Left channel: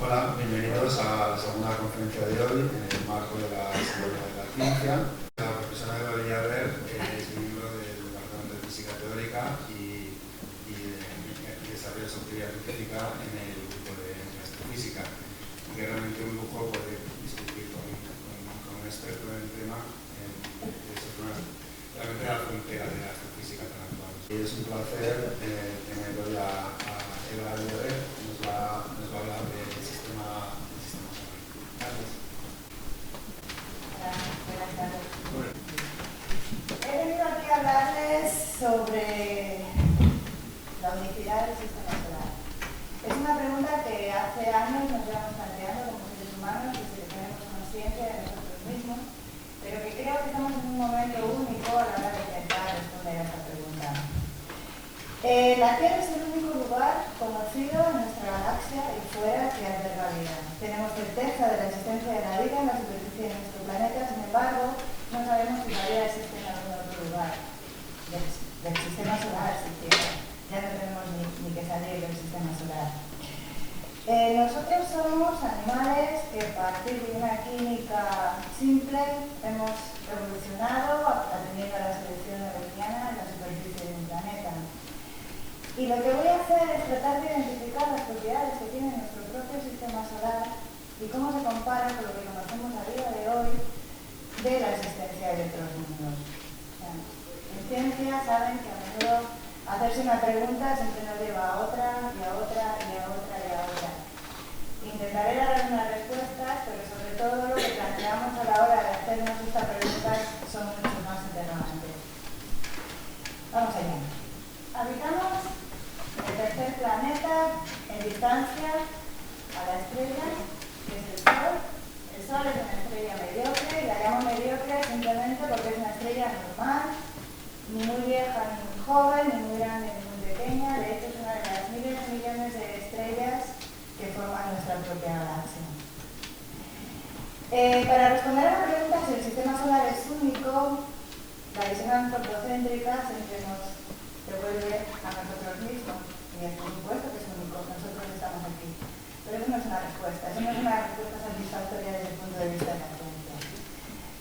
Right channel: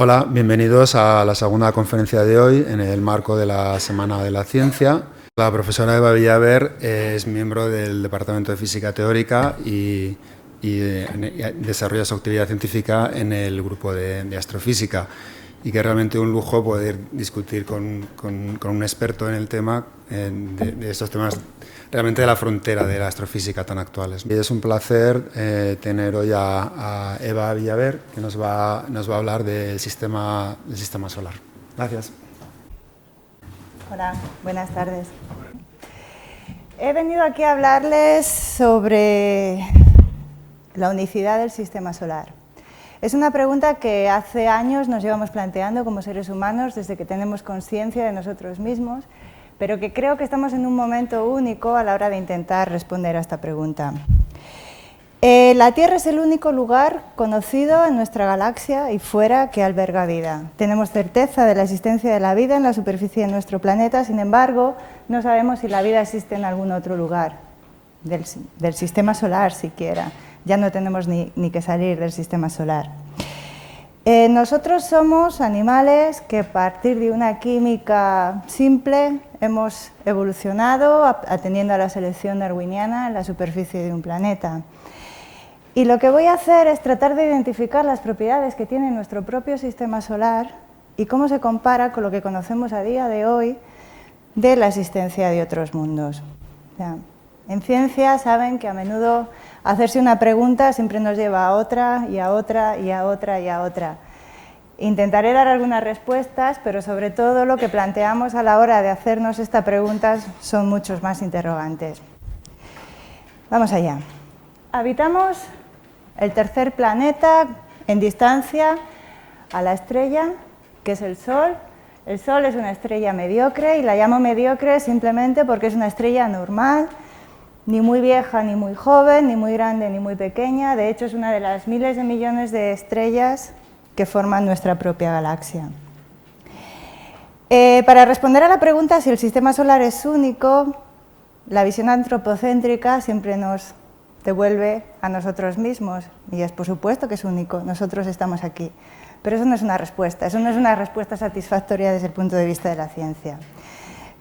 Hola, bienvenidos a la segunda conferencia de hoy en el marco de la Semana de la Ciencia. La profesora Eva Villaver es miembro del Departamento de Física Teórica y desarrolla su actividad científica en el grupo de astrofísica, y que es realmente un lujo poder discutir con un experto en el tema, de estos temas realmente de la frontera de la astrofísica tan actuales. Y es un placer tener hoy a Eva Villaver, que nos va a hablar del sistema solar. Gracias. Hola, buenas tardes. He venido aquí a hablarles sobre la unicidad del sistema solar. Es una pregunta que hace años nos llevamos planteando como seres humanos desde que tenemos conciencia de nosotros mismos, pero que creo que estamos en un momento único a la hora de intentar responder a esta pregunta. La Tierra es el único lugar conocido en nuestra galaxia y fuera que alberga vida. Tenemos certeza de la existencia de la vida en la superficie de nuestro planeta, sin embargo, no sabemos si la vida existe en algún otro lugar del sistema solar siquiera. Ya no tenemos ni que salir del sistema solar. Nosotros somos animales que a partir de una química simple hemos evolucionado atendiendo a la selección darwiniana en la superficie de un planeta. Y lo que voy a hacer es tratar de identificar las propiedades que tiene nuestro propio sistema solar y cómo se compara con lo que conocemos a día de hoy de la existencia de otros mundos. O sea, en ciencia saben que a menudo hacerse una pregunta siempre nos lleva a otra y a otra y a otra y a otra. Intentaré dar algunas respuestas, pero sobre todo lo que planteamos a la hora de hacernos esta pregunta son muchos más interrogantes. Vamos allá. Habitamos el tercer planeta en distancia a la estrella, que es el Sol. El Sol es una estrella mediocre y la llamo mediocre simplemente porque es una estrella normal, ni muy vieja ni muy joven, ni muy grande ni muy pequeña. De hecho, es una de las miles de millones de estrellas que forman nuestra propia galaxia. Para responder a la pregunta si el sistema solar es único, la visión antropocéntrica siempre nos devuelve a nosotros mismos, y es por supuesto que es único, nosotros estamos aquí. Pero eso no es una respuesta, satisfactoria desde el punto de vista de la ciencia.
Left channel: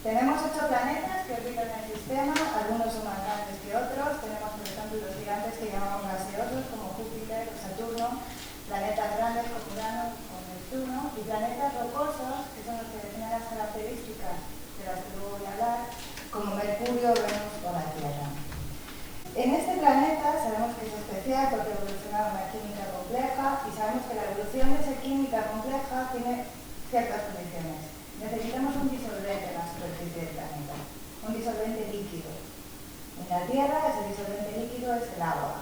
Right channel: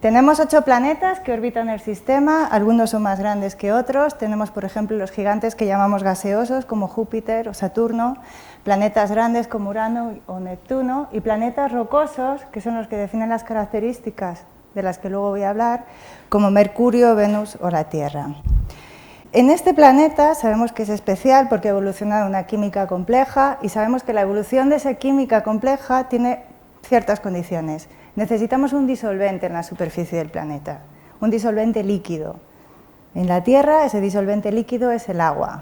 Tenemos 8 planetas que orbitan el sistema, algunos son más grandes que otros. Tenemos, por ejemplo, los gigantes que llamamos gaseosos, como Júpiter o Saturno, planetas grandes como Urano o Neptuno, y planetas rocosos, que son los que definen las características de las que luego voy a hablar, como Mercurio, Venus o la Tierra. En este planeta sabemos que es especial porque ha evolucionado una química compleja, y sabemos que la evolución de esa química compleja tiene ciertas condiciones. Necesitamos un disolvente en la superficie del planeta, un disolvente líquido. En la Tierra ese disolvente líquido es el agua.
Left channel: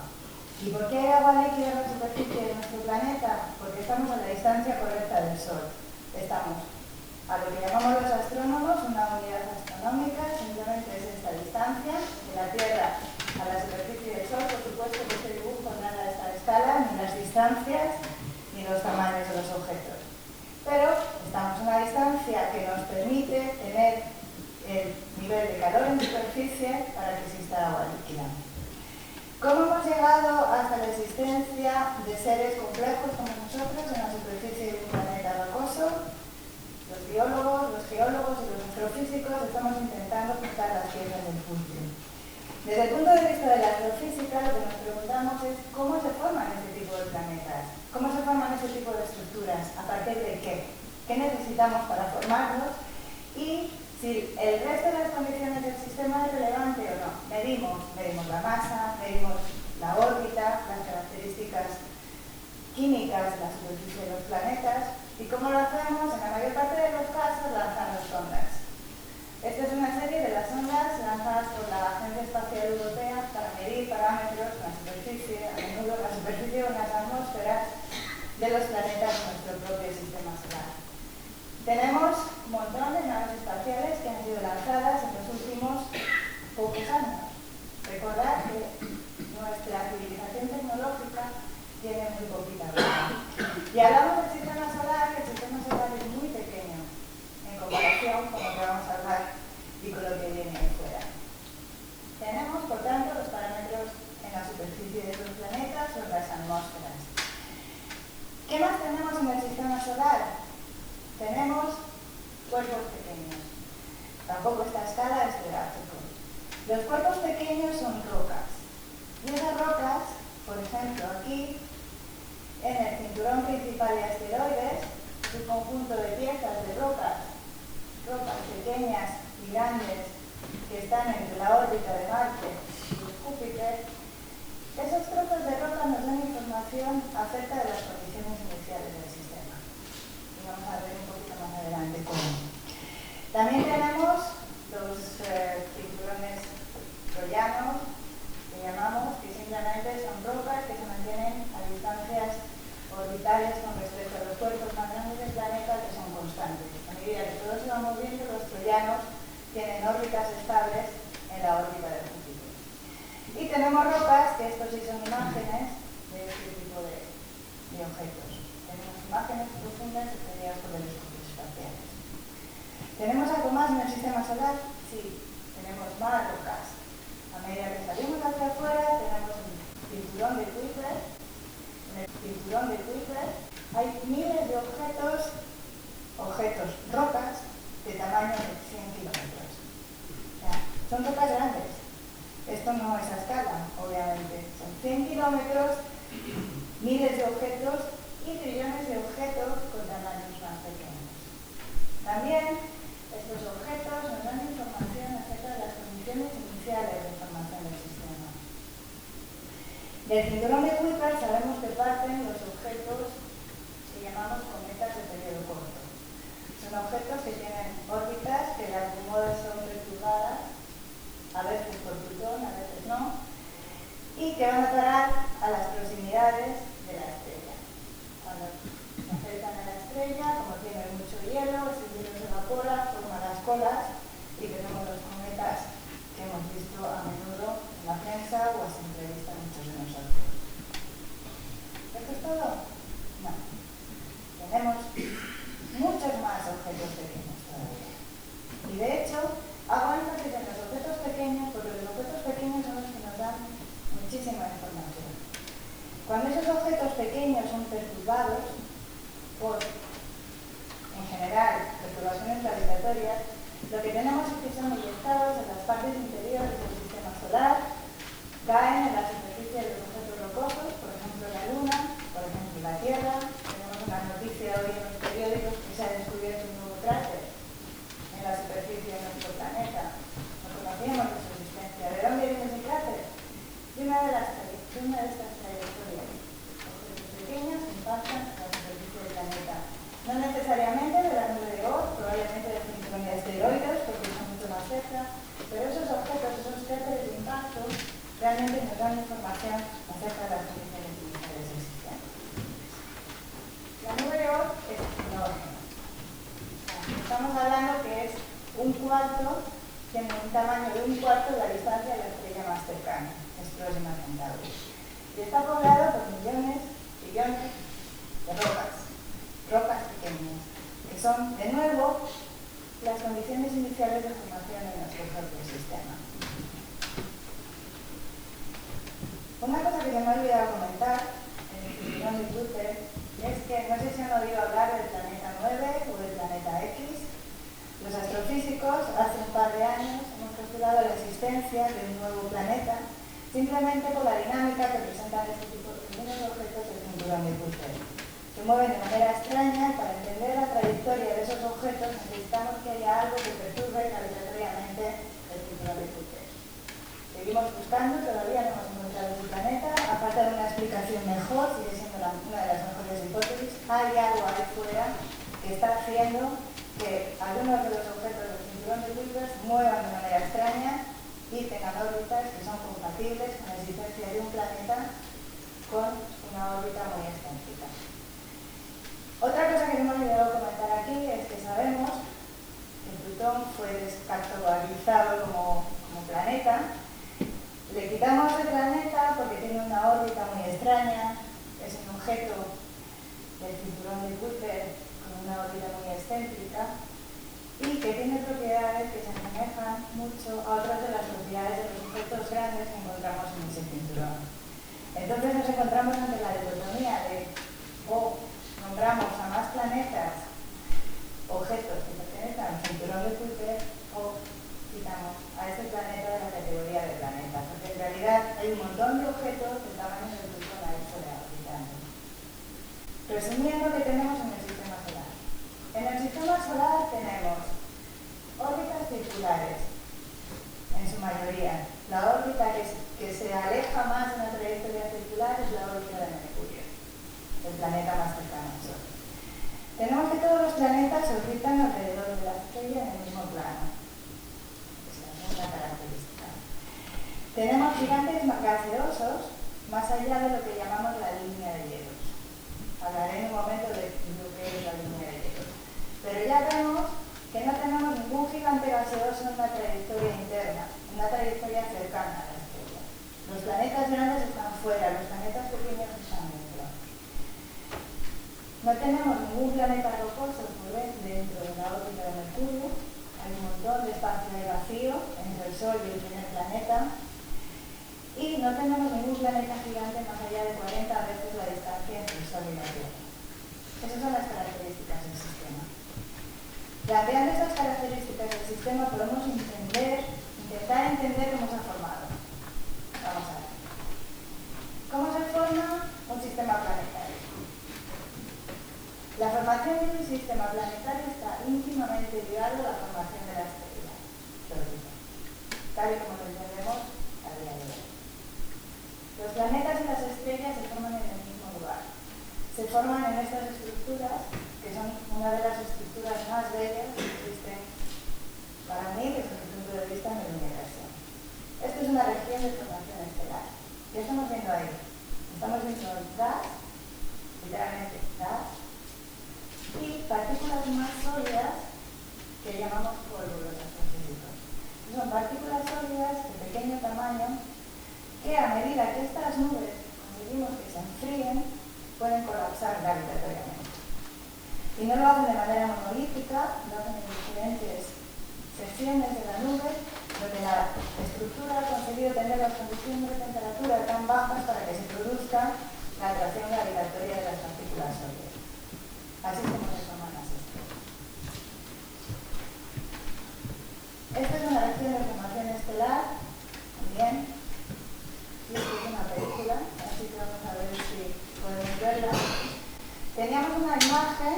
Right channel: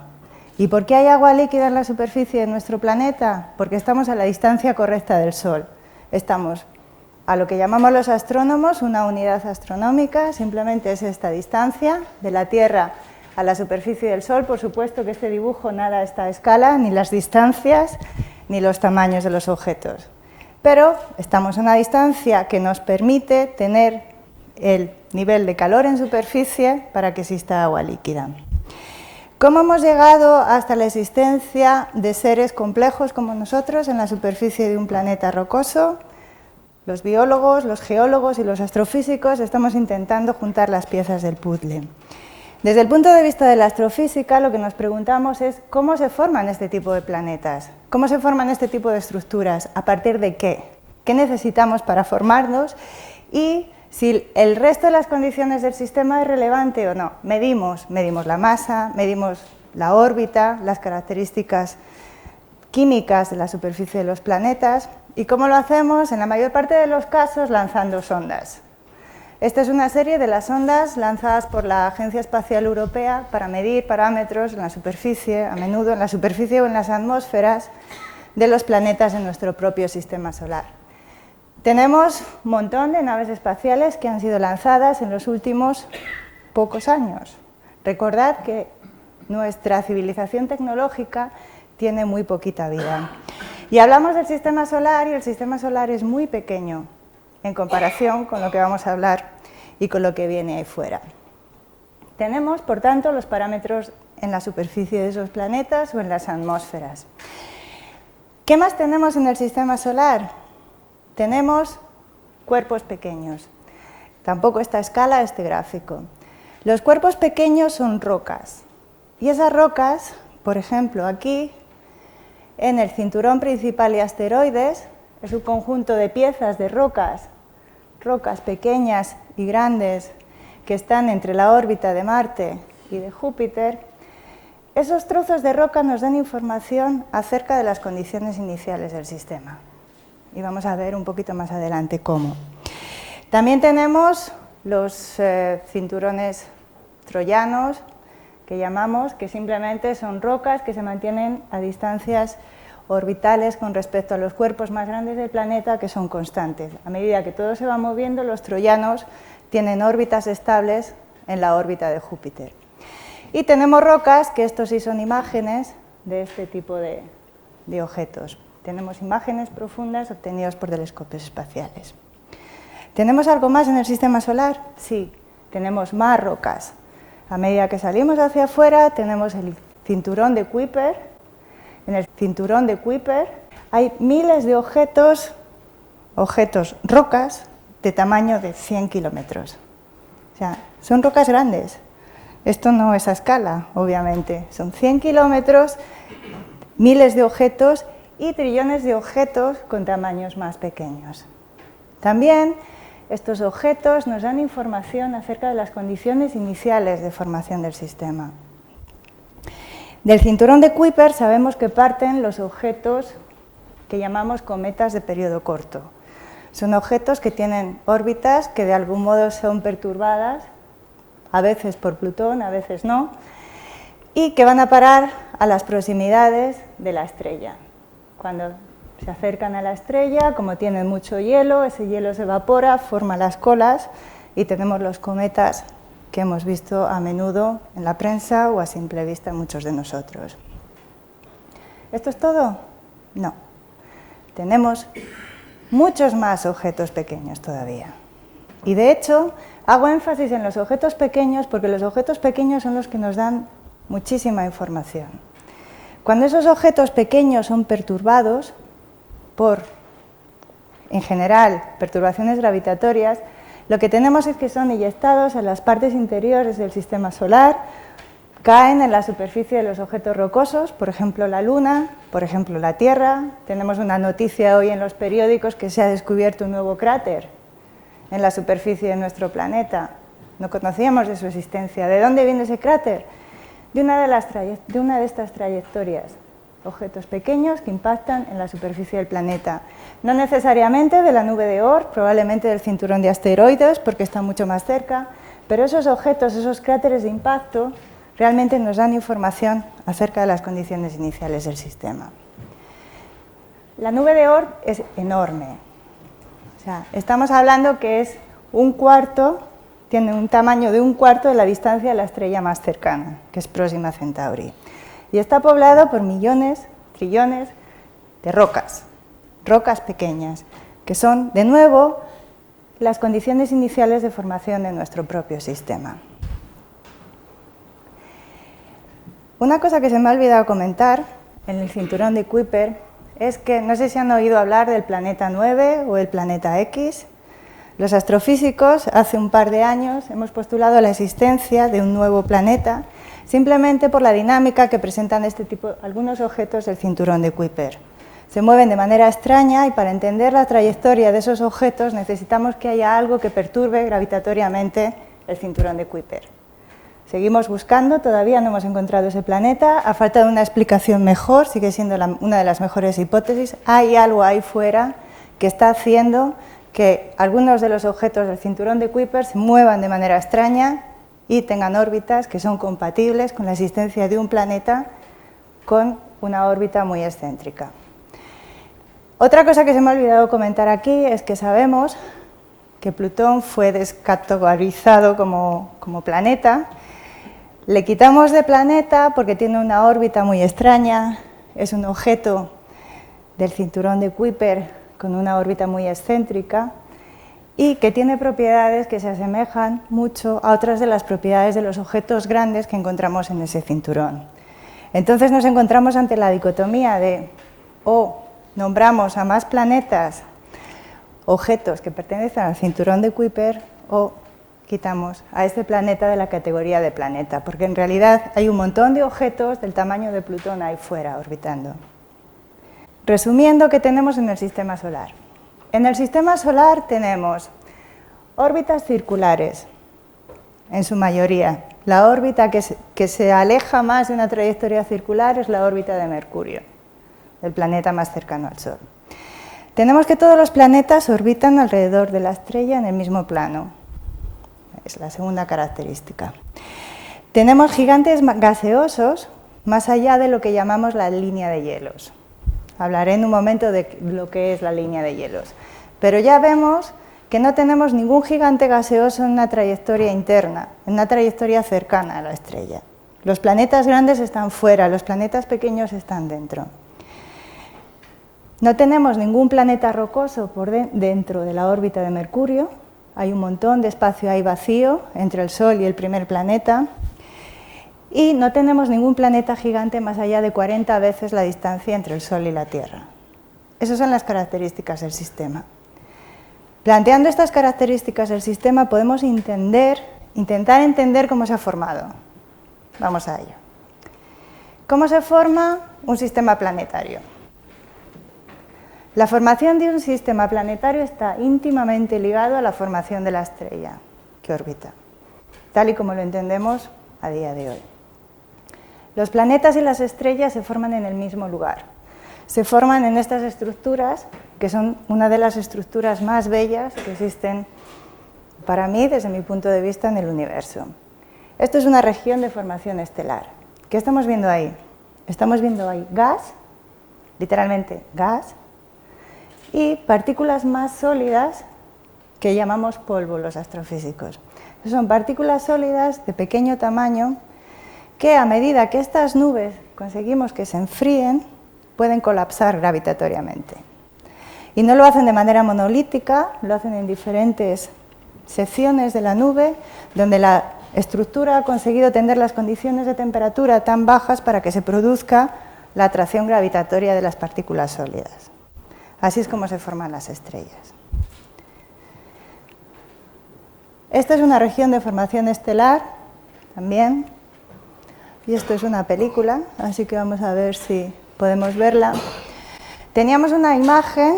¿Y por qué hay agua líquida en la superficie de nuestro planeta? Porque estamos a la distancia correcta del Sol. Estamos a lo que llamamos los astrónomos una unidad astronómica, simplemente es esta distancia de la Tierra a la superficie del Sol. Por supuesto que este dibujo nada está a escala, ni las distancias, ni los tamaños de los objetos. Pero estamos a una distancia que nos permite tener el nivel de calor en superficie para que exista agua líquida. ¿Cómo hemos llegado hasta la existencia de seres complejos como nosotros en la superficie de un planeta rocoso? Los biólogos, los geólogos y los astrofísicos estamos intentando juntar las piezas del puzzle. Desde el punto de vista de la astrofísica, lo que nos preguntamos es cómo se forman este tipo de planetas, cómo se forman este tipo de estructuras, a partir de qué necesitamos para formarlos, y si el resto de las condiciones del sistema es relevante o no. Medimos la masa, medimos la órbita, las características químicas de la superficie de los planetas. ¿Y cómo lo hacemos? En la mayor parte de los casos lanzando sondas. Esta es una serie de las sondas lanzadas por la Agencia Espacial Europea para medir parámetros en la superficie, a menudo en la superficie o en las atmósferas de los planetas de nuestro propio sistema solar. Tenemos un montón de naves espaciales que han sido lanzadas en los últimos pocos años. Recordad que nuestra civilización tecnológica tiene muy poquita vida. Y hablamos del sistema solar, y el sistema solar es muy pequeño en comparación con lo que vamos a hablar y con lo que viene ahí fuera. Tenemos, por tanto, los parámetros en la superficie de esos planetas o en las atmósferas. ¿Qué más tenemos en el sistema solar? Tenemos cuerpos pequeños. Tampoco esta escala, este gráfico. Los cuerpos pequeños son rocas. Y esas rocas, por ejemplo, aquí, en el cinturón principal de asteroides, es un conjunto de piezas de rocas pequeñas y grandes que están entre la órbita de Marte y de Júpiter. Esos trozos de roca nos dan información acerca de las condiciones iniciales del sistema. Y vamos a ver un poquito más adelante cómo. También tenemos los cinturones troyanos, que llamamos, que simplemente son rocas que se mantienen a distancias orbitales con respecto a los cuerpos más grandes del planeta, que son constantes. A medida que todo se va moviendo, los troyanos tienen órbitas estables en la órbita de Júpiter. Y tenemos rocas, que estos sí son imágenes de este tipo de objetos. Tenemos imágenes profundas obtenidas por telescopios espaciales. ¿Tenemos algo más en el sistema solar? Sí, tenemos más rocas. A medida que salimos hacia afuera, tenemos el cinturón de Kuiper. En el cinturón de Kuiper hay miles de objetos, rocas, de tamaño de 100 kilómetros. O sea, son rocas grandes. Esto no es a escala, obviamente. Son 100 kilómetros, miles de objetos y trillones de objetos con tamaños más pequeños. También estos objetos nos dan información acerca de las condiciones iniciales de formación del sistema. Del cinturón de Kuiper sabemos que parten los objetos que llamamos cometas de periodo corto. Son objetos que tienen órbitas que de algún modo son perturbadas, a veces por Plutón, a veces no, y que van a parar a las proximidades de la estrella. Cuando se acercan a la estrella, como tienen mucho hielo, ese hielo se evapora, forma las colas y tenemos los cometas que hemos visto a menudo en la prensa o a simple vista muchos de nosotros. ¿Esto es todo? No. Tenemos muchos más objetos pequeños todavía. Y de hecho, hago énfasis en los objetos pequeños porque los objetos pequeños son los que nos dan muchísima información. Cuando esos objetos pequeños son perturbados por, en general, perturbaciones gravitatorias, lo que tenemos es que son eyectados en las partes interiores del sistema solar, caen en la superficie de los objetos rocosos, por ejemplo la Luna, por ejemplo la Tierra. Tenemos una noticia hoy en los periódicos que se ha descubierto un nuevo cráter en la superficie de nuestro planeta. No conocíamos de su existencia. ¿De dónde viene ese cráter? De una de estas trayectorias. Objetos pequeños que impactan en la superficie del planeta. No necesariamente de la nube de Oort, probablemente del cinturón de asteroides, porque está mucho más cerca, pero esos objetos, esos cráteres de impacto, realmente nos dan información acerca de las condiciones iniciales del sistema. La nube de Oort es enorme. O sea, estamos hablando que es tiene un tamaño de un cuarto de la distancia de la estrella más cercana, que es Próxima Centauri. Y está poblado por millones, trillones de rocas pequeñas, que son, de nuevo, las condiciones iniciales de formación de nuestro propio sistema. Una cosa que se me ha olvidado comentar en el cinturón de Kuiper es que, no sé si han oído hablar del planeta 9 o el planeta X. Los astrofísicos, hace un par de años, hemos postulado la existencia de un nuevo planeta simplemente por la dinámica que presentan algunos objetos del cinturón de Kuiper. Se mueven de manera extraña y para entender la trayectoria de esos objetos necesitamos que haya algo que perturbe gravitatoriamente el cinturón de Kuiper. Seguimos buscando, todavía no hemos encontrado ese planeta, a falta de una explicación mejor, sigue siendo una de las mejores hipótesis. Hay algo ahí fuera que está haciendo que algunos de los objetos del cinturón de Kuiper se muevan de manera extraña y tengan órbitas que son compatibles con la existencia de un planeta con una órbita muy excéntrica. Otra cosa que se me ha olvidado comentar aquí es que sabemos que Plutón fue descategorizado como planeta. Le quitamos de planeta porque tiene una órbita muy extraña, es un objeto del cinturón de Kuiper con una órbita muy excéntrica y que tiene propiedades que se asemejan mucho a otras de las propiedades de los objetos grandes que encontramos en ese cinturón. Entonces nos encontramos ante la dicotomía de o nombramos a más planetas objetos que pertenecen al cinturón de Kuiper o quitamos a este planeta de la categoría de planeta, porque en realidad hay un montón de objetos del tamaño de Plutón ahí fuera orbitando. Resumiendo, ¿qué tenemos en el sistema solar? En el sistema solar tenemos órbitas circulares, en su mayoría. La órbita que se aleja más de una trayectoria circular es la órbita de Mercurio, el planeta más cercano al Sol. Tenemos que todos los planetas orbitan alrededor de la estrella en el mismo plano. Es la segunda característica. Tenemos gigantes gaseosos más allá de lo que llamamos la línea de hielos. Hablaré en un momento de lo que es la línea de hielos. Pero ya vemos que no tenemos ningún gigante gaseoso en una trayectoria interna, en una trayectoria cercana a la estrella. Los planetas grandes están fuera, los planetas pequeños están dentro. No tenemos ningún planeta rocoso dentro de la órbita de Mercurio. Hay un montón de espacio ahí vacío entre el Sol y el primer planeta. Y no tenemos ningún planeta gigante más allá de 40 veces la distancia entre el Sol y la Tierra. Esas son las características del sistema. Planteando estas características del sistema podemos intentar entender cómo se ha formado. Vamos a ello. ¿Cómo se forma un sistema planetario? La formación de un sistema planetario está íntimamente ligado a la formación de la estrella que orbita, tal y como lo entendemos a día de hoy. Los planetas y las estrellas se forman en el mismo lugar. Se forman en estas estructuras, que son una de las estructuras más bellas que existen para mí, desde mi punto de vista, en el universo. Esto es una región de formación estelar. ¿Qué estamos viendo ahí? Estamos viendo ahí gas, literalmente gas, y partículas más sólidas que llamamos polvo los astrofísicos. Son partículas sólidas de pequeño tamaño que a medida que estas nubes conseguimos que se enfríen, pueden colapsar gravitatoriamente. Y no lo hacen de manera monolítica, lo hacen en diferentes secciones de la nube, donde la estructura ha conseguido tener las condiciones de temperatura tan bajas para que se produzca la atracción gravitatoria de las partículas sólidas. Así es como se forman las estrellas. Esta es una región de formación estelar, también, y esto es una película, así que vamos a ver si podemos verla. Teníamos una imagen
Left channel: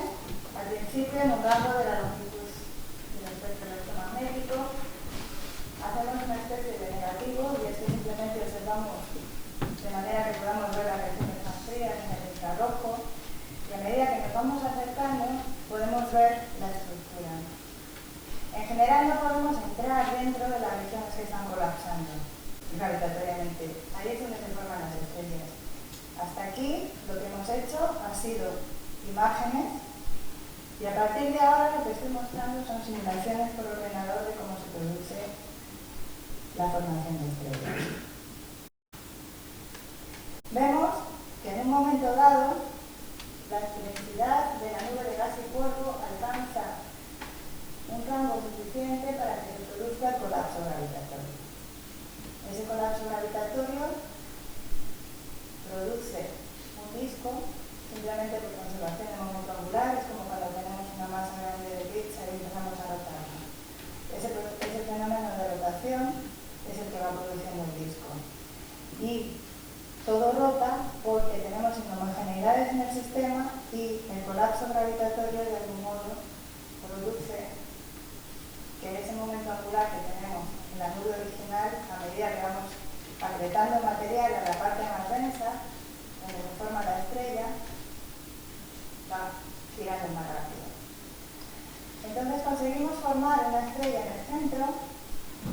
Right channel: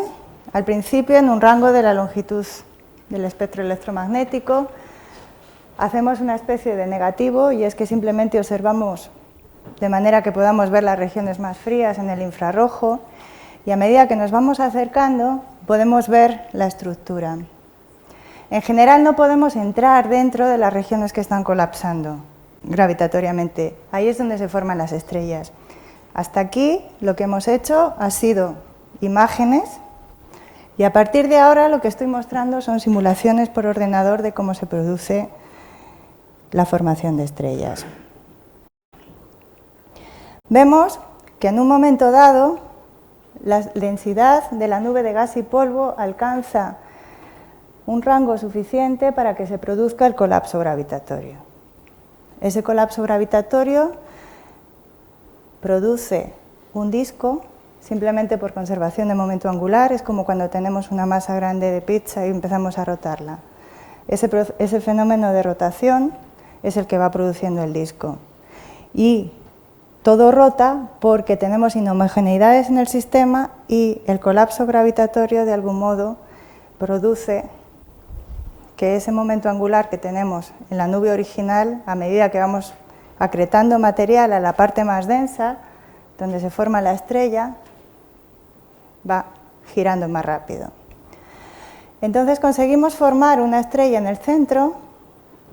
al principio en un rango de la longitud del espectro electromagnético. Hacemos una especie de negativo y es que simplemente observamos de manera que podamos ver las regiones más frías en el infrarrojo y a medida que nos vamos acercando podemos ver la estructura. En general no podemos entrar dentro de las regiones que están colapsando gravitatoriamente. Ahí es donde se forman las estrellas. Hasta aquí lo que hemos hecho ha sido imágenes y a partir de ahora lo que estoy mostrando son simulaciones por ordenador de cómo se produce la formación de estrellas. Vemos que en un momento dado la densidad de la nube de gas y polvo alcanza un rango suficiente para que se produzca el colapso gravitatorio. Ese colapso gravitatorio produce un disco simplemente por conservación de momento angular. Es como cuando tenemos una masa grande de pizza y empezamos a rotarla. Ese fenómeno de rotación es el que va produciendo el disco. Y todo rota porque tenemos inhomogeneidades en el sistema y el colapso gravitatorio de algún modo produce que ese momento angular que tenemos en la nube original, a medida que vamos acretando material a la parte más densa, donde se forma la estrella, va girando más rápido. Entonces conseguimos formar una estrella en el centro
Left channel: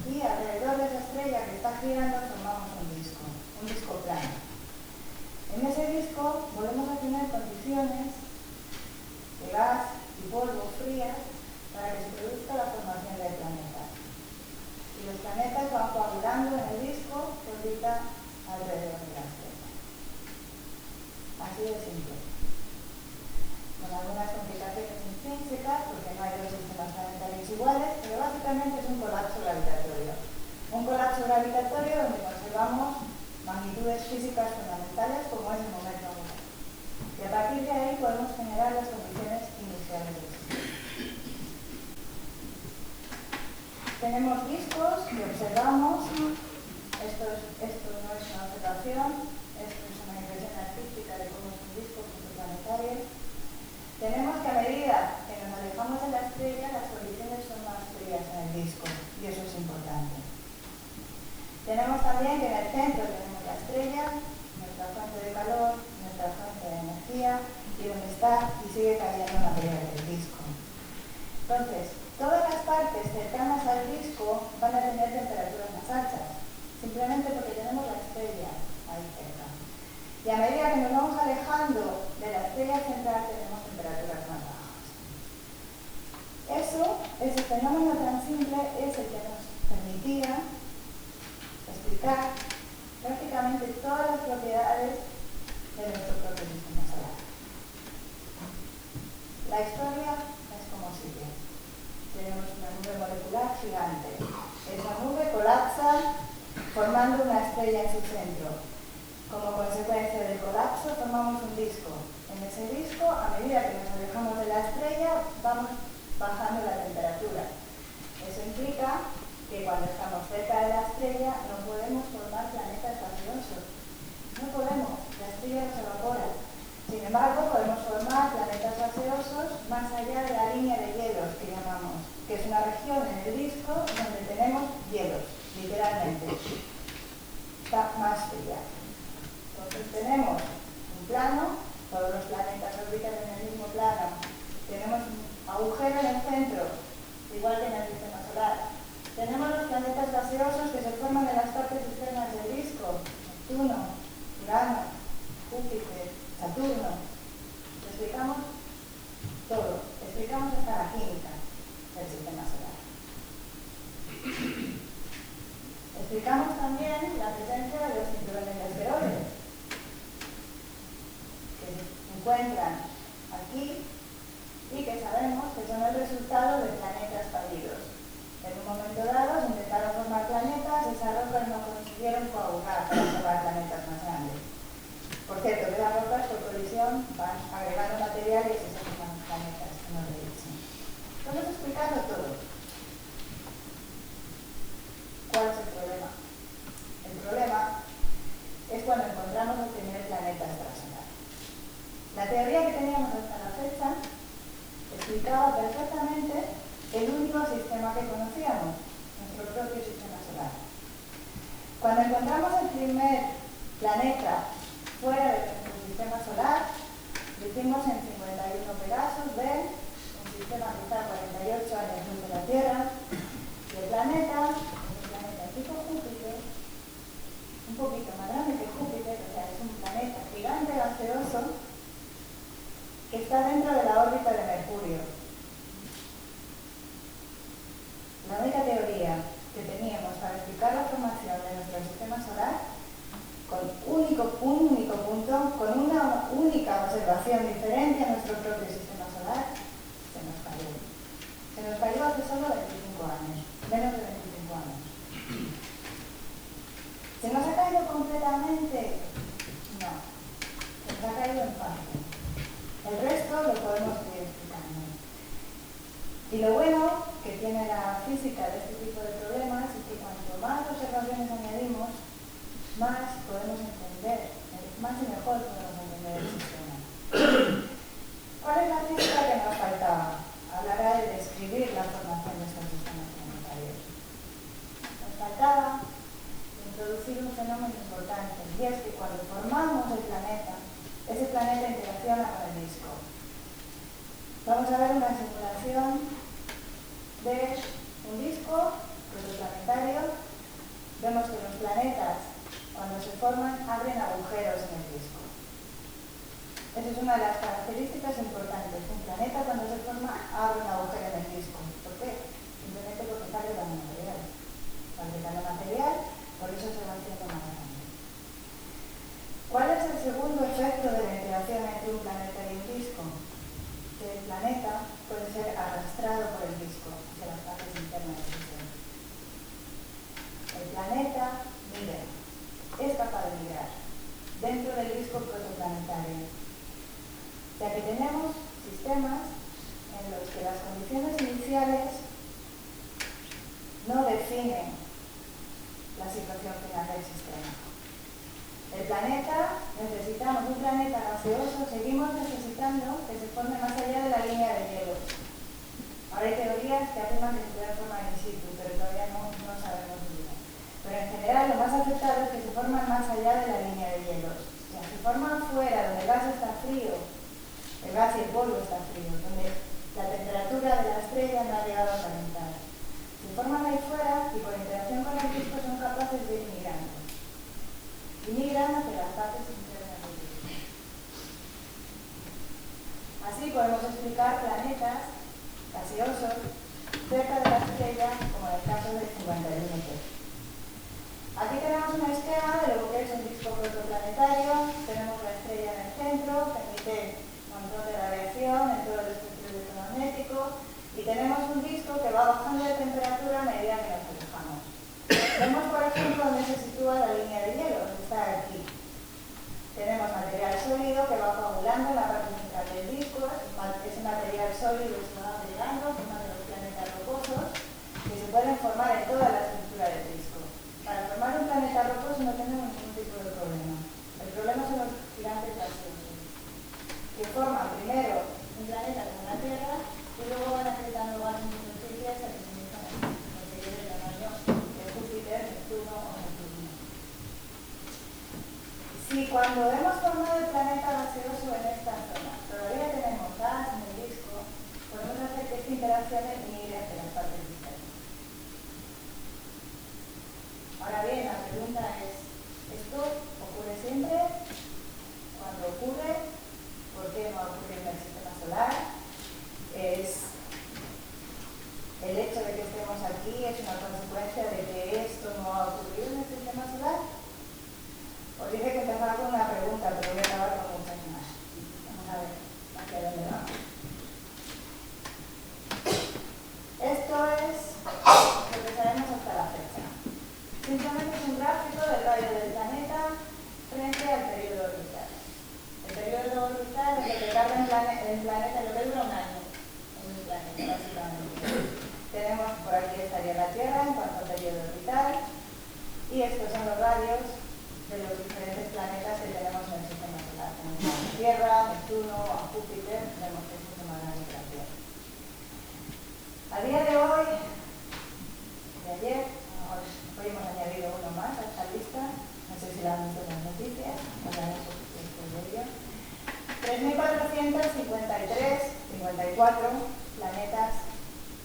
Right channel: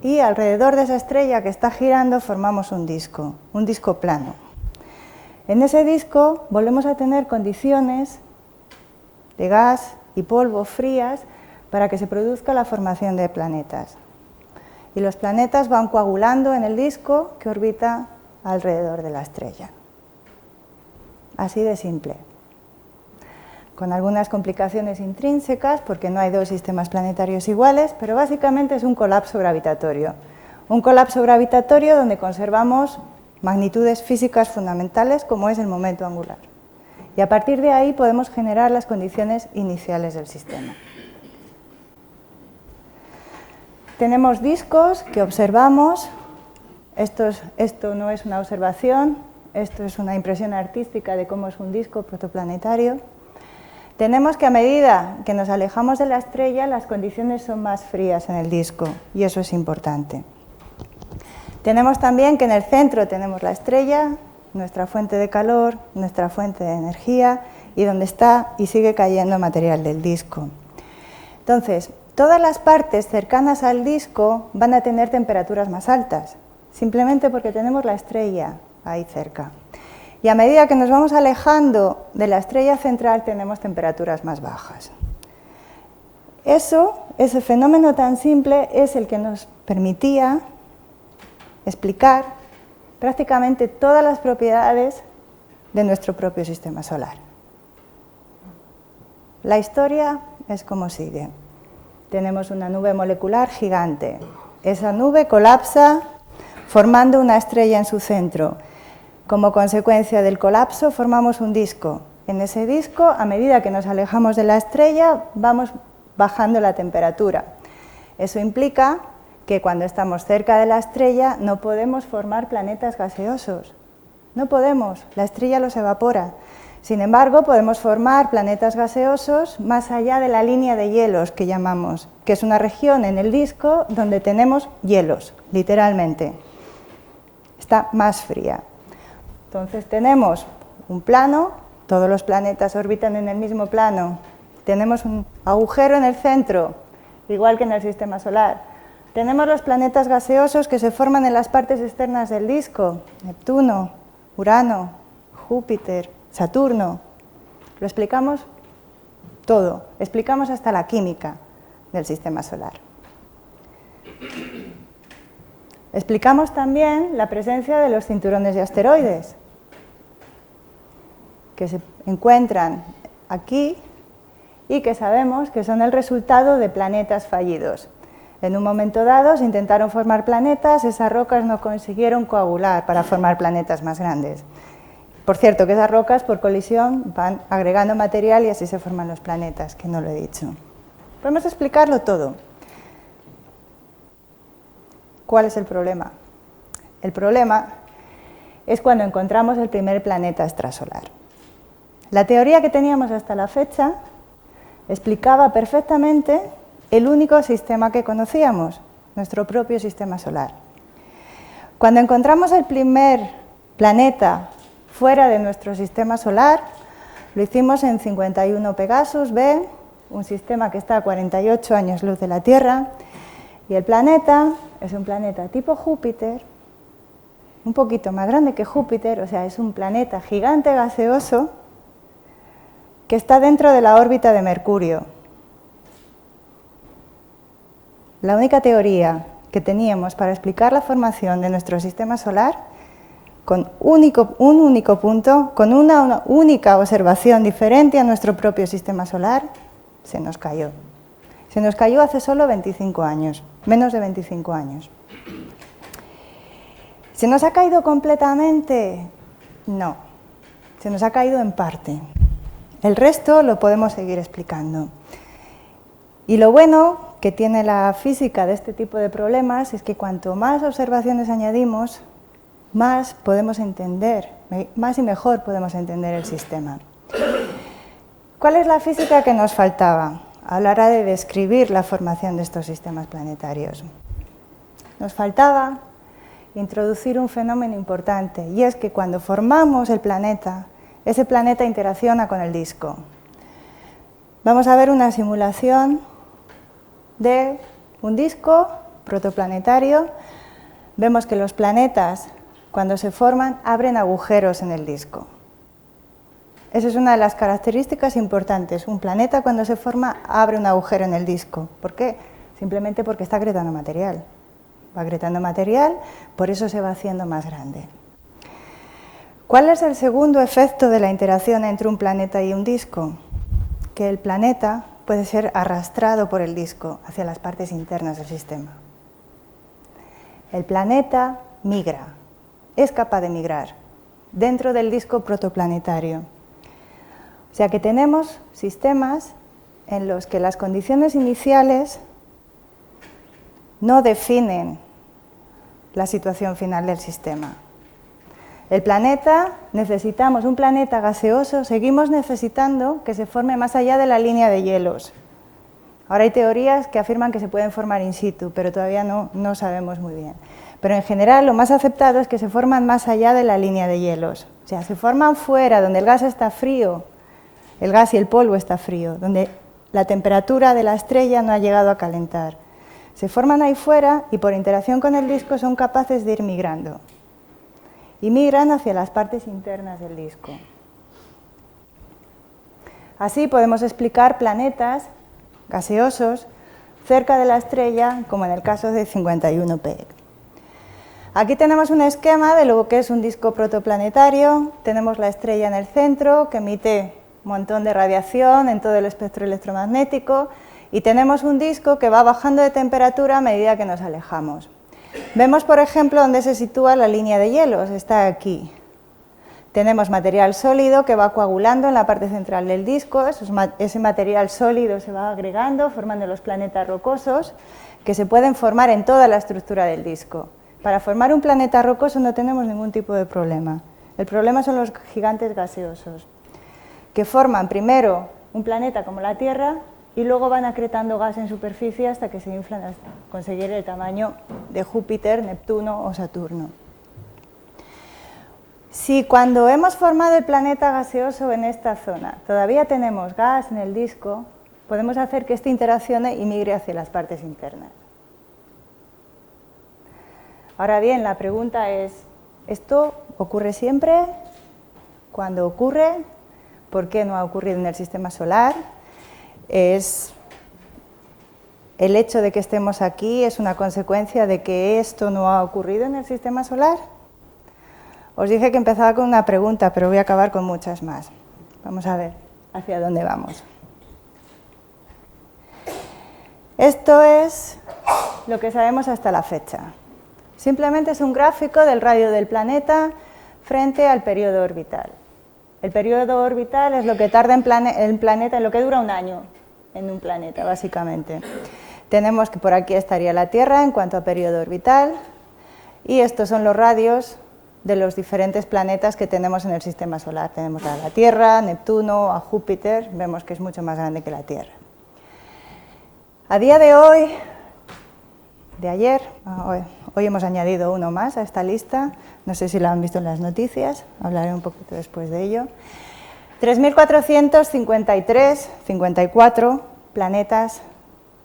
y alrededor de esa estrella que está girando formamos un disco plano. En ese disco volvemos a tener condiciones de gas y polvo frías para que se produzca la formación de planetas. Y los planetas van coagulando en el disco que orbita alrededor de la estrella. Así de simple. Con algunas complicaciones intrínsecas, porque no hay dos sistemas planetarios iguales, pero básicamente es un colapso gravitatorio. Un colapso gravitatorio donde conservamos magnitudes físicas fundamentales como es el momento angular. Y a partir de ahí podemos generar las condiciones iniciales del sistema. Tenemos discos que observamos. Esto no es una observación, esto es una impresión artística de cómo es un disco protoplanetario. Tenemos que a medida que nos alejamos de la estrella, las condiciones son más frías en el disco, y eso es importante. Tenemos también que en el centro tenemos la estrella, nuestra fuente de calor, nuestra fuente de energía, y donde está y sigue cayendo material del disco. Entonces, todas las partes cercanas al disco van a tener temperaturas más altas, simplemente porque tenemos la estrella ahí cerca. Y a medida que nos vamos alejando de la estrella central, tenemos temperaturas más bajas. Ese fenómeno tan simple es el que nos permitía explicar prácticamente todas las propiedades de nuestro propio sistema solar. La historia es como sigue. Tenemos una nube molecular gigante. Esa nube colapsa formando una estrella en su centro. Como consecuencia del colapso formamos un disco. En ese disco, a medida que nos alejamos de la estrella, vamos bajando la temperatura. Eso implica que cuando estamos cerca de la estrella no podemos formar planetas gaseosos. No podemos, la estrella los evapora. Sin embargo, podemos formar planetas gaseosos más allá de la línea de hielos que llamamos, que es una región en el disco donde tenemos hielos, literalmente. Está más fría. Entonces tenemos un plano, todos los planetas orbitan en el mismo plano, tenemos un agujero en el centro, igual que en el sistema solar. Tenemos los planetas gaseosos que se forman en las partes externas del disco, Neptuno, Urano, Júpiter, Saturno. Lo explicamos todo, explicamos hasta la química del sistema solar. Explicamos también la presencia de los cinturones de asteroides, que se encuentran aquí y que sabemos que son el resultado de planetas fallidos. En un momento dado se intentaron formar planetas, esas rocas no consiguieron coagular para formar planetas más grandes. Por cierto, que esas rocas por colisión van agregando material y así se forman los planetas, que no lo he dicho. Podemos explicarlo todo. ¿Cuál es el problema? El problema es cuando encontramos el primer planeta extrasolar. La teoría que teníamos hasta la fecha explicaba perfectamente el único sistema que conocíamos, nuestro propio sistema solar. Cuando encontramos el primer planeta fuera de nuestro sistema solar, lo hicimos en 51 Pegasus B, un sistema que está a 48 años luz de la Tierra, y el planeta es un planeta tipo Júpiter, un poquito más grande que Júpiter, o sea, es un planeta gigante gaseoso que está dentro de la órbita de Mercurio. La única teoría que teníamos para explicar la formación de nuestro sistema solar, con un único punto, con una única observación diferente a nuestro propio sistema solar, se nos cayó. Se nos cayó hace solo 25 años, menos de 25 años. ¿Se nos ha caído completamente? No, se nos ha caído en parte. El resto lo podemos seguir explicando. Y lo bueno que tiene la física de este tipo de problemas es que cuanto más observaciones añadimos, más podemos entender, más y mejor podemos entender el sistema. ¿Cuál es la física que nos faltaba a la hora de describir la formación de estos sistemas planetarios? Nos faltaba introducir un fenómeno importante, y es que cuando formamos el planeta, ese planeta interacciona con el disco. Vamos a ver una simulación de un disco protoplanetario. Vemos que los planetas, cuando se forman, abren agujeros en el disco. Esa es una de las características importantes. Un planeta, cuando se forma, abre un agujero en el disco. ¿Por qué? Simplemente porque está agregando material. Va agregando material, por eso se va haciendo más grande. ¿Cuál es el segundo efecto de la interacción entre un planeta y un disco? Que el planeta puede ser arrastrado por el disco hacia las partes internas del sistema. El planeta migra, es capaz de migrar dentro del disco protoplanetario. O sea que tenemos sistemas en los que las condiciones iniciales no definen la situación final del sistema. El planeta, necesitamos un planeta gaseoso, seguimos necesitando que se forme más allá de la línea de hielos. Ahora hay teorías que afirman que se pueden formar in situ, pero todavía no sabemos muy bien. Pero en general lo más aceptado es que se forman más allá de la línea de hielos. O sea, se forman fuera, donde el gas está frío, el gas y el polvo está frío, donde la temperatura de la estrella no ha llegado a calentar. Se forman ahí fuera y por interacción con el disco son capaces de ir migrando. Y migran hacia las partes internas del disco. Así podemos explicar planetas gaseosos cerca de la estrella, como en el caso de 51P. Aquí tenemos un esquema de lo que es un disco protoplanetario. Tenemos la estrella en el centro, que emite un montón de radiación en todo el espectro electromagnético, y tenemos un disco que va bajando de temperatura a medida que nos alejamos. Vemos, por ejemplo, dónde se sitúa la línea de hielos, está aquí. Tenemos material sólido que va coagulando en la parte central del disco, ese material sólido se va agregando, formando los planetas rocosos, que se pueden formar en toda la estructura del disco. Para formar un planeta rocoso no tenemos ningún tipo de problema. El problema son los gigantes gaseosos, que forman primero un planeta como la Tierra y luego van acretando gas en superficie hasta que se inflan hasta conseguir el tamaño de Júpiter, Neptuno o Saturno. Si cuando hemos formado el planeta gaseoso en esta zona todavía tenemos gas en el disco, podemos hacer que este interaccione y migre hacia las partes internas. Ahora bien, la pregunta es, ¿esto ocurre siempre? ¿Cuándo ocurre? ¿Por qué no ha ocurrido en el sistema solar? ¿Es el hecho de que estemos aquí es una consecuencia de que esto no ha ocurrido en el sistema solar? Os dije que empezaba con una pregunta, pero voy a acabar con muchas más. Vamos a ver hacia dónde vamos. Esto es lo que sabemos hasta la fecha. Simplemente es un gráfico del radio del planeta frente al periodo orbital. El periodo orbital es lo que tarda el planeta, lo que dura un año en un planeta, básicamente. Tenemos que por aquí estaría la Tierra en cuanto a periodo orbital, y estos son los radios de los diferentes planetas que tenemos en el sistema solar. Tenemos a la Tierra, Neptuno, a Júpiter, vemos que es mucho más grande que la Tierra. A día de hoy, de ayer, hoy hemos añadido uno más a esta lista, no sé si lo han visto en las noticias, hablaré un poquito después de ello. 3.454 planetas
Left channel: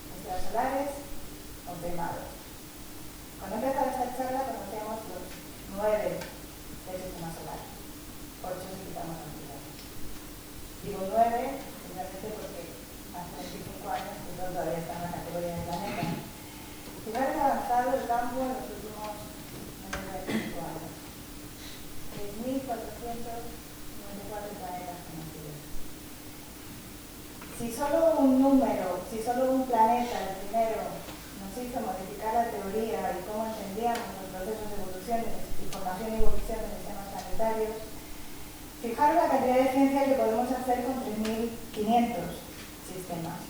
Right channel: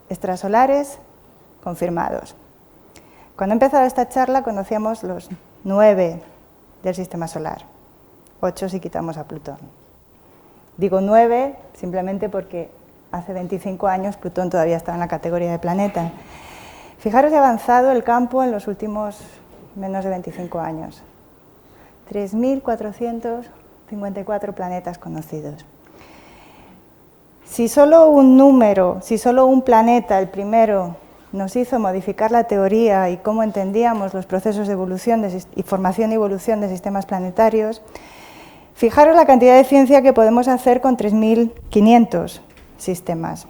extrasolares confirmados. Cuando he empezado esta charla conocíamos los 9 del sistema solar, 8 si quitamos a Plutón. Digo 9 simplemente porque hace 25 años Plutón todavía estaba en la categoría de planeta. Fijaros que ha avanzado el campo en los últimos menos de 25 años. 3.454 planetas conocidos. Si solo un número, si solo un planeta, el primero, nos hizo modificar la teoría y cómo entendíamos los procesos de evolución y formación y evolución de sistemas planetarios, fijaros la cantidad de ciencia que podemos hacer con 3.500 sistemas.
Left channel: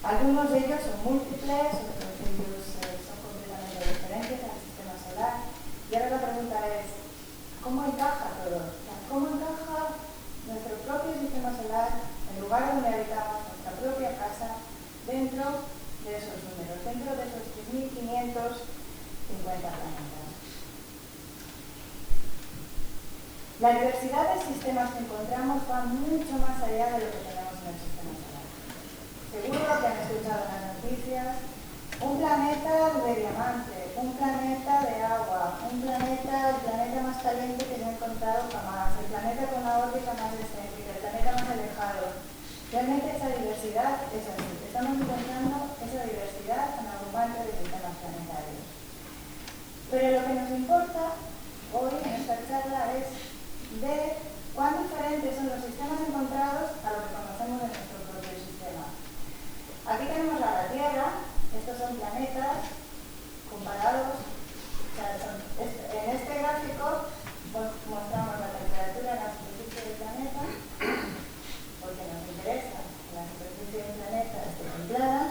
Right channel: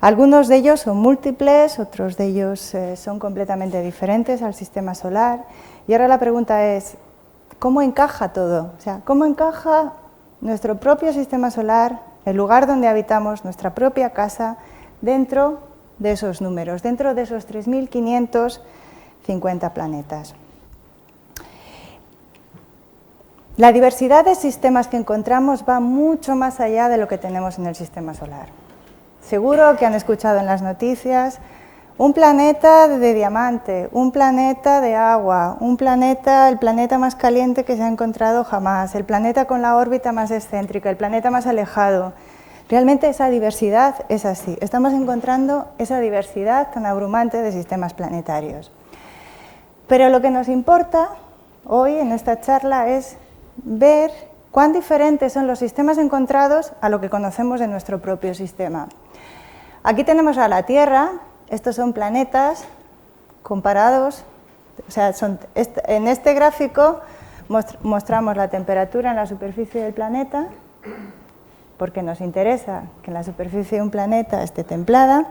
Algunos de ellos son múltiples, otros de ellos son completamente diferentes al sistema solar. Y ahora la pregunta es, ¿cómo encaja todo? O sea, ¿cómo encaja nuestro propio sistema solar, el lugar donde habitamos, nuestra propia casa, dentro de esos números, dentro de esos 3.550 planetas? La diversidad de sistemas que encontramos va mucho más allá de lo que tenemos en el sistema solar. Seguro que han escuchado en las noticias un planeta de diamante, un planeta de agua, el planeta más caliente que se ha encontrado jamás, el planeta con la órbita más excéntrica, el planeta más alejado. Realmente esa diversidad es así. Estamos encontrando esa diversidad tan abrumante de sistemas planetarios. Pero lo que nos importa hoy en esta charla es ver cuán diferentes son los sistemas encontrados a lo que conocemos de nuestro propio sistema. Aquí tenemos a la Tierra, estos son planetas comparados, o sea, en este gráfico mostramos la temperatura en la superficie del planeta porque nos interesa que la superficie de un planeta esté templada,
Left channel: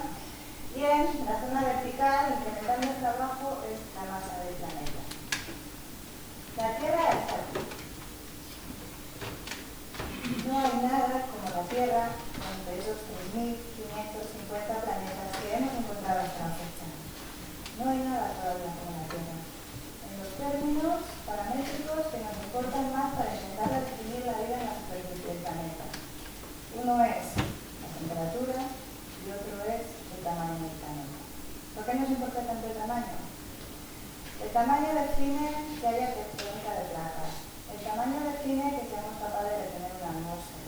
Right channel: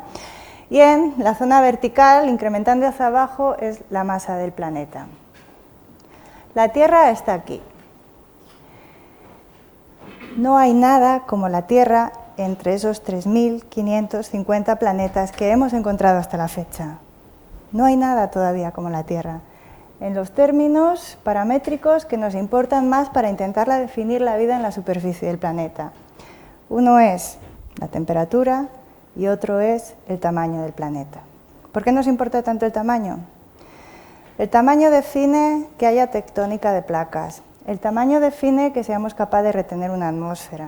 y en la zona vertical, incrementando hacia abajo, es la masa del planeta. La Tierra está aquí. No hay nada como la Tierra entre esos 3.550 planetas que hemos encontrado hasta la fecha. No hay nada todavía como la Tierra, en los términos paramétricos que nos importan más para intentar definir la vida en la superficie del planeta. Uno es la temperatura y otro es el tamaño del planeta. ¿Por qué nos importa tanto el tamaño? El tamaño define que haya tectónica de placas. El tamaño define que seamos capaces de retener una atmósfera.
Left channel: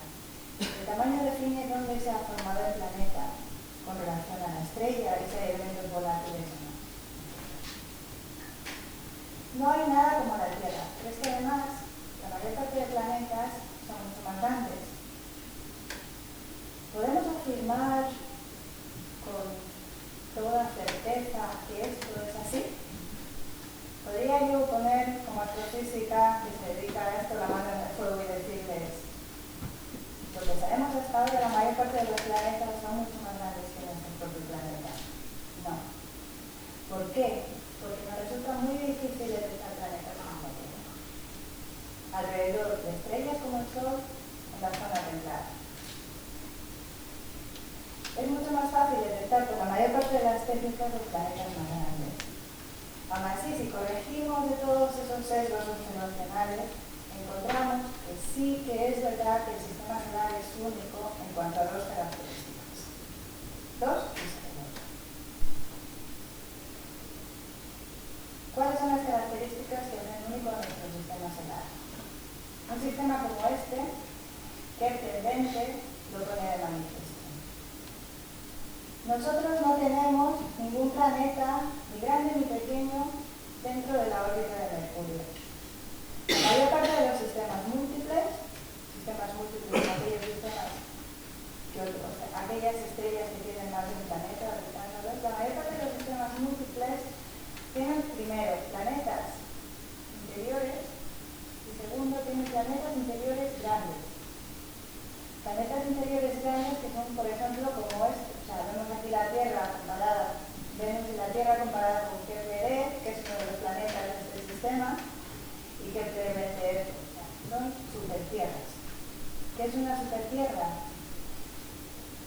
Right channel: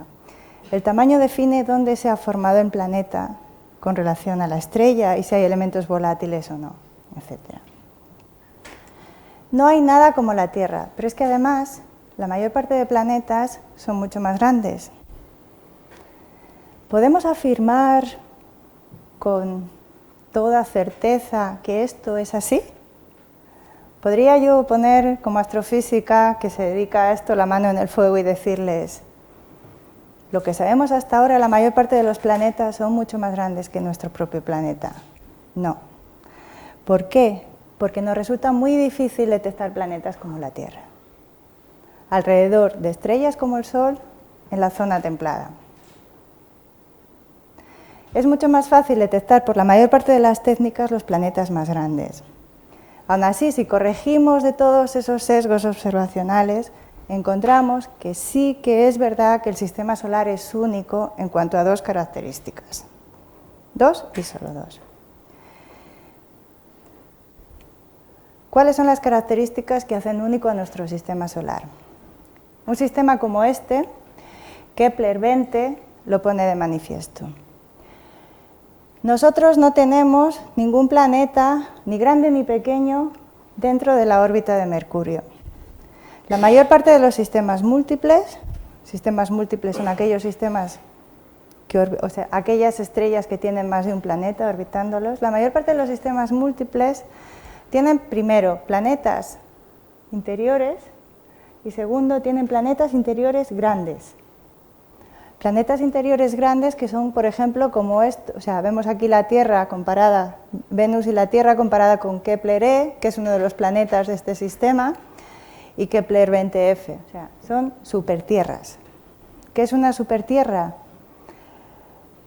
El tamaño define dónde se ha formado el planeta con relación a la estrella y si hay elementos volátiles o no, etc. No hay nada como la Tierra, pero es que además la mayor parte de planetas son mucho más grandes. ¿Podemos afirmar con toda certeza que esto es así? ¿Podría yo poner como astrofísica que se dedica a esto la mano en el fuego y decirles: lo que sabemos hasta ahora, la mayor parte de los planetas son mucho más grandes que nuestro propio planeta? No. ¿Por qué? Porque nos resulta muy difícil detectar planetas como la Tierra, alrededor de estrellas como el Sol, en la zona templada. Es mucho más fácil detectar por la mayor parte de las técnicas los planetas más grandes. Aún así, si corregimos de todos esos sesgos observacionales, encontramos que sí que es verdad que el sistema solar es único en cuanto a dos características. Dos y solo dos. ¿Cuáles son las características que hacen único a nuestro sistema solar? Un sistema como este, Kepler 20, lo pone de manifiesto. Nosotros no tenemos ningún planeta, ni grande ni pequeño, dentro de la órbita de Mercurio. La mayor parte de los sistemas múltiples son aquellos sistemas, aquellas estrellas que tienen más de un planeta orbitándolos. La mayor parte de los sistemas múltiples tienen, primero, planetas interiores y, segundo, tienen planetas interiores grandes. Planetas interiores grandes que son, por ejemplo, como esto. Vemos aquí la Tierra comparada, Venus y la Tierra comparada con Kepler E, que es uno de los planetas de este sistema, y Kepler 20F. Son supertierras. ¿Qué es una supertierra?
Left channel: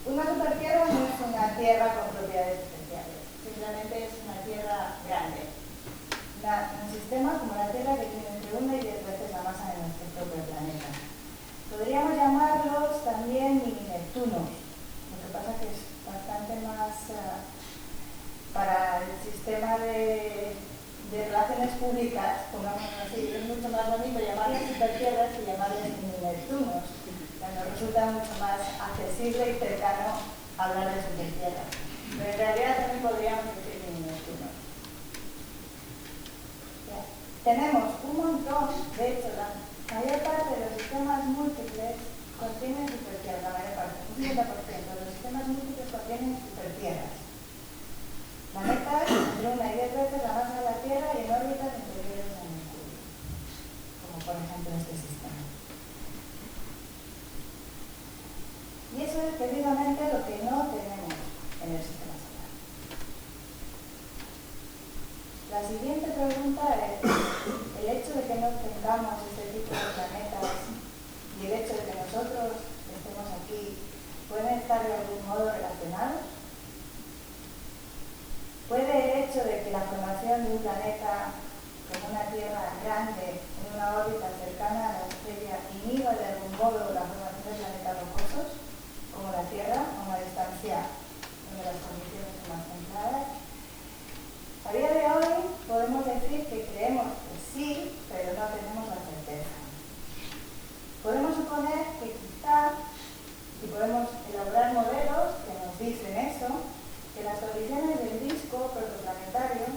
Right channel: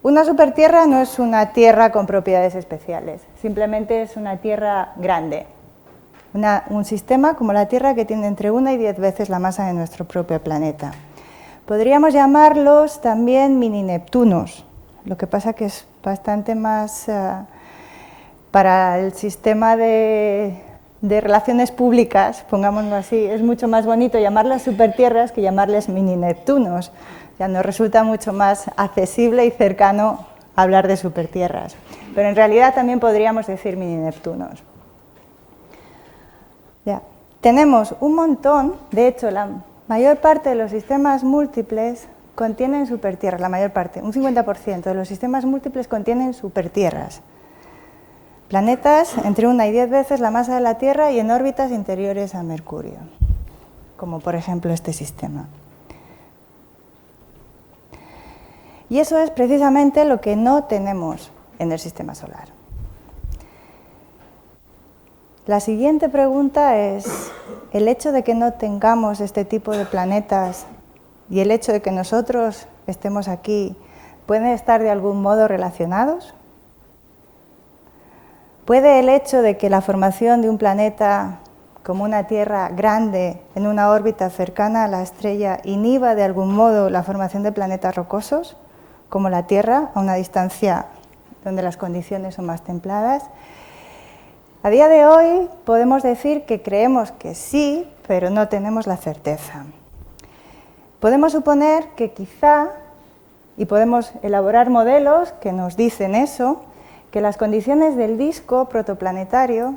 Una supertierra no es una tierra con propiedades especiales, simplemente es una tierra grande. Un sistema como la Tierra que tiene entre 1 y 10 veces la masa de nuestro propio planeta. Podríamos llamarlos también mini Neptunos, lo que pasa que es bastante más para el sistema de relaciones públicas, pongámoslo así, es mucho más bonito llamarlas supertierras que llamarles mini Neptunos. Ya nos resulta mucho más accesible y cercano hablar de supertierras, pero en realidad también podríamos decir mini Neptunos. Ya. Tenemos un montón, de hecho la mayor parte de los sistemas múltiples contienen supertierras, la mayor parte, un 50% de los sistemas múltiples contienen supertierras. Planetas entre 1 y 10 veces la masa de la Tierra y en órbitas interiores a Mercurio, como por ejemplo este sistema. Y eso es precisamente lo que no tenemos en el sistema solar. La siguiente pregunta es: ¿el hecho de que no tengamos este tipo de planetas y el hecho de que nosotros estemos aquí pueden estar de algún modo relacionados? ¿Puede el hecho de que la formación de un planeta como una Tierra grande en una órbita cercana a la estrella inhiba de algún modo la formación de planetas rocosos, como la Tierra, a una distancia donde las condiciones son más templadas? A día de hoy podemos decir que creemos que sí, pero no tenemos la certeza. Podemos suponer que quizá, y podemos elaborar modelos que nos dicen eso, que las condiciones del disco protoplanetario,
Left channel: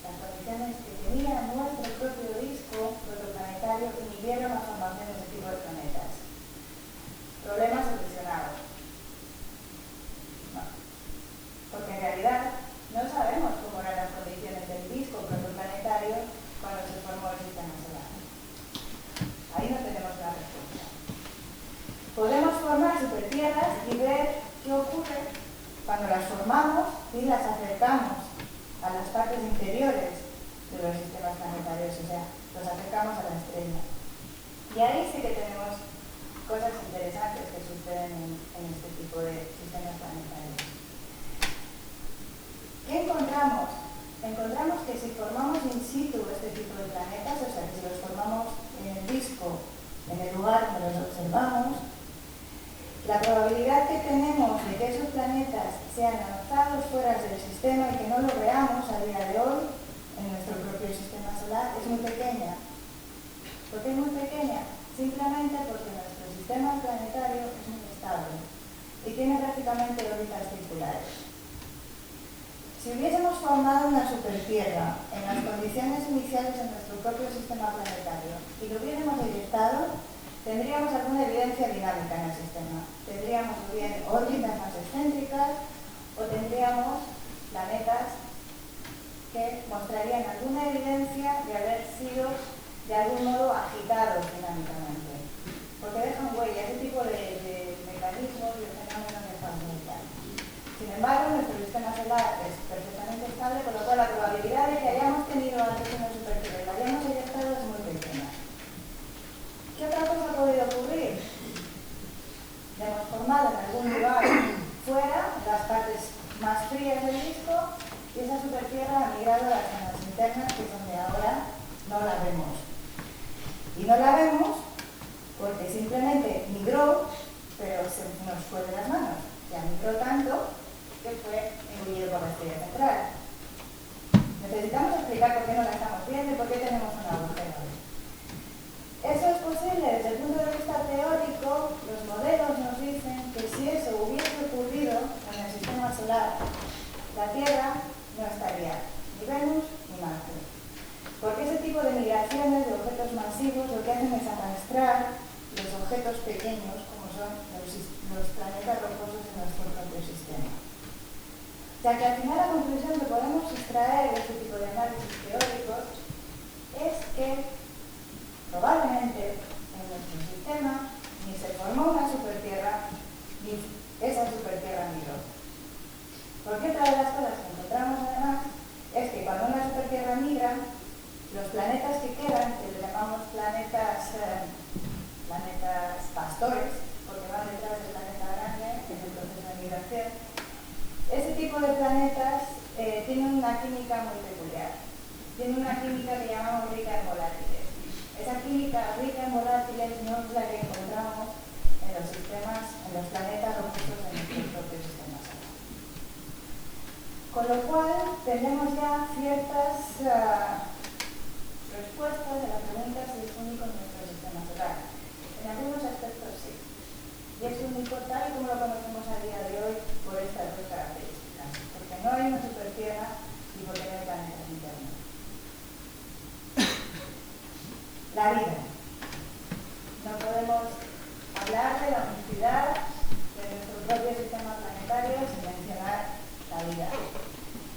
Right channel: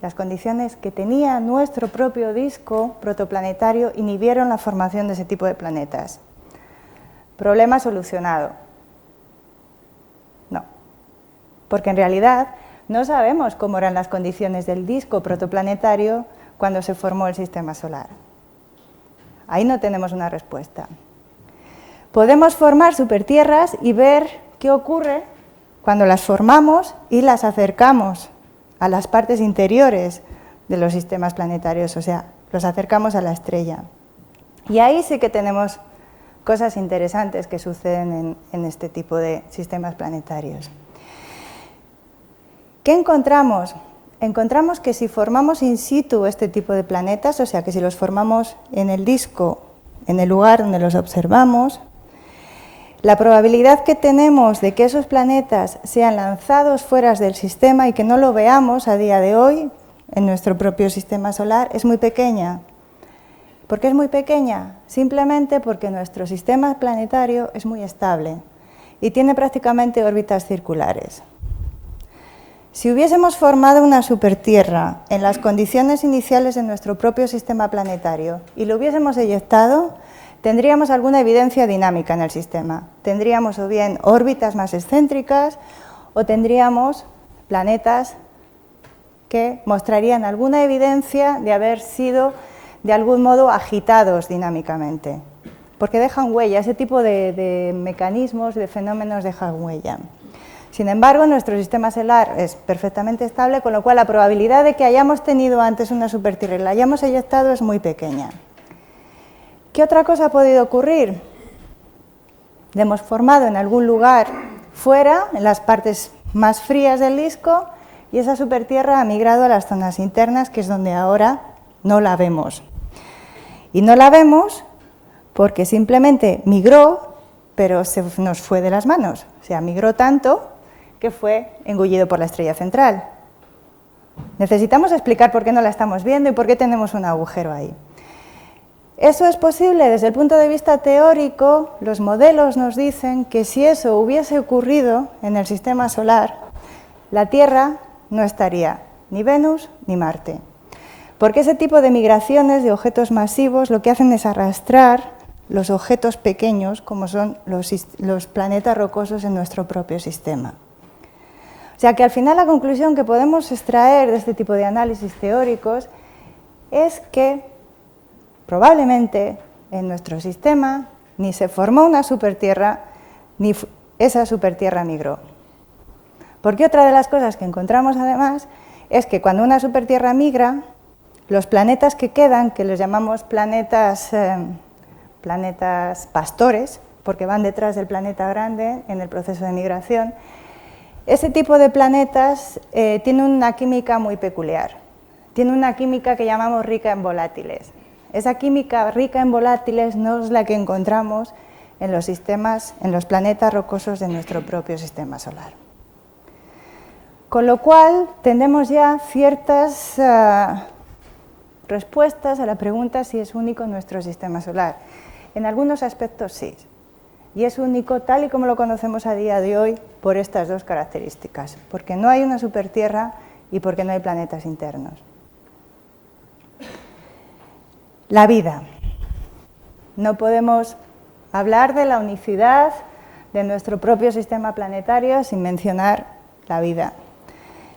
las condiciones que tenía nuestro propio disco protoplanetario, inhibieron la formación de ese tipo de planetas. Problema solucionado. No, porque en realidad no sabemos cómo eran las condiciones del disco protoplanetario cuando se formó el sistema solar. Ahí no tenemos una respuesta. podemos formar supertierras y ver qué ocurre cuando las formamos y las acercamos a las partes interiores de los sistemas planetarios, o sea, los acercamos a la estrella. Y ahí sí que tenemos cosas interesantes que suceden en este tipo de sistemas planetarios. ¿Qué encontramos? Encontramos que si formamos in situ este tipo de planetas, o sea, que si los formamos en el disco, en el lugar donde los observamos, la probabilidad que tenemos de que esos planetas sean lanzados fuera del sistema y que no lo veamos a día de hoy en nuestro propio sistema solar es muy pequeña. ¿Por qué es muy pequeña? Simplemente porque nuestro sistema planetario es muy estable y tiene prácticamente órbitas circulares. Si hubiésemos formado una supertierra en las condiciones iniciales de nuestro propio sistema planetario y lo hubiésemos eyectado, tendríamos alguna evidencia dinámica en el sistema. Tendríamos o bien órbitas más excéntricas o tendríamos planetas que mostrarían alguna evidencia de haber sido de algún modo agitados dinámicamente, porque dejan huella, ese tipo de mecanismos, de fenómenos dejan huella. Sin embargo, nuestro sistema solar es perfectamente estable, con lo cual la probabilidad de que hayamos tenido antes una supertierra y la hayamos eyectado es muy pequeña. ¿Qué otra cosa ha podido ocurrir? La hemos formado en algún lugar fuera, en las partes más frías del disco, y esa supertierra ha migrado a las zonas internas, que es donde ahora no la vemos. Y no la vemos porque simplemente migró, pero se nos fue de las manos. O sea, migró tanto que fue engullido por la estrella central. Necesitamos explicar por qué no la estamos viendo y por qué tenemos un agujero ahí. Eso es posible desde el punto de vista teórico. Los modelos nos dicen que si eso hubiese ocurrido en el sistema solar, la Tierra no estaría ni Venus ni Marte. Porque ese tipo de migraciones de objetos masivos lo que hacen es arrastrar los objetos pequeños, como son los planetas rocosos en nuestro propio sistema. O sea que al final la conclusión que podemos extraer de este tipo de análisis teóricos es que probablemente en nuestro sistema ni se formó una supertierra, ni esa supertierra migró. Porque otra de las cosas que encontramos además es que cuando una supertierra migra, los planetas que quedan, que les llamamos planetas pastores, porque van detrás del planeta grande en el proceso de migración, ese tipo de planetas tiene una química muy peculiar. Tiene una química que llamamos rica en volátiles. Esa química rica en volátiles no es la que encontramos en los planetas rocosos de nuestro propio sistema solar. Con lo cual, tenemos ya ciertas respuestas a la pregunta si es único nuestro sistema solar. En algunos aspectos sí, y es único tal y como lo conocemos a día de hoy por estas dos características, porque no hay una supertierra y porque no hay planetas internos. La vida. No podemos hablar de la unicidad de nuestro propio sistema planetario sin mencionar la vida.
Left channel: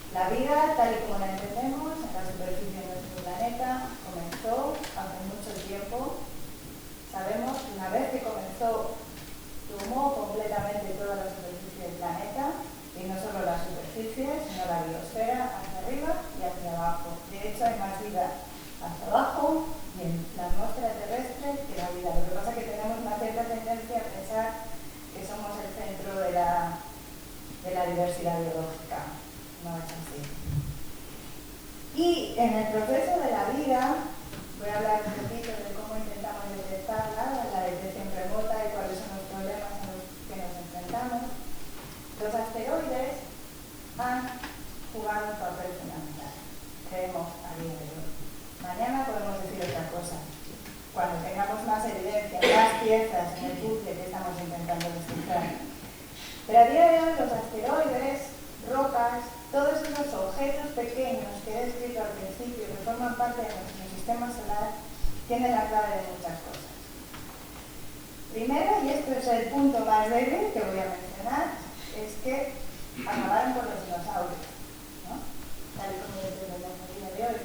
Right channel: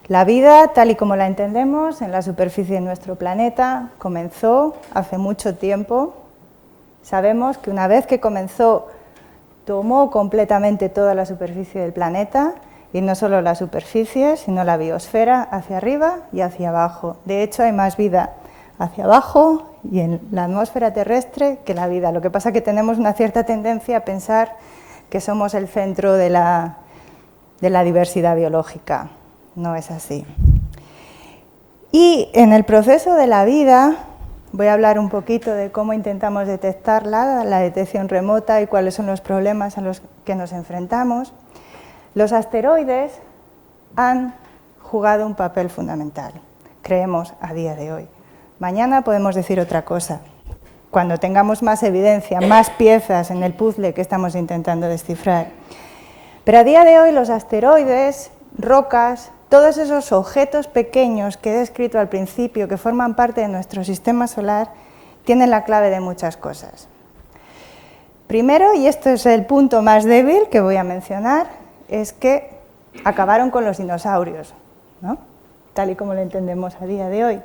La vida, tal y como la entendemos en la superficie de nuestro planeta, comenzó hace mucho tiempo. Sabemos que una vez que comenzó, tomó completamente toda la superficie del planeta, y no solo la superficie, sino la biosfera hacia arriba y hacia abajo. De hecho, hay más vida hacia abajo y en la atmósfera terrestre que la vida. Lo que pasa es que tenemos una cierta tendencia a pensar que somos el centro de la diversidad biológica. No es así. Y en el proceso de la vida, voy a hablar un poquito de cómo intentamos detectarla, la detección remota y cuáles son los problemas a los que nos enfrentamos. Los asteroides han jugado un papel fundamental, creemos a día de hoy. Mañana podemos decir otra cosa, cuando tengamos más evidencia, más piezas en el puzzle que estamos intentando descifrar. Pero a día de hoy los asteroides, rocas, todos esos objetos pequeños que he descrito al principio, que forman parte de nuestro sistema solar, tienen la clave de muchas cosas. Primero, y esto es el punto más débil que voy a mencionar, es que acabaron con los dinosaurios, ¿no? Tal y como lo entendemos a día de hoy.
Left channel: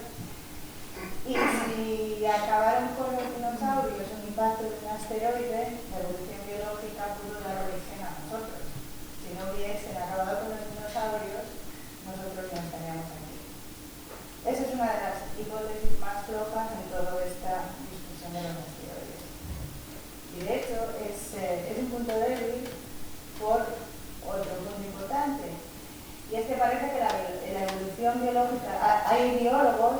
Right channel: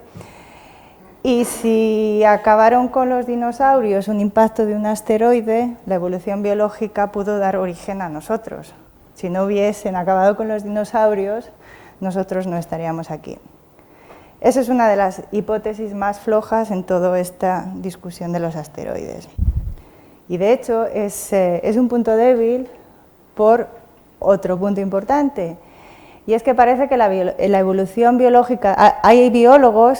Y si acabaron con los dinosaurios un impacto de un asteroide, la evolución biológica pudo dar origen a nosotros. Si no hubiesen acabado con los dinosaurios, nosotros no estaríamos aquí. Esa es una de las hipótesis más flojas en toda esta discusión de los asteroides. Y de hecho es un punto débil por otro punto importante. Y es que parece que la evolución biológica, hay biólogos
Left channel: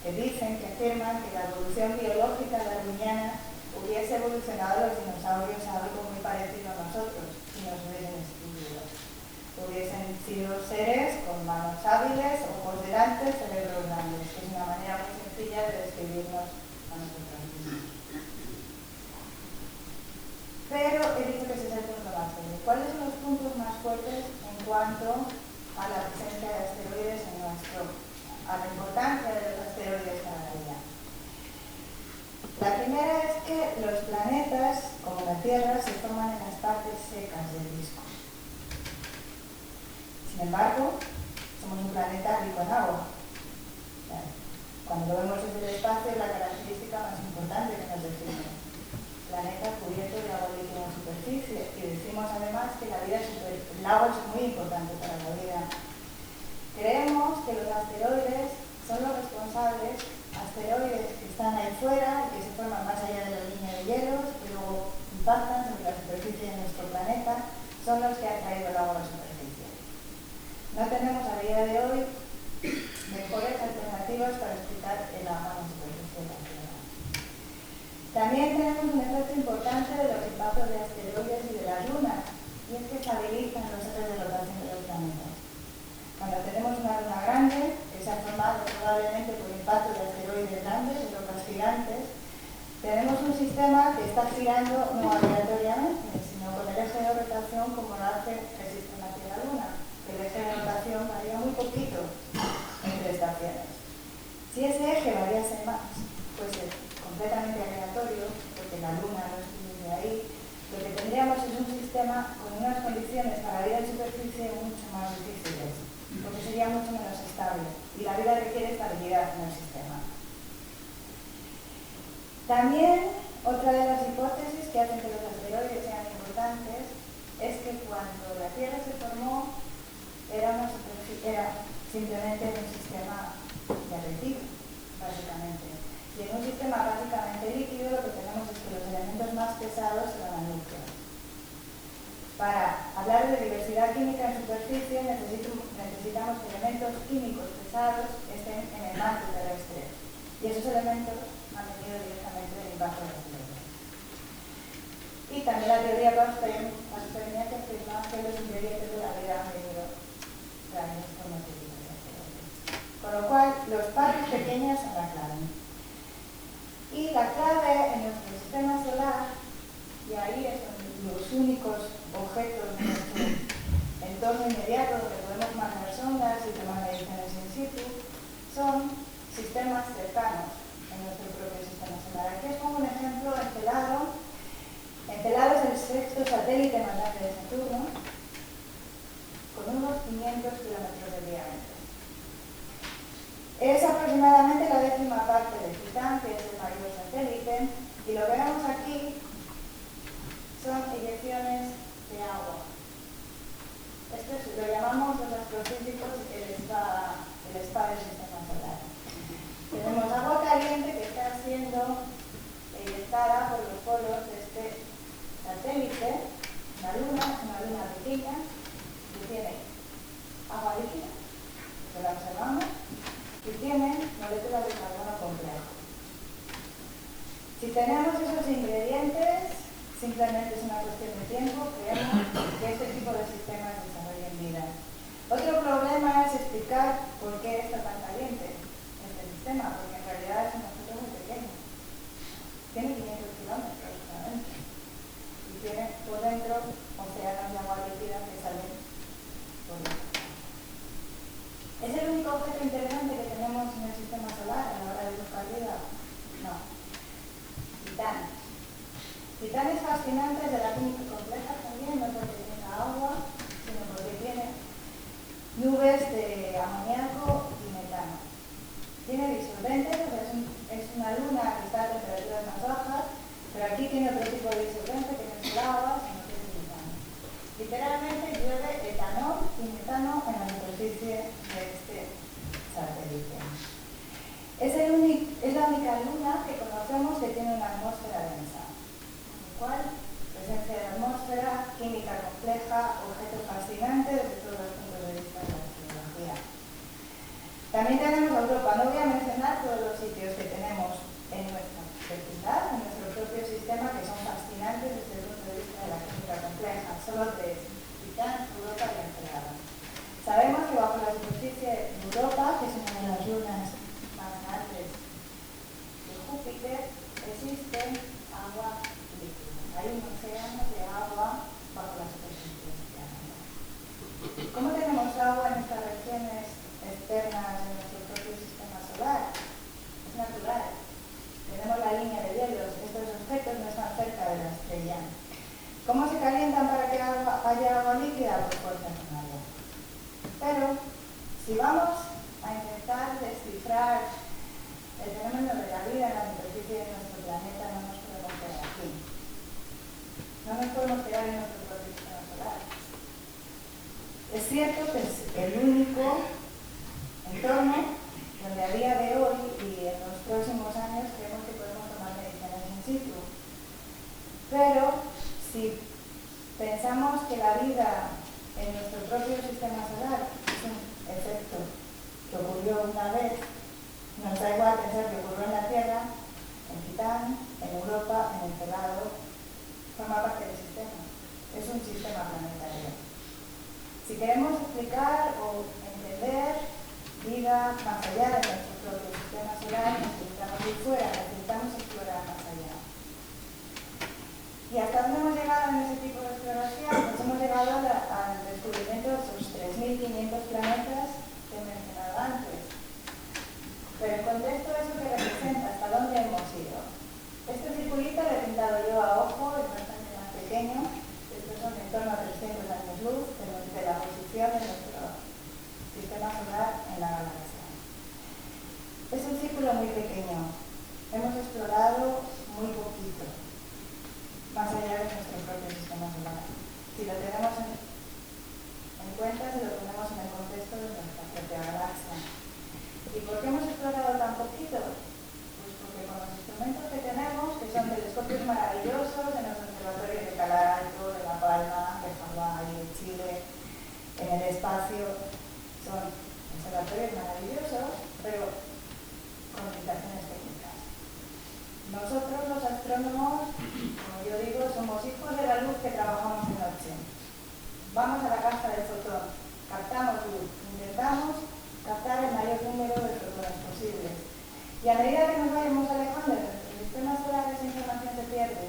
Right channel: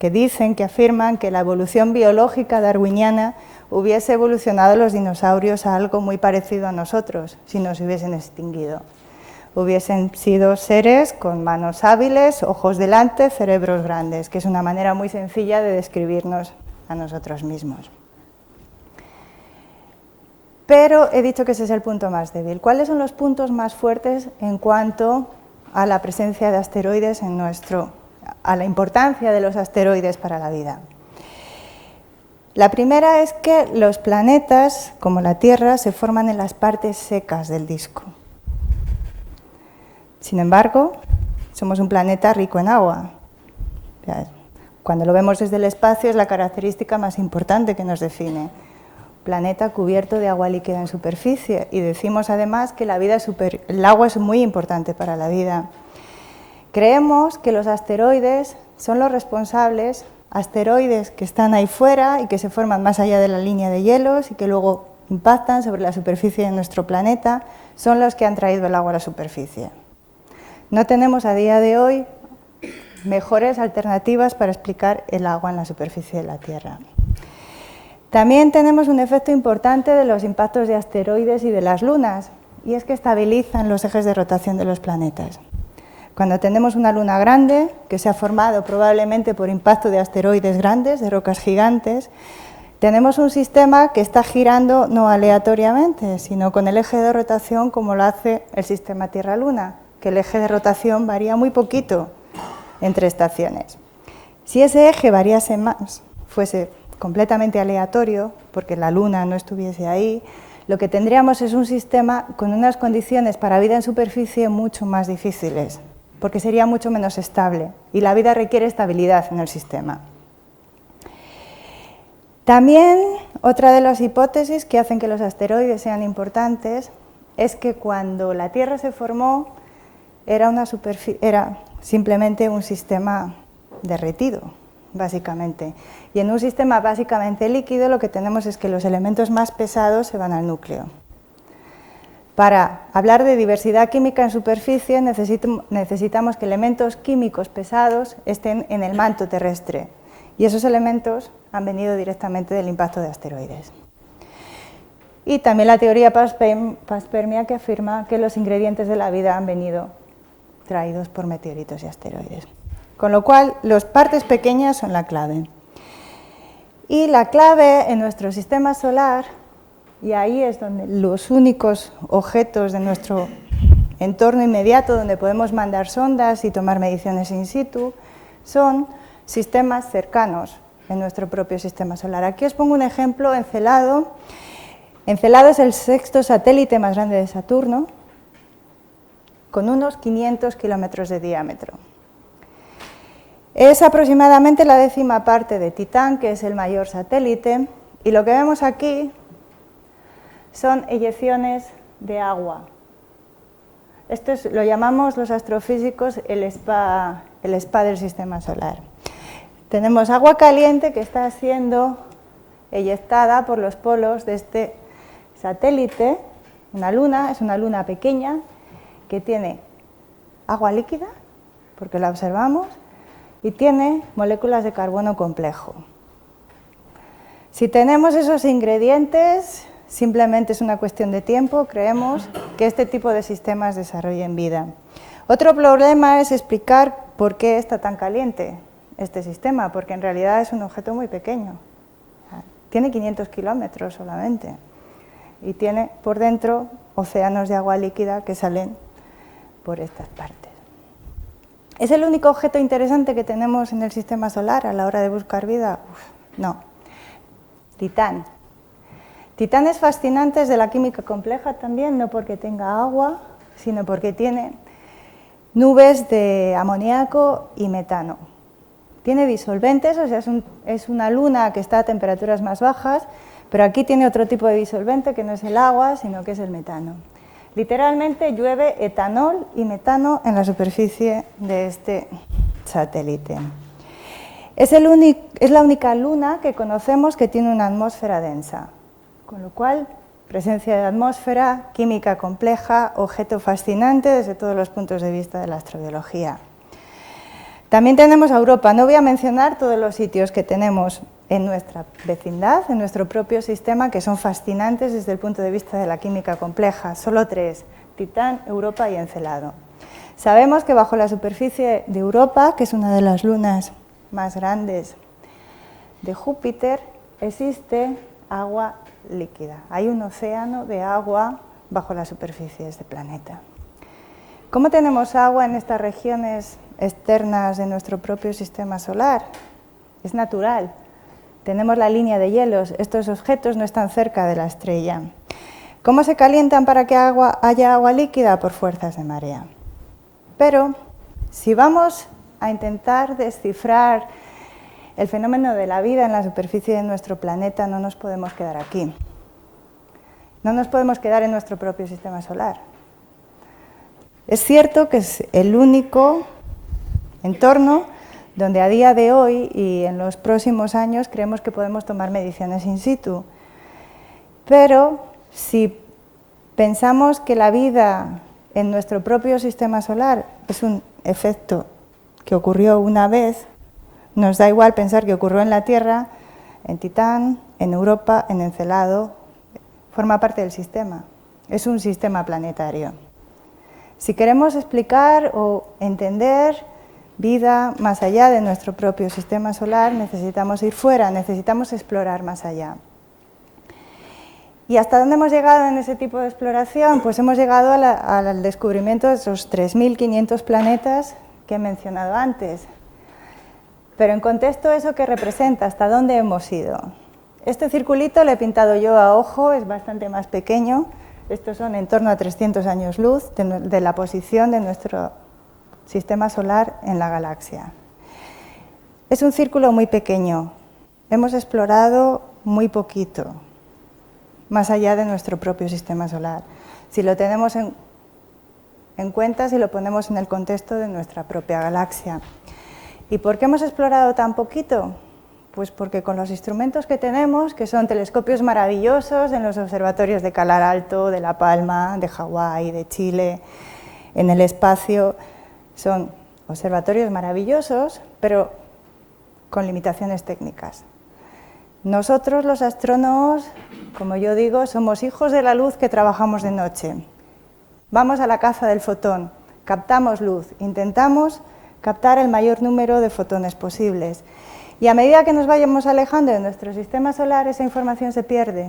que dicen, que afirman que la evolución biológica darwiniana hubiese evolucionado los dinosaurios a algo muy parecido a nosotros, si nos hubiesen extinguido. Hubiesen sido seres con manos hábiles, ojos delante, cerebros grandes, que es una manera muy sencilla de describirnos a nosotros mismos. Pero he dicho que ese es el punto más débil. ¿Cuáles son los puntos más fuertes en cuanto a la presencia de asteroides a la importancia de los asteroides para la vida? La primera es que los planetas, como la Tierra, se forman en las partes secas del disco. Sin embargo, somos un planeta rico en agua. Cuando lo vemos desde el espacio es la característica más importante que nos define. Planeta cubierto de agua líquida en superficie, y decimos además que el agua es muy importante para la vida. Creemos que los asteroides son los responsables, asteroides que están ahí fuera y que se forman más allá de la línea de hielos y que luego impactan sobre la superficie de nuestro planeta, son los que han traído el agua a la superficie. No tenemos a día de hoy mejores alternativas para explicar el agua en la superficie de la Tierra. También tenemos un efecto importante de los impactos de asteroides y de las lunas, y es que estabilizan los ejes de rotación de los planetas. Cuando tenemos una luna grande, que se ha formado probablemente por impacto de asteroides grandes, de rocas gigantes, tenemos un sistema que está girando no aleatoriamente, sino con el eje de rotación como lo hace el sistema Tierra-Luna, que el eje de rotación varía muy poquito entre estaciones. Si ese eje variase más, fuese completamente aleatorio, porque la Luna no estuviese ahí, lo que tendríamos es un sistema con unas condiciones para vida en superficie mucho más difíciles, porque sería mucho menos estable, y la vida requiere estabilidad en el sistema. También, otra de las hipótesis que hacen que los asteroides sean importantes es que cuando la Tierra se formó era simplemente un sistema derretido, básicamente. Y en un sistema básicamente líquido lo que tenemos es que los elementos más pesados se van al núcleo. Para hablar de diversidad química en superficie necesitamos que elementos químicos pesados estén en el manto terrestre. Y esos elementos han venido directamente del impacto de asteroides. Y también la teoría panspermia, que afirma que los ingredientes de la vida han venido traídos por meteoritos y asteroides. Con lo cual, las partes pequeñas son la clave. Y la clave en nuestro sistema solar, y ahí es donde los únicos objetos de nuestro entorno inmediato donde podemos mandar sondas y tomar mediciones in situ, son sistemas cercanos en nuestro propio sistema solar. Aquí os pongo un ejemplo, Encelado. Encelado es el sexto satélite más grande de Saturno, con unos 500 kilómetros de diámetro. Es aproximadamente la 10ª parte de Titán, que es el mayor satélite, y lo que vemos aquí son eyecciones de agua. Esto lo llamamos los astrofísicos el spa del sistema solar. Tenemos agua caliente que está siendo eyectada por los polos de este satélite, una luna, es una luna pequeña que tiene agua líquida, porque la observamos, y tiene moléculas de carbono complejo. Si tenemos esos ingredientes, simplemente es una cuestión de tiempo, creemos, que este tipo de sistemas desarrollen vida. Otro problema es explicar por qué está tan caliente este sistema, porque en realidad es un objeto muy pequeño. Tiene 500 kilómetros solamente y tiene por dentro océanos de agua líquida que salen por estas partes. ¿Es el único objeto interesante que tenemos en el sistema solar a la hora de buscar vida? No. Titán. Titán es fascinante desde la química compleja también, no porque tenga agua, sino porque tiene nubes de amoníaco y metano. Tiene disolventes, o sea, es una luna que está a temperaturas más bajas, pero aquí tiene otro tipo de disolvente que no es el agua, sino que es el metano. Literalmente llueve etanol y metano en la superficie de este satélite. Es la única luna que conocemos que tiene una atmósfera densa, con lo cual, presencia de atmósfera, química compleja, objeto fascinante desde todos los puntos de vista de la astrobiología. También tenemos a Europa. No voy a mencionar todos los sitios que tenemos en nuestra vecindad, en nuestro propio sistema, que son fascinantes desde el punto de vista de la química compleja. Solo 3, Titán, Europa y Encelado. Sabemos que bajo la superficie de Europa, que es una de las lunas más grandes de Júpiter, existe agua líquida. Hay un océano de agua bajo la superficie de este planeta. ¿Cómo tenemos agua en estas regiones externas de nuestro propio sistema solar? Es natural. Tenemos la línea de hielos. Estos objetos no están cerca de la estrella. ¿Cómo se calientan para que haya agua líquida? Por fuerzas de marea. Pero si vamos a intentar descifrar el fenómeno de la vida en la superficie de nuestro planeta, no nos podemos quedar aquí. No nos podemos quedar en nuestro propio sistema solar. Es cierto que es el único entorno donde a día de hoy y en los próximos años creemos que podemos tomar mediciones in situ. Pero si pensamos que la vida en nuestro propio sistema solar es un efecto que ocurrió una vez, nos da igual pensar que ocurrió en la Tierra, en Titán, en Europa, en Encelado, forma parte del sistema, es un sistema planetario. Si queremos explicar o entender vida más allá de nuestro propio sistema solar, necesitamos ir fuera, necesitamos explorar más allá. ¿Y hasta dónde hemos llegado en ese tipo de exploración? Pues hemos llegado al descubrimiento de esos 3.500 planetas que he mencionado antes. Pero en contexto, ¿eso qué representa? ¿Hasta dónde hemos ido? Este circulito lo he pintado yo a ojo, es bastante más pequeño. Estos son en torno a 300 años luz de la posición de nuestro sistema solar en la galaxia. Es un círculo muy pequeño. Hemos explorado muy poquito, más allá de nuestro propio sistema solar. Si lo tenemos en cuenta, si lo ponemos en el contexto de nuestra propia galaxia. ¿Y por qué hemos explorado tan poquito? Pues porque con los instrumentos que tenemos, que son telescopios maravillosos en los observatorios de Calar Alto, de La Palma, de Hawái, de Chile, en el espacio, son observatorios maravillosos, pero con limitaciones técnicas. Nosotros, los astrónomos, como yo digo, somos hijos de la luz que trabajamos de noche. Vamos a la caza del fotón, captamos luz, intentamos captar el mayor número de fotones posibles. Y a medida que nos vayamos alejando de nuestro sistema solar, esa información se pierde.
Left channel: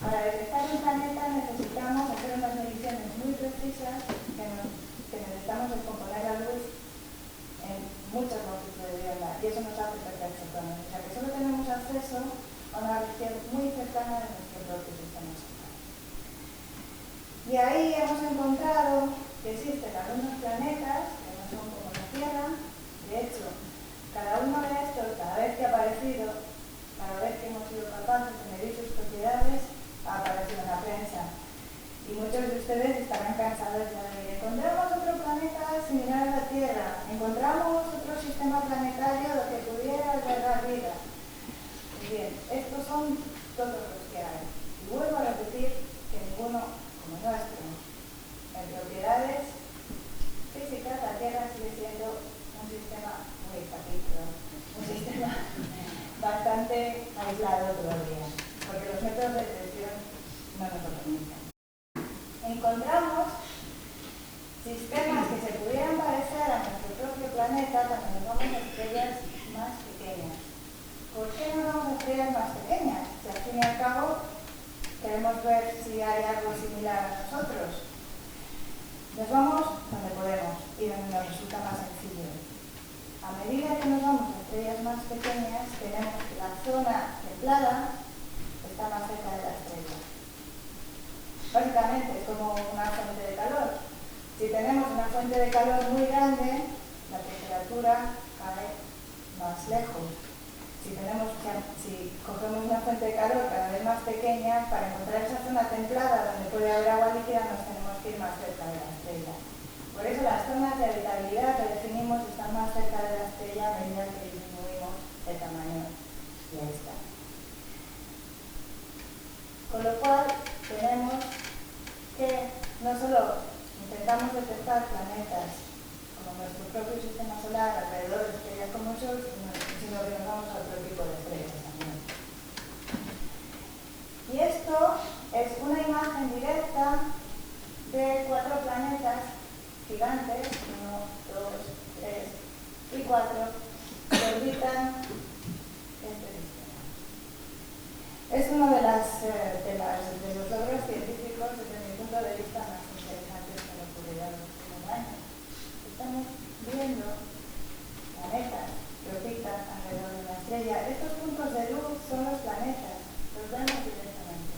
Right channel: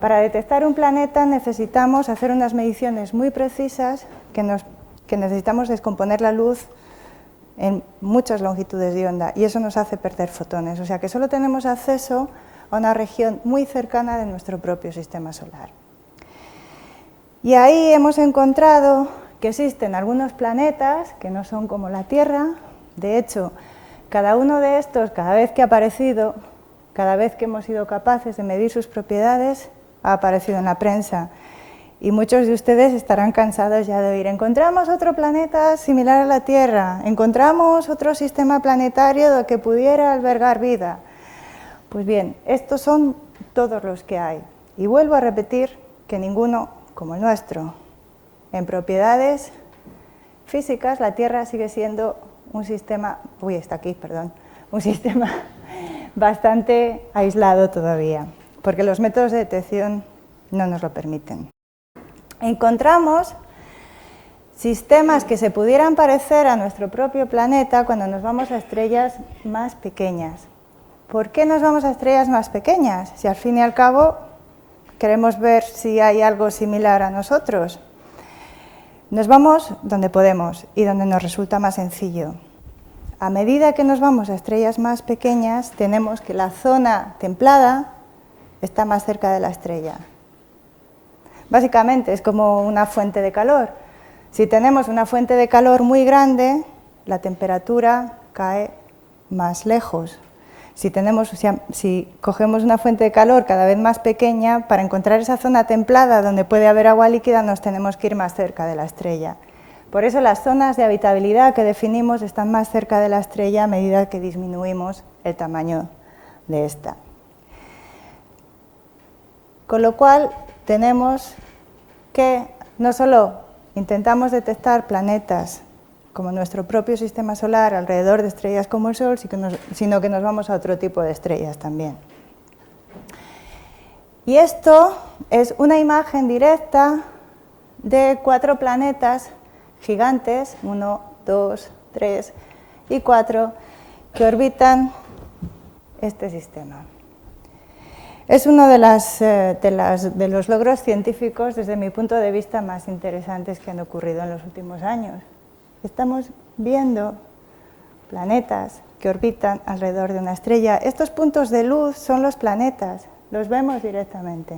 Para detectar un planeta necesitamos hacer unas mediciones muy precisas que necesitamos descomponer la luz en muchas longitudes de onda y eso nos hace perder fotones. O sea que solo tenemos acceso a una región muy cercana de nuestro propio sistema solar. Y ahí hemos encontrado que existen algunos planetas que no son como la Tierra. De hecho, cada uno de estos, cada vez que ha aparecido, cada vez que hemos sido capaces de medir sus propiedades, ha aparecido en la prensa. Y muchos de ustedes estarán cansados ya de oír, encontramos otro planeta similar a la Tierra, encontramos otro sistema planetario que pudiera albergar vida. Pues bien, estos son todos los que hay. Y vuelvo a repetir que ninguno como el nuestro. En propiedades físicas, la Tierra sigue siendo un sistema, un sistema bastante aislado todavía, porque los métodos de detección no nos lo permiten. Encontramos sistemas que se pudieran parecer a nuestro propio planeta cuando nos vamos a estrellas más pequeñas. ¿Por qué nos vamos a estrellas más pequeñas? Si al fin y al cabo queremos ver si hay algo similar a nosotros. Nos vamos donde podemos y donde nos resulta más sencillo. A medida que nos vamos a estrellas más pequeñas, tenemos que la zona templada está más cerca de la estrella. Básicamente es como una fuente de calor. Si tenemos una fuente de calor muy grande, la temperatura cae más lejos. Si cogemos una fuente de calor cada vez más pequeña, para encontrar esa zona templada donde puede haber agua líquida nos tenemos que ir más cerca de la estrella. Por eso las zonas de habitabilidad que definimos están más cerca de la estrella a medida que disminuimos el tamaño de esta. Con lo cual tenemos que no solo intentamos detectar planetas como nuestro propio sistema solar alrededor de estrellas como el Sol, sino que nos vamos a otro tipo de estrellas también. Y esto es una imagen directa de 4 planetas gigantes, 1, 2, 3 y 4, que orbitan este sistema. Es uno de los logros científicos, desde mi punto de vista, más interesantes que han ocurrido en los últimos años. Estamos viendo planetas que orbitan alrededor de una estrella. Estos puntos de luz son los planetas, los vemos directamente.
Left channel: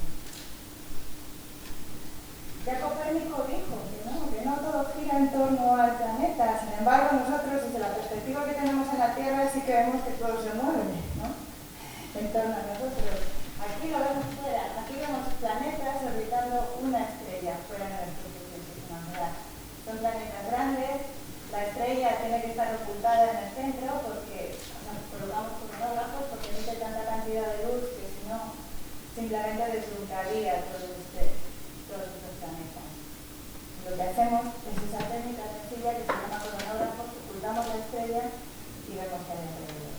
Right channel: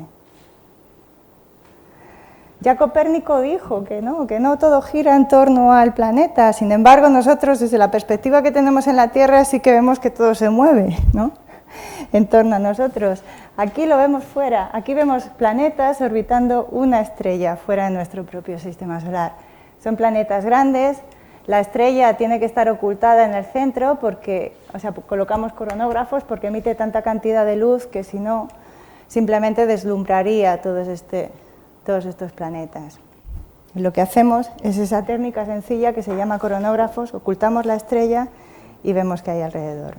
Ya Copérnico dijo que no todo gira en torno al planeta. Sin embargo, nosotros, desde la perspectiva que tenemos en la Tierra, sí que vemos que todo se mueve, ¿no?, en torno a nosotros. Aquí lo vemos fuera, aquí vemos planetas orbitando una estrella fuera de nuestro propio sistema solar. Son planetas grandes, la estrella tiene que estar ocultada en el centro porque, colocamos coronógrafos porque emite tanta cantidad de luz que si no, simplemente deslumbraría todos estos planetas. Y lo que hacemos es esa técnica sencilla que se llama coronógrafos, ocultamos la estrella y vemos qué hay alrededor.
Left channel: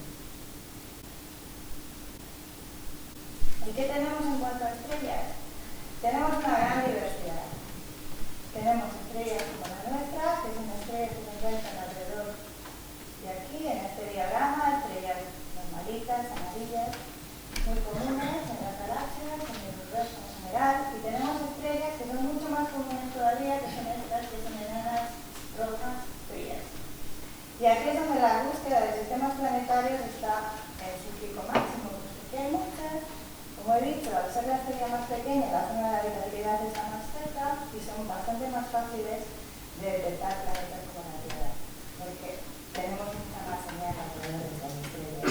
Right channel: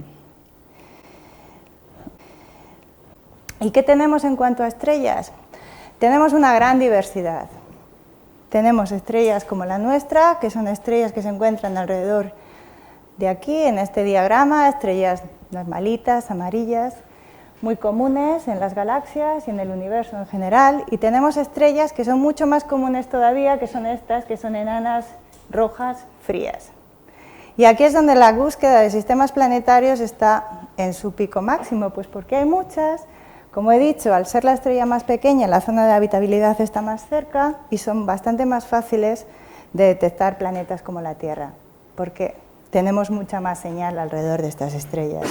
¿Y qué tenemos en cuanto a estrellas? Tenemos una gran diversidad. Tenemos estrellas como la nuestra, que son estrellas que se encuentran alrededor de aquí, en este diagrama, estrellas normalitas, amarillas, muy comunes en las galaxias y en el universo en general. Y tenemos estrellas que son mucho más comunes todavía, que son estas, que son enanas rojas frías. Y aquí es donde la búsqueda de sistemas planetarios está en su pico máximo, pues porque hay muchas. Como he dicho, al ser la estrella más pequeña, la zona de habitabilidad está más cerca y son bastante más fáciles de detectar planetas como la Tierra, porque tenemos mucha más señal alrededor de estas estrellas.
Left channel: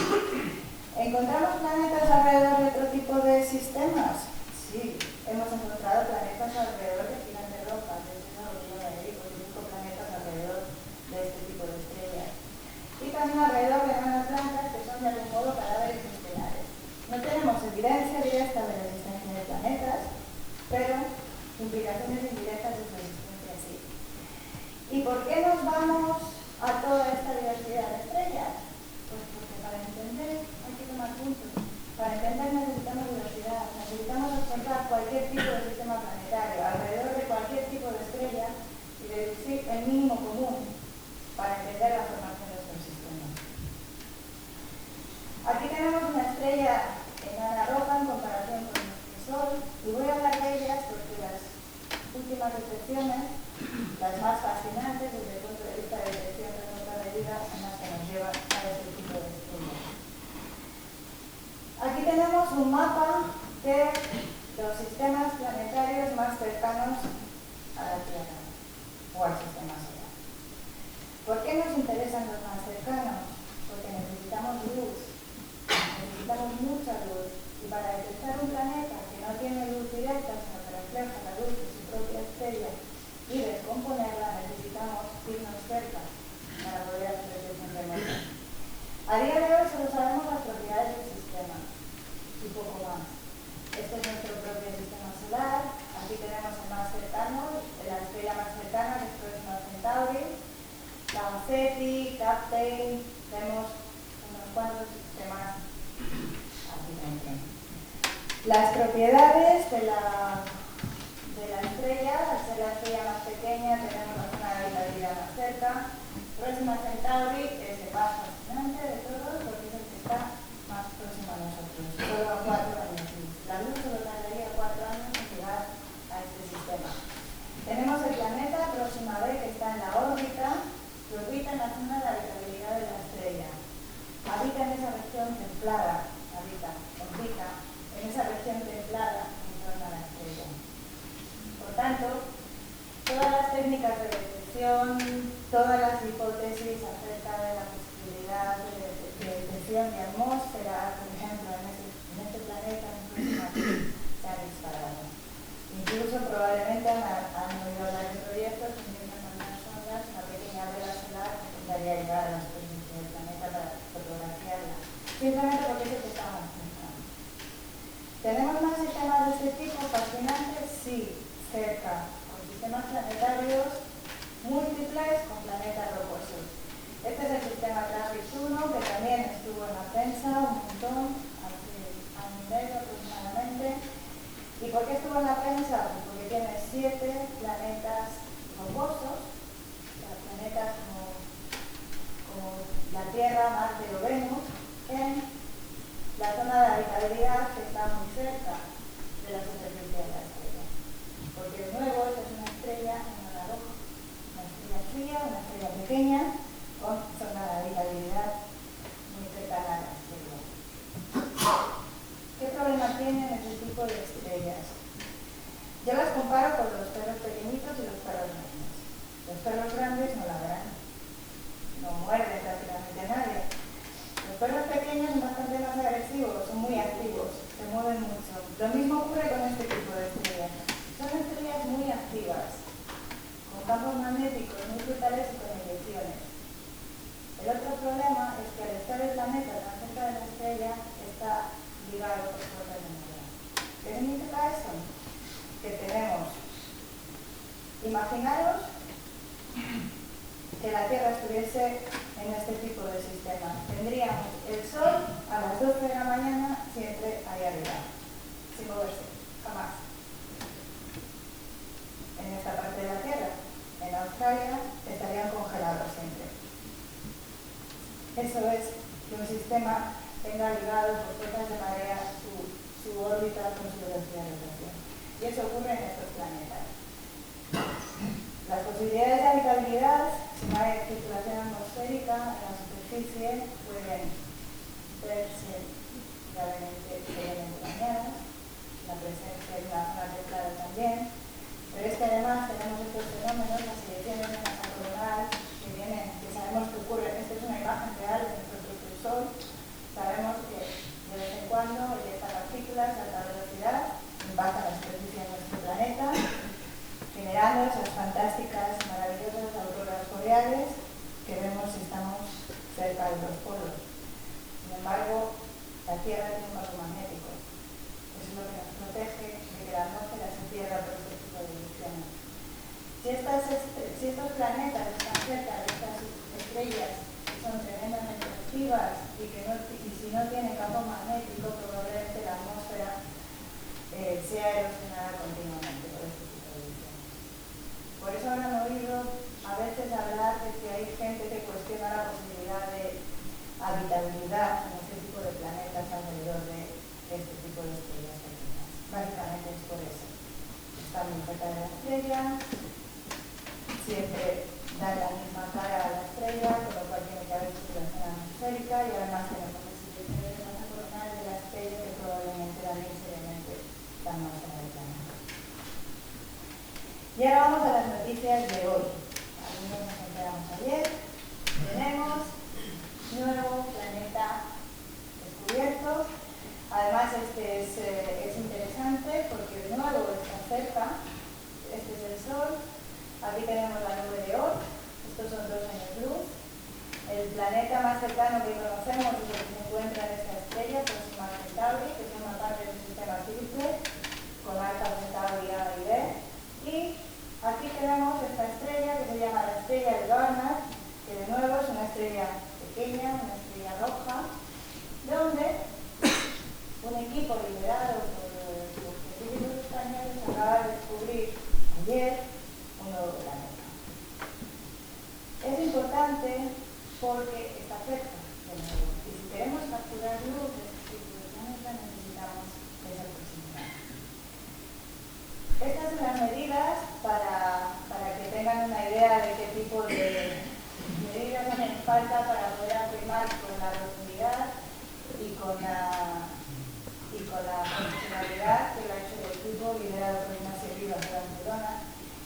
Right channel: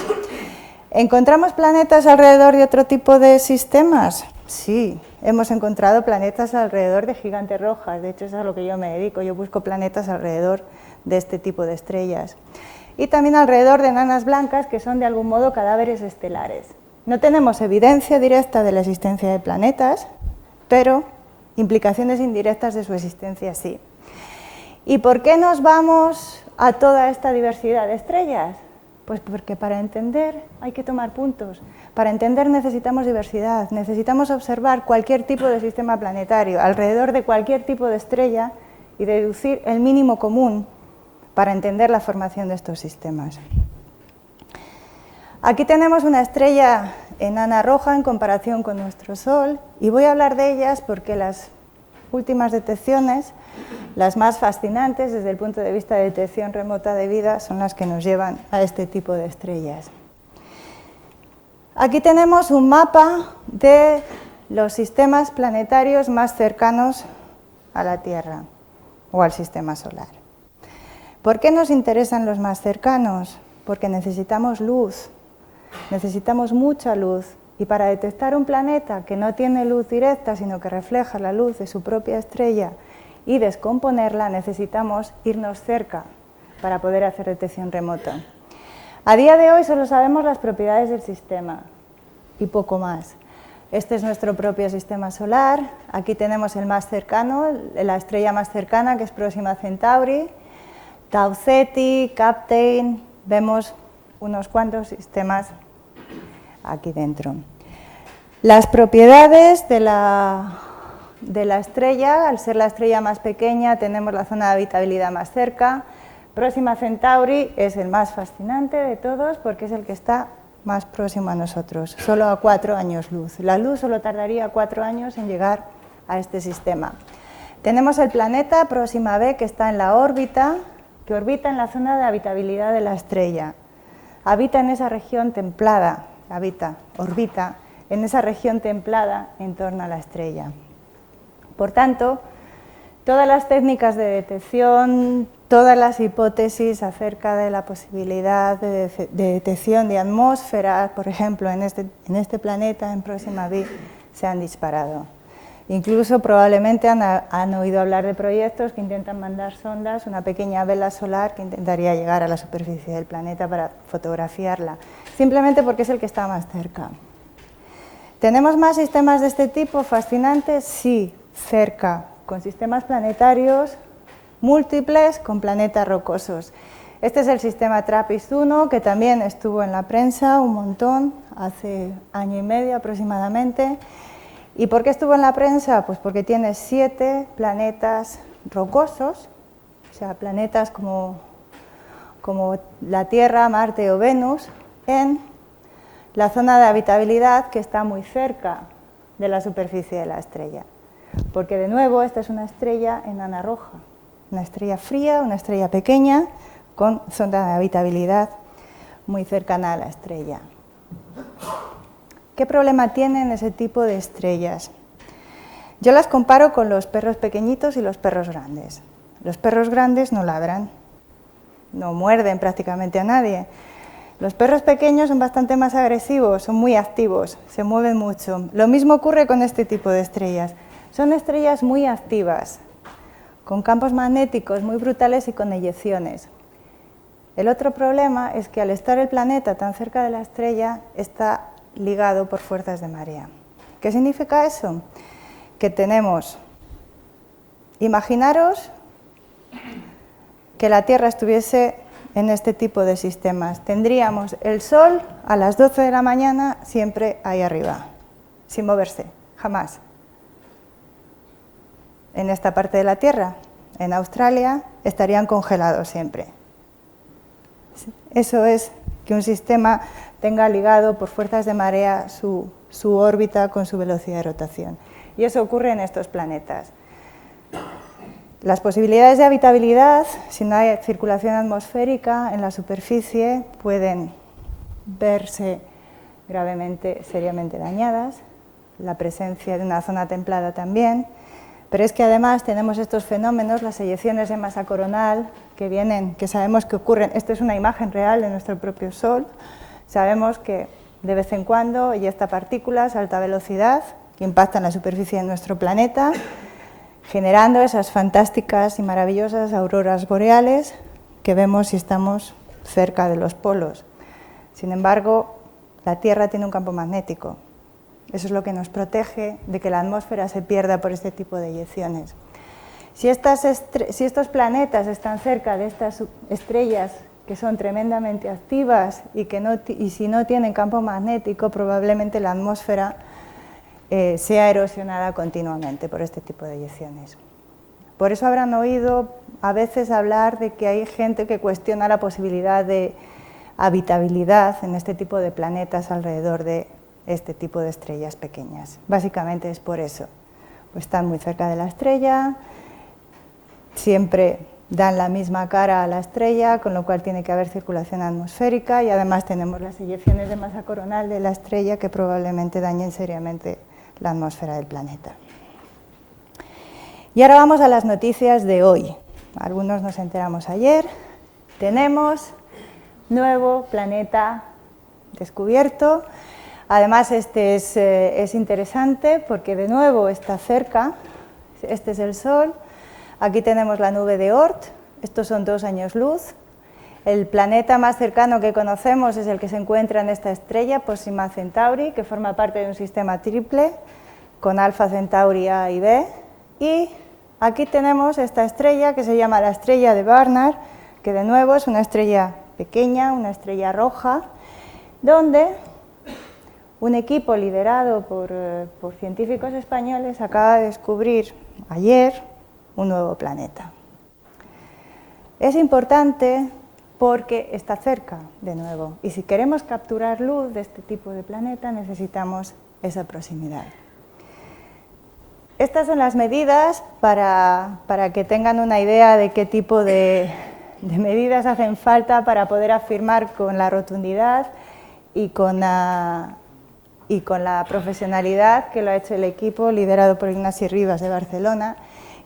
¿Encontramos planetas alrededor de otro tipo de sistemas? Sí, hemos encontrado planetas alrededor de gigantes rojas, de hecho es a lo que yo me dedico, yo busco planetas alrededor de este tipo de estrellas. Y también alrededor de enanas blancas, que son de algún modo cadáveres estelares. No tenemos evidencia directa de la existencia de planetas, pero implicaciones indirectas de su existencia sí. ¿Y por qué nos vamos a toda esta diversidad de estrellas? Pues porque para entender hay que tomar puntos. Para entender necesitamos diversidad, necesitamos observar cualquier tipo de sistema planetario alrededor de cualquier tipo de estrella y deducir el mínimo común para entender la formación de estos sistemas. Aquí tenemos una estrella enana roja en comparación con nuestro Sol y voy a hablar de ellas porque las últimas detecciones, las más fascinantes desde el punto de vista de detección remota de vida, son las que nos llevan a este tipo de estrellas. Aquí tenemos un mapa de los sistemas planetarios más cercanos a la Tierra o al sistema solar. ¿Por qué nos interesan los más cercanos? Porque necesitamos luz. Necesitamos mucha luz y para detectar un planeta que no tiene luz directa sino que refleja la luz de su propia estrella y descomponerla necesitamos irnos cerca para poder hacer detección remota. A día de hoy solo sabemos las propiedades del sistema y poco más. Este es nuestro propio sistema solar, aquí tenemos el más cercano, la estrella más cercana que es Próxima Centauri, Tau Ceti, Captain, vemos unos cuantos sistemas aquí dentro. Las propiedades de la estrella, al ser la estrella más pequeña, tenemos la zona de habitabilidad más cerca. Próxima Centauri es el más fascinante de todos porque es el que está más próximo a nosotros, solo a 4 años luz. La luz solo tardaría 4 años en llegar a este sistema. Tenemos el planeta Próxima B que está en la órbita, que orbita en la zona de habitabilidad de la estrella. Habita en esa región templada, orbita en esa región templada en torno a la estrella. Por tanto, Todas las técnicas de detección, todas las hipótesis acerca de la posibilidad de detección de atmósferas, por ejemplo, en este planeta, en Próxima B, se han disparado. Incluso probablemente han oído hablar de proyectos que intentan mandar sondas, una pequeña vela solar que intentaría llegar a la superficie del planeta para fotografiarla, simplemente porque es el que está más cerca. ¿Tenemos más sistemas de este tipo fascinantes? Sí, cerca, con sistemas planetarios múltiples con planetas rocosos. Este es el sistema TRAPPIST-1, que también estuvo en la prensa un montón, hace año y medio aproximadamente. ¿Y por qué estuvo en la prensa? Pues porque tiene 7 planetas rocosos, o sea, planetas como la Tierra, Marte o Venus, en la zona de habitabilidad que está muy cerca de la superficie de la estrella. Porque de nuevo esta es una estrella enana roja, una estrella fría, una estrella pequeña, con zona de habitabilidad muy cercana a la estrella. ¿Qué problema tienen ese tipo de estrellas? Yo las comparo con los perros pequeñitos y los perros grandes. Los perros grandes no ladran, no muerden prácticamente a nadie. Los perros pequeños son bastante más agresivos, son muy activos, se mueven mucho. Lo mismo ocurre con este tipo de estrellas. Son estrellas muy activas, con campos magnéticos muy brutales y con eyecciones. El otro problema es que al estar el planeta tan cerca de la estrella, está ligado por fuerzas de marea. ¿Qué significa eso? Que tenemos, imaginaros que la Tierra estuviese en este tipo de sistemas. Tendríamos el Sol a las 12 de la mañana siempre ahí arriba, sin moverse, jamás. En esta parte de la Tierra, en Australia, estarían congelados siempre. Eso es que un sistema tenga ligado por fuerzas de marea su órbita con su velocidad de rotación. Y eso ocurre en estos planetas. Las posibilidades de habitabilidad, si no hay circulación atmosférica en la superficie, pueden verse gravemente, seriamente dañadas. La presencia de una zona templada también. Pero es que además tenemos estos fenómenos, las eyecciones de masa coronal, que sabemos que ocurren. Esta es una imagen real de nuestro propio Sol. Sabemos que de vez en cuando eyecta partículas a alta velocidad que impactan la superficie de nuestro planeta, generando esas fantásticas y maravillosas auroras boreales que vemos si estamos cerca de los polos. Sin embargo, la Tierra tiene un campo magnético. Eso es lo que nos protege de que la atmósfera se pierda por este tipo de eyecciones. Si estos planetas están cerca de estas estrellas que son tremendamente activas y si no tienen campo magnético, probablemente la atmósfera sea erosionada continuamente por este tipo de eyecciones. Por eso habrán oído a veces hablar de que hay gente que cuestiona la posibilidad de habitabilidad en este tipo de planetas alrededor de este tipo de estrellas pequeñas. Básicamente es por eso. Pues están muy cerca de la estrella, siempre dan la misma cara a la estrella, con lo cual tiene que haber circulación atmosférica y además tenemos las eyecciones de masa coronal de la estrella que probablemente dañen seriamente la atmósfera del planeta. Y ahora vamos a las noticias de hoy. Algunos nos enteramos ayer. Tenemos nuevo planeta descubierto. Además, este es interesante porque de nuevo está cerca. Este es el Sol. Aquí tenemos la nube de Oort. Estos son 2 años luz. El planeta más cercano que conocemos es el que se encuentra en esta estrella, Proxima Centauri, que forma parte de un sistema triple con Alpha Centauri A y B. Y aquí tenemos esta estrella que se llama la estrella de Barnard, que de nuevo es una estrella pequeña, una estrella roja, donde un equipo liderado por científicos españoles acaba de descubrir ayer un nuevo planeta. Es importante porque está cerca de nuevo y si queremos capturar luz de este tipo de planeta necesitamos esa proximidad. Estas son las medidas para que tengan una idea de qué tipo de medidas hacen falta para poder afirmar con la rotundidad y con la profesionalidad que lo ha hecho el equipo liderado por Ignasi Rivas de Barcelona,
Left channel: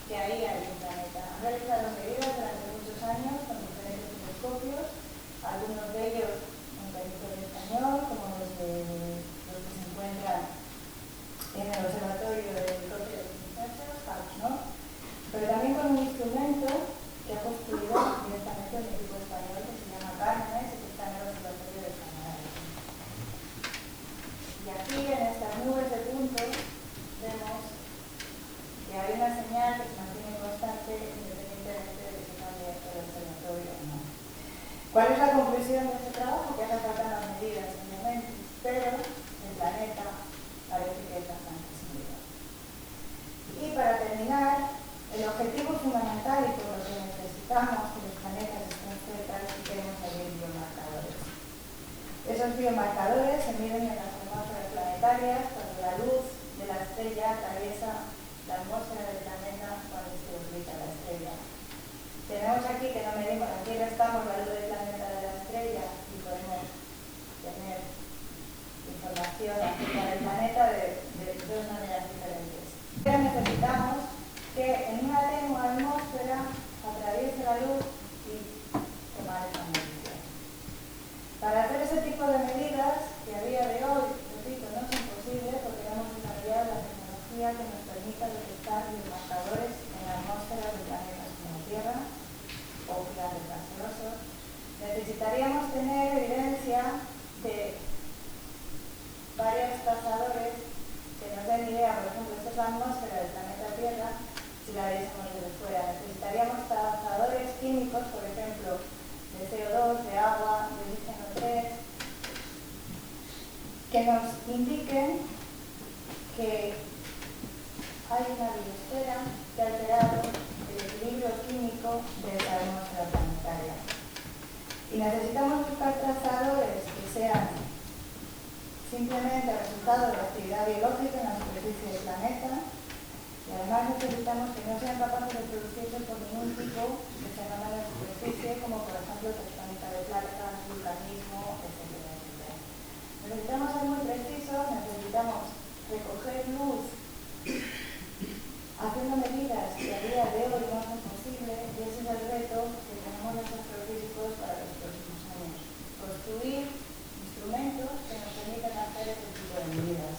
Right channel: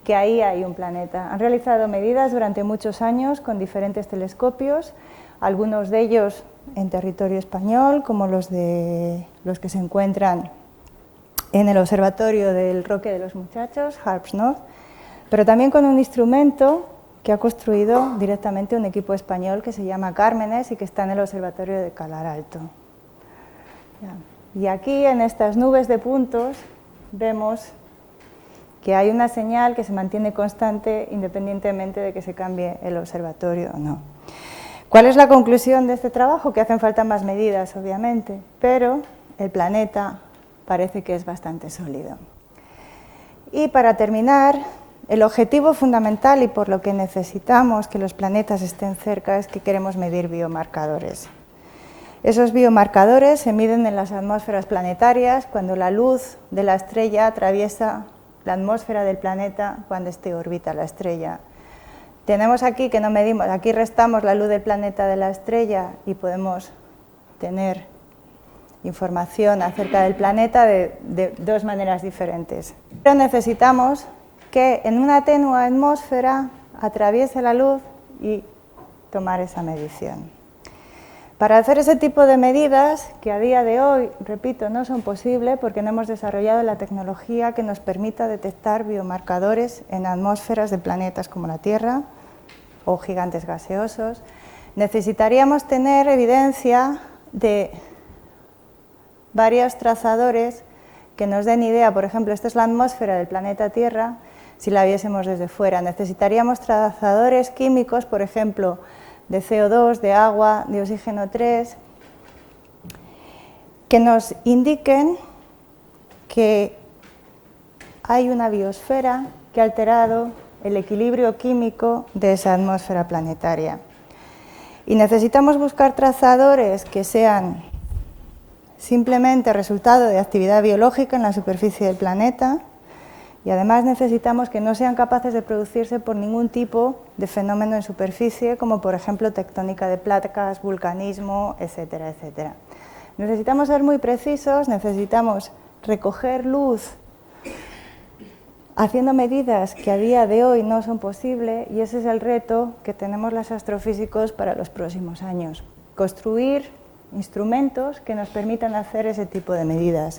que ahí hay un planeta. Han realizado medidas durante muchos años con diferentes telescopios, algunos de ellos en territorio español, como los que se encuentran en el observatorio del Roque de los Muchachos, HARPS North, pero también con un instrumento que ha construido directamente un equipo español que se llama Cármenes y que está en el observatorio de Calar Alto. Y aquí, en estas nubes de puntos, vemos que hay una señal que se mantiene constante independientemente de que se cambie el observatorio o no. ¿Cuál es la conclusión de este trabajo? Que hacen falta más medidas, obviamente, pero el planeta parece que es bastante sólido. Y para terminar, el objetivo fundamental y por lo que necesitamos que los planetas estén cerca es que queremos medir biomarcadores. Esos biomarcadores se miden en las atmósferas planetarias cuando la luz de la estrella atraviesa la atmósfera del planeta cuando éste orbita la estrella. Tenemos aquí que no medimos, aquí restamos la luz del planeta de la estrella y podemos tener información acerca del planeta de dos maneras diferentes. Pero necesitamos que en una tenue atmósfera atraviese la luz y tomar esa medición. Para hacer ese tipo de medidas, que a día de hoy, repito, no son posibles porque no hemos desarrollado la tecnología que nos permita detectar biomarcadores en atmósferas de planetas como la Tierra o gigantes gaseosos, necesitaríamos tener evidencia de varios trazadores que nos den idea. Por ejemplo, esta es la atmósfera del planeta Tierra, si la viésemos desde fuera. Necesitaríamos trazadores químicos, por ejemplo, de CO2, de agua, de oxígeno 3, que nos indiquen que hay una biosfera que ha alterado el equilibrio químico de esa atmósfera planetaria. Y necesitamos buscar trazadores que sean simplemente resultado de actividad biológica en la superficie del planeta, y además necesitamos que no sean capaces de producirse por ningún tipo de fenómeno en superficie, como por ejemplo tectónica de placas, vulcanismo, etcétera, etcétera. Necesitamos ser muy precisos, necesitamos recoger luz haciendo medidas que a día de hoy no son posibles, y ese es el reto que tenemos los astrofísicos para los próximos años. Construir instrumentos que nos permitan hacer ese tipo de medidas.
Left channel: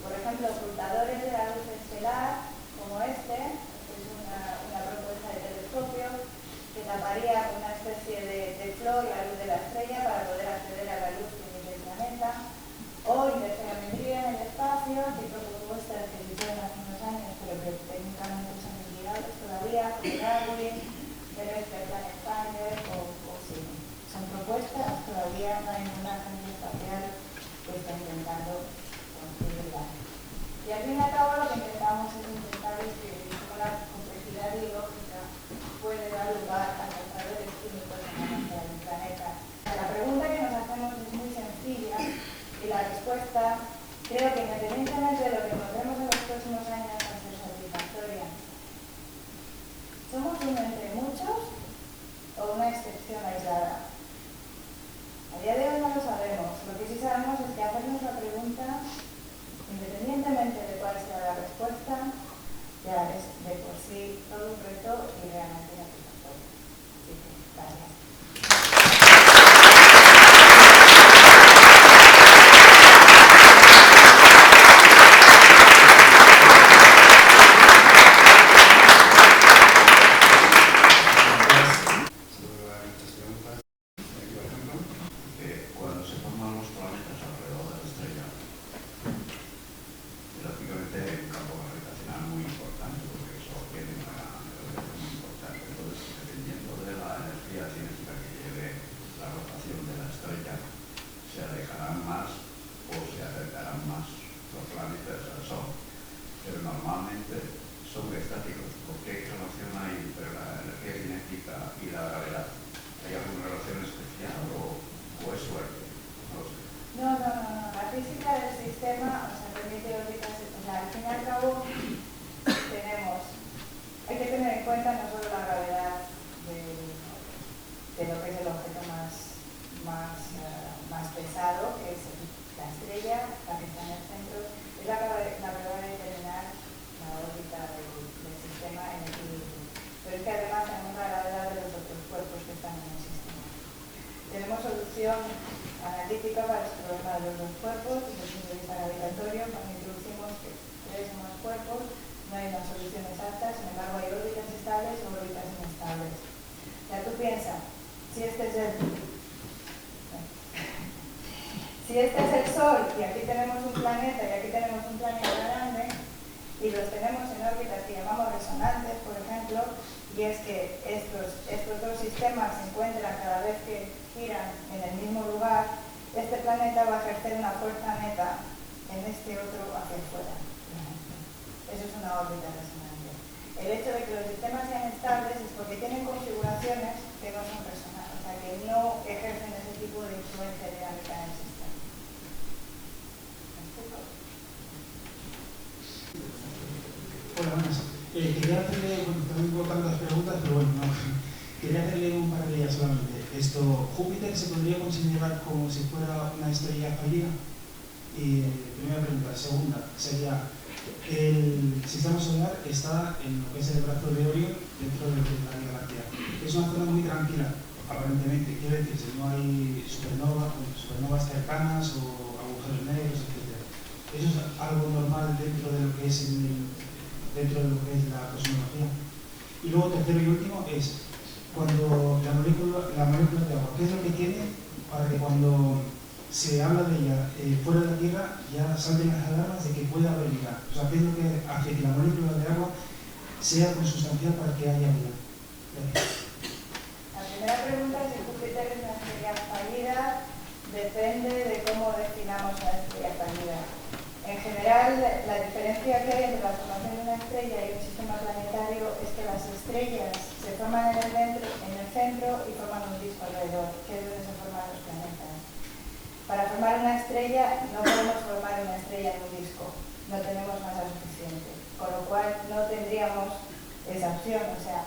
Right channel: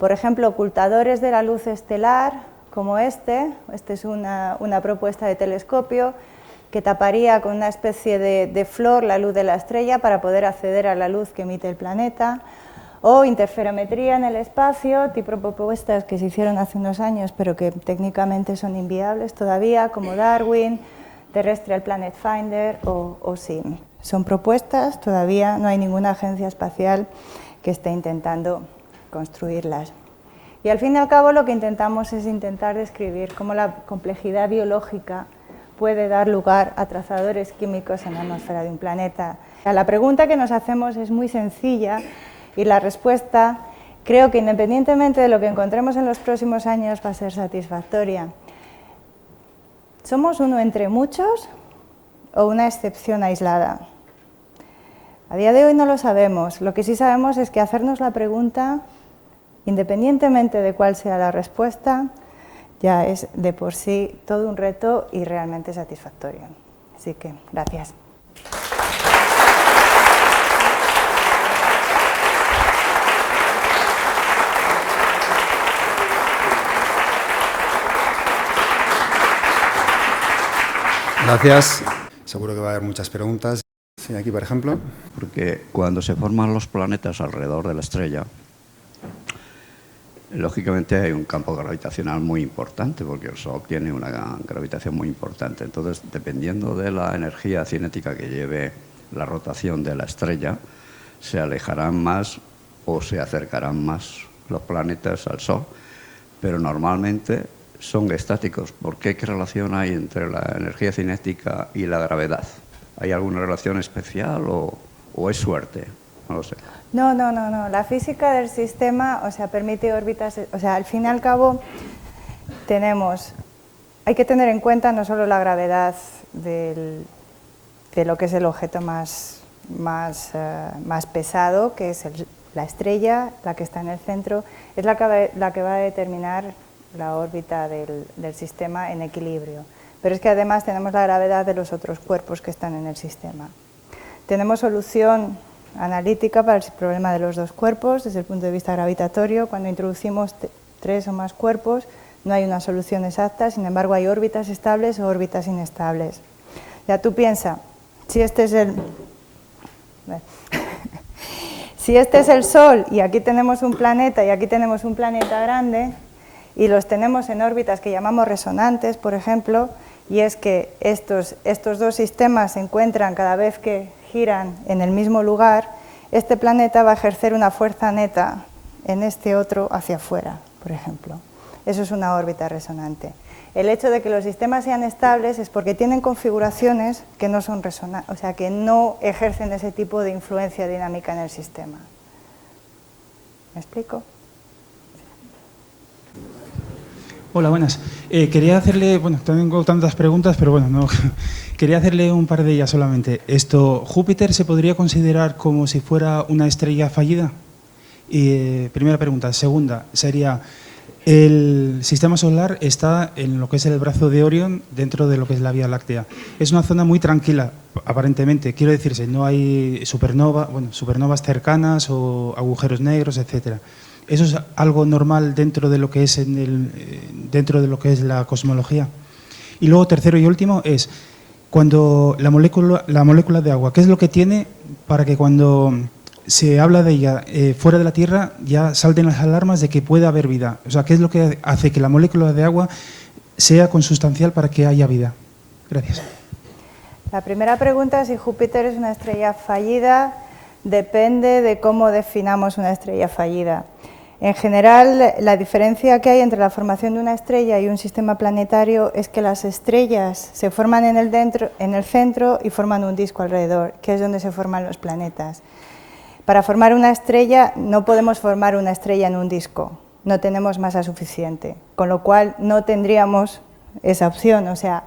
Por ejemplo, ocultadores de la luz estelar, como este es una propuesta de telescopio que taparía con una especie de flor la luz de la estrella para poder acceder a la luz que emite el planeta, o interferometría en el espacio, tipo propuestas que se hicieron hace unos años pero que técnicamente son inviables todavía, como Darwin, Terrestrial Planet Finder o SIM. Son propuestas, todavía no hay ninguna agencia espacial que esté intentando construirlas. Y al fin y al cabo lo que intentamos es intentar describir cómo la complejidad biológica puede dar lugar a trazadores químicos en la atmósfera de un planeta. La pregunta que nos hacemos es muy sencilla y la respuesta creo que independientemente de lo que encontremos en los próximos años va a ser satisfactoria. ¿Somos uno entre muchos o una excepción aislada? A día de hoy no lo sabemos. Lo que sí sabemos es que hacernos la pregunta, independientemente de cuál sea la respuesta, ya es de por sí todo un reto y realmente satisfactorio. Así que, gracias. Gracias. Seguro que va a haber muchas preguntas. Sí, aquí, por ejemplo. Porque cuando se forman los planetas alrededor de la estrella, lógicamente hay un campo gravitacional muy importante, porque el Sol tiene una gravitación muy importante. Entonces, dependiendo de la energía cinética que lleve la rotación de la estrella, se alejarán más o se acercarán más los planetas al Sol. Pero normalmente son estáticos. ¿Por qué? ¿Qué relación hay entre la energía cinética y la gravedad? ¿Hay alguna relación especial o es suerte? No lo sé. No. La física del sistema, permite órbitas, al fin y al cabo hay que tener en cuenta no solo la gravedad de lo que es el objeto más pesado, que es la estrella, la que está en el centro, es la que va a determinar la órbita del sistema en equilibrio. Pero es que además tenemos la gravedad de los otros cuerpos que están en el sistema. Tenemos solución analítica para el problema de los dos cuerpos desde el punto de vista gravitatorio. Cuando introducimos 3 o más cuerpos no hay una solución exacta, sin embargo hay órbitas estables o órbitas inestables. Ya tú piensa, si este es el Sol y aquí tenemos un planeta y aquí tenemos un planeta grande y los tenemos en órbitas que llamamos resonantes, por ejemplo, y es que estos dos sistemas se encuentran cada vez que giran en el mismo lugar, este planeta va a ejercer una fuerza neta en este otro hacia afuera, por ejemplo. Eso es una órbita resonante. El hecho de que los sistemas sean estables es porque tienen configuraciones que no son resonantes, o sea, que no ejercen ese tipo de influencia dinámica en el sistema. ¿Me explico? Hola, buenas. Quería hacerle, bueno, tengo tantas preguntas, pero bueno, no, quería hacerle un par de ellas solamente. ¿Júpiter se podría considerar como si fuera una estrella fallida? Primera pregunta. Segunda, sería, el sistema solar está en lo que es el brazo de Orión, dentro de lo que es la Vía Láctea. Es una zona muy tranquila, aparentemente. Quiero decirse, no hay supernovas cercanas o agujeros negros, etcétera. ¿Eso es algo normal dentro de lo que es dentro de lo que es la cosmología? Y luego, tercero y último, es cuando la molécula de agua, ¿qué es lo que tiene para que cuando se habla de ella fuera de la Tierra ya salten las alarmas de que puede haber vida? O sea, ¿qué es lo que hace que la molécula de agua sea consustancial para que haya vida? Gracias. La primera pregunta, si Júpiter es una estrella fallida, depende de cómo definamos una estrella fallida. En general, la diferencia que hay entre la formación de una estrella y un sistema planetario es que las estrellas se forman en el centro y forman un disco alrededor, que es donde se forman los planetas. Para formar una estrella no podemos formar una estrella en un disco, no tenemos masa suficiente, con lo cual no tendríamos esa opción. O sea,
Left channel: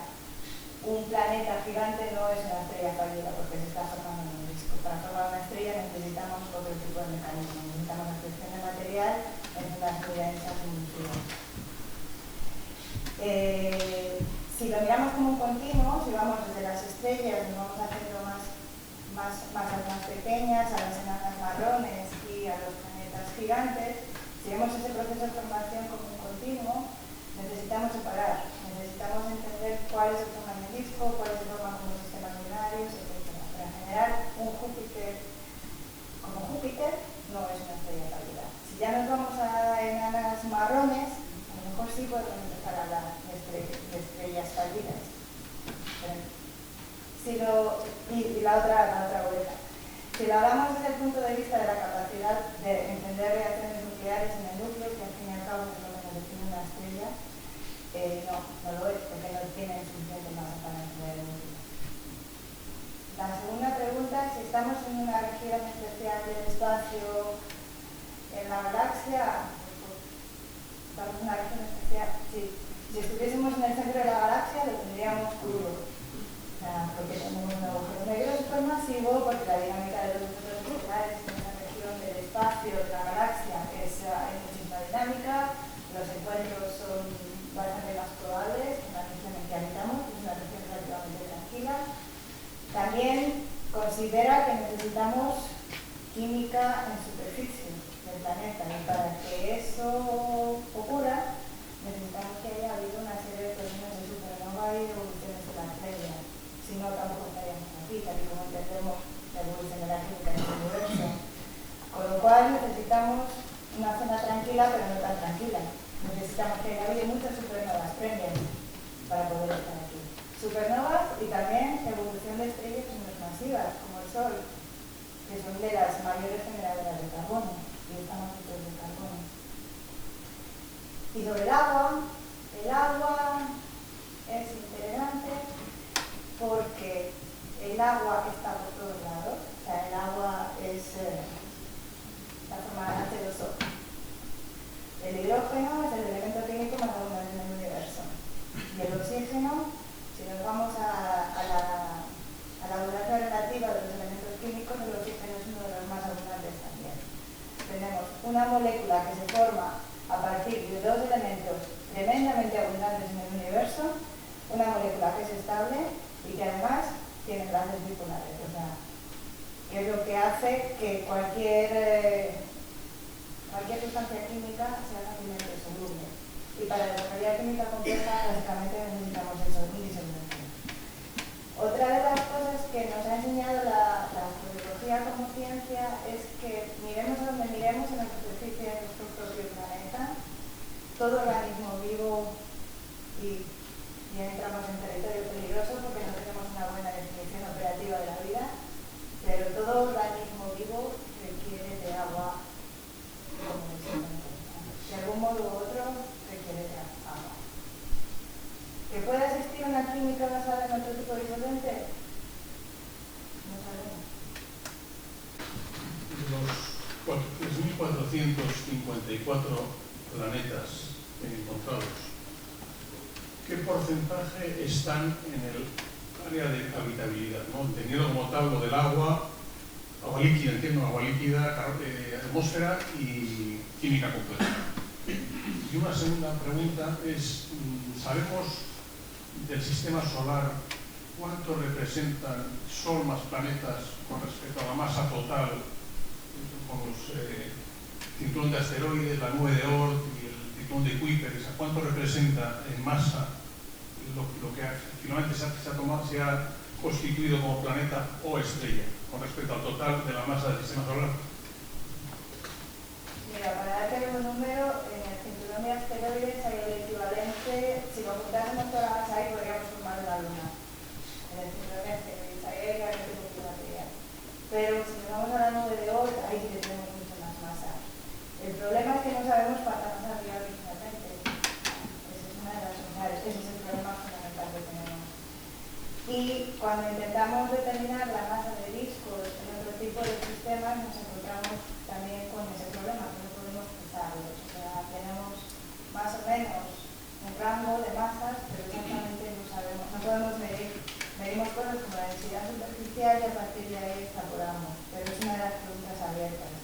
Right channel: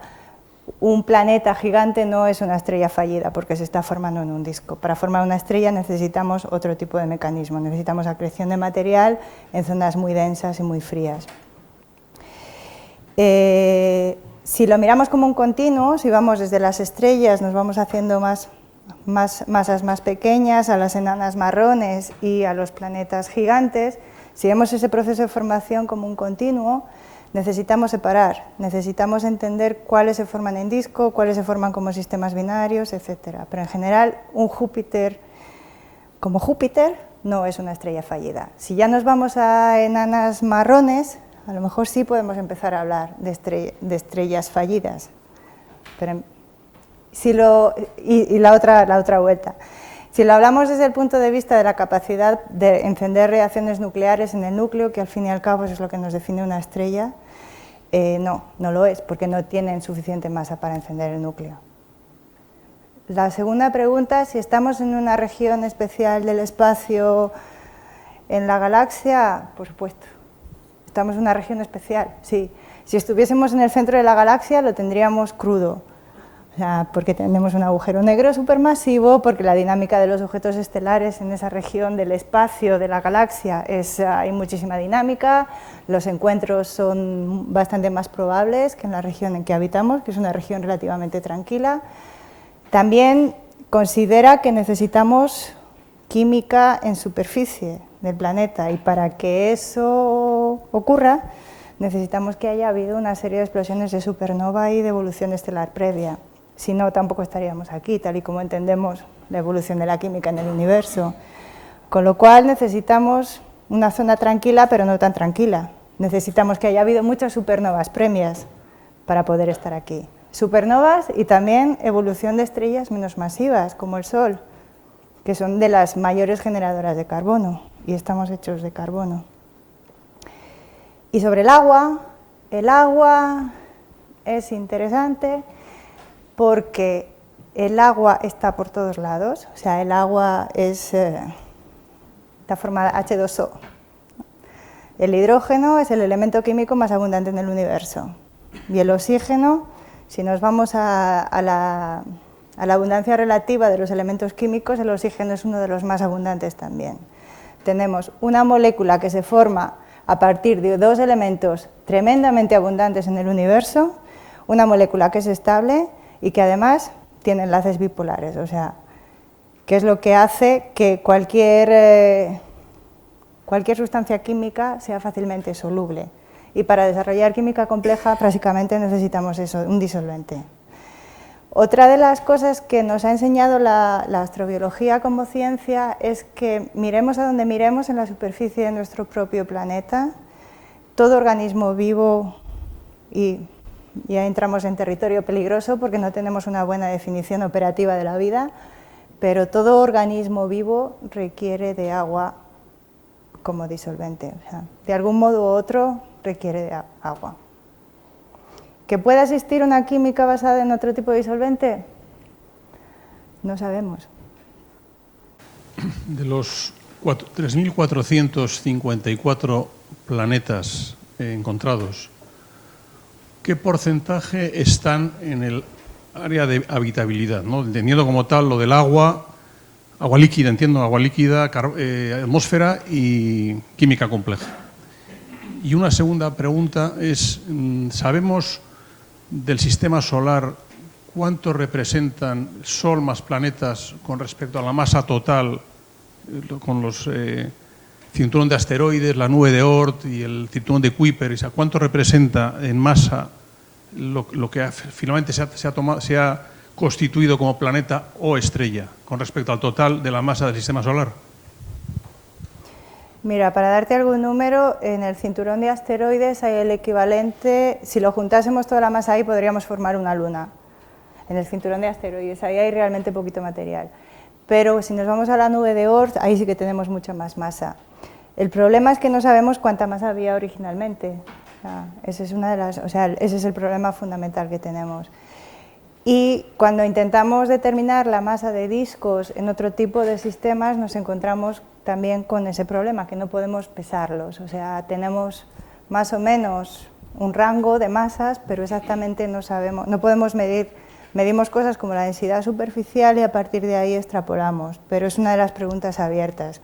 un planeta gigante no es una estrella fallida porque se está formando en un disco. Para formar una estrella necesitamos otro tipo de mecanismo, necesitamos acreción de material en zonas muy densas y muy frías. Si lo miramos como un continuo, si vamos desde las estrellas, nos vamos haciendo masas más pequeñas, a las enanas marrones y a los planetas gigantes, si vemos ese proceso de formación como un continuo, necesitamos separar, necesitamos entender cuáles se forman en disco, cuáles se forman como sistemas binarios, etc. Pero en general, un Júpiter como Júpiter no es una estrella fallida. Si ya nos vamos a enanas marrones, a lo mejor sí podemos empezar a hablar de estrellas fallidas. Pero la otra vuelta. Si lo hablamos desde el punto de vista de la capacidad de encender reacciones nucleares en el núcleo, que al fin y al cabo es lo que nos define una estrella, no lo es, porque no tienen suficiente masa para encender el núcleo. La segunda pregunta, si estamos en una región especial del espacio en la galaxia, por supuesto. Estamos en una región especial, sí. Si estuviésemos en el centro de la galaxia, lo tendríamos crudo. Porque tenemos un agujero negro supermasivo, porque la dinámica de los objetos estelares en esa región del espacio de la galaxia hay muchísima dinámica, los encuentros son bastante más probables que en la región en que habitamos, que es una región relativamente tranquila. También considera que necesitamos química en superficie del planeta y para que eso ocurra necesitamos que haya habido una serie de explosiones de supernova y de evolución estelar previa. Si no, tampoco estaríamos aquí, tal y como entendemos la evolución de la química en el universo. Con lo cual necesitamos una zona tranquila, pero no tan tranquila. Necesitamos que haya habido muchas supernovas previas para poder estar aquí. Supernovas y también evolución de estrellas menos masivas, como el Sol, que son de las mayores generadoras de carbono, y estamos hechos de carbono. Y sobre el agua es interesante, porque el agua está por todos lados, o sea, el agua está formada H2O. El hidrógeno es el elemento químico más abundante en el universo. Y el oxígeno, si nos vamos a la abundancia relativa de los elementos químicos, el oxígeno es uno de los más abundantes también. Tenemos una molécula que se forma a partir de dos elementos tremendamente abundantes en el universo, una molécula que es estable y que además tiene enlaces bipolares, o sea, que es lo que hace que cualquier sustancia química sea fácilmente soluble. Y para desarrollar química compleja, básicamente necesitamos eso, un disolvente. Otra de las cosas que nos ha enseñado la astrobiología como ciencia es que miremos a donde miremos en la superficie de nuestro propio planeta, todo organismo vivo, y ya entramos en territorio peligroso porque no tenemos una buena definición operativa de la vida, pero todo organismo vivo requiere de agua como disolvente. O sea, de algún modo u otro requiere de agua. ¿Que pueda existir una química basada en otro tipo de disolvente? No sabemos. De los 3.454 planetas encontrados, ¿qué porcentaje están en el área de habitabilidad, ¿no? Entendiendo como tal lo del agua líquida, agua líquida, atmósfera y química compleja. Y una segunda pregunta es, ¿sabemos del sistema solar cuánto representan Sol más planetas con respecto a la masa total, con los cinturón de asteroides, la nube de Oort y el cinturón de Kuiper? O sea, ¿cuánto representa en masa lo que finalmente se ha constituido como planeta o estrella con respecto al total de la masa del sistema solar? Mira, para darte algún número, en el cinturón de asteroides hay el equivalente, si lo juntásemos toda la masa ahí, podríamos formar una luna. En el cinturón de asteroides, ahí hay realmente poquito material. Pero si nos vamos a la nube de Oort, ahí sí que tenemos mucha más masa. El problema es que no sabemos cuánta masa había originalmente. Ese es ese es el problema fundamental que tenemos. Y cuando intentamos determinar la masa de discos en otro tipo de sistemas, nos encontramos también con ese problema, que no podemos pesarlos. O sea, tenemos más o menos un rango de masas, pero exactamente no sabemos, no podemos medir. Medimos cosas como la densidad superficial y a partir de ahí extrapolamos, pero es una de las preguntas abiertas.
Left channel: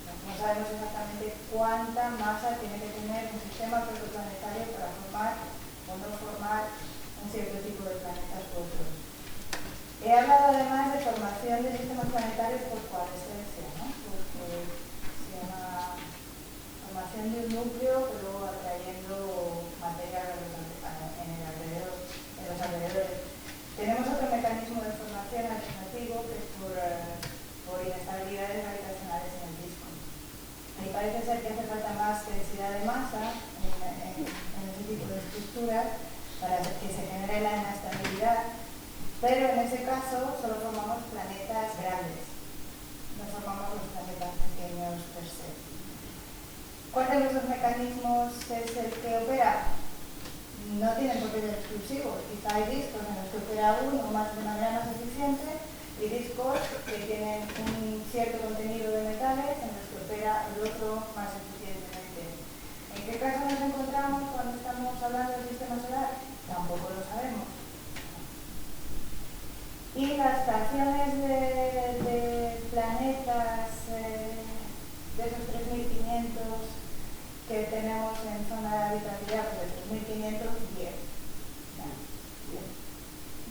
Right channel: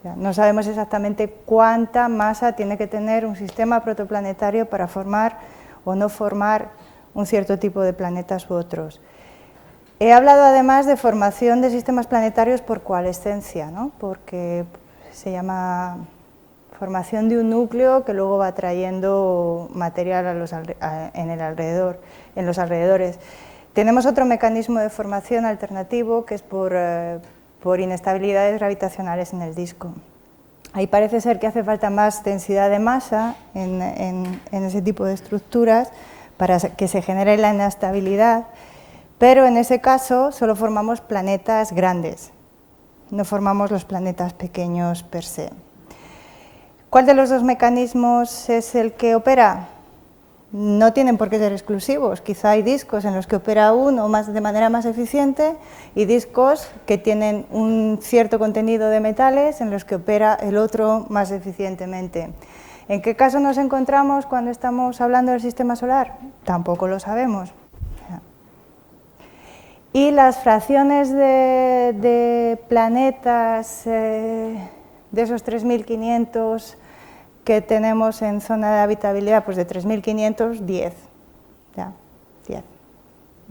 O sea, no sabemos exactamente cuánta masa tiene que tener un sistema protoplanetario para formar o no formar un cierto tipo de planetas u otros. He hablado además de formación de sistemas planetarios por coalescencia, ¿no? Porque se llama formación de un núcleo que luego va trayendo material en los alrededores. Tenemos otro mecanismo de formación alternativo que es por inestabilidades gravitacionales en el disco. Ahí parece ser que hace falta más densidad de masa en ese tipo de estructuras para que se genere la inestabilidad, pero en ese caso solo formamos planetas grandes, no formamos los planetas pequeños per se. ¿Cuál de los dos mecanismos es el que opera? No tienen por qué ser exclusivos, quizá hay discos en los que opera uno de manera más eficiente y discos que tienen un cierto contenido de metales en los que opera el otro más eficientemente. ¿En qué caso nos encontramos cuando estamos hablando del sistema solar? Tampoco lo sabemos. Y las fracciones de planetas, de esos 3.500 que tenemos en zona de habitabilidad, pues de 3.500, 10. Ya, 10.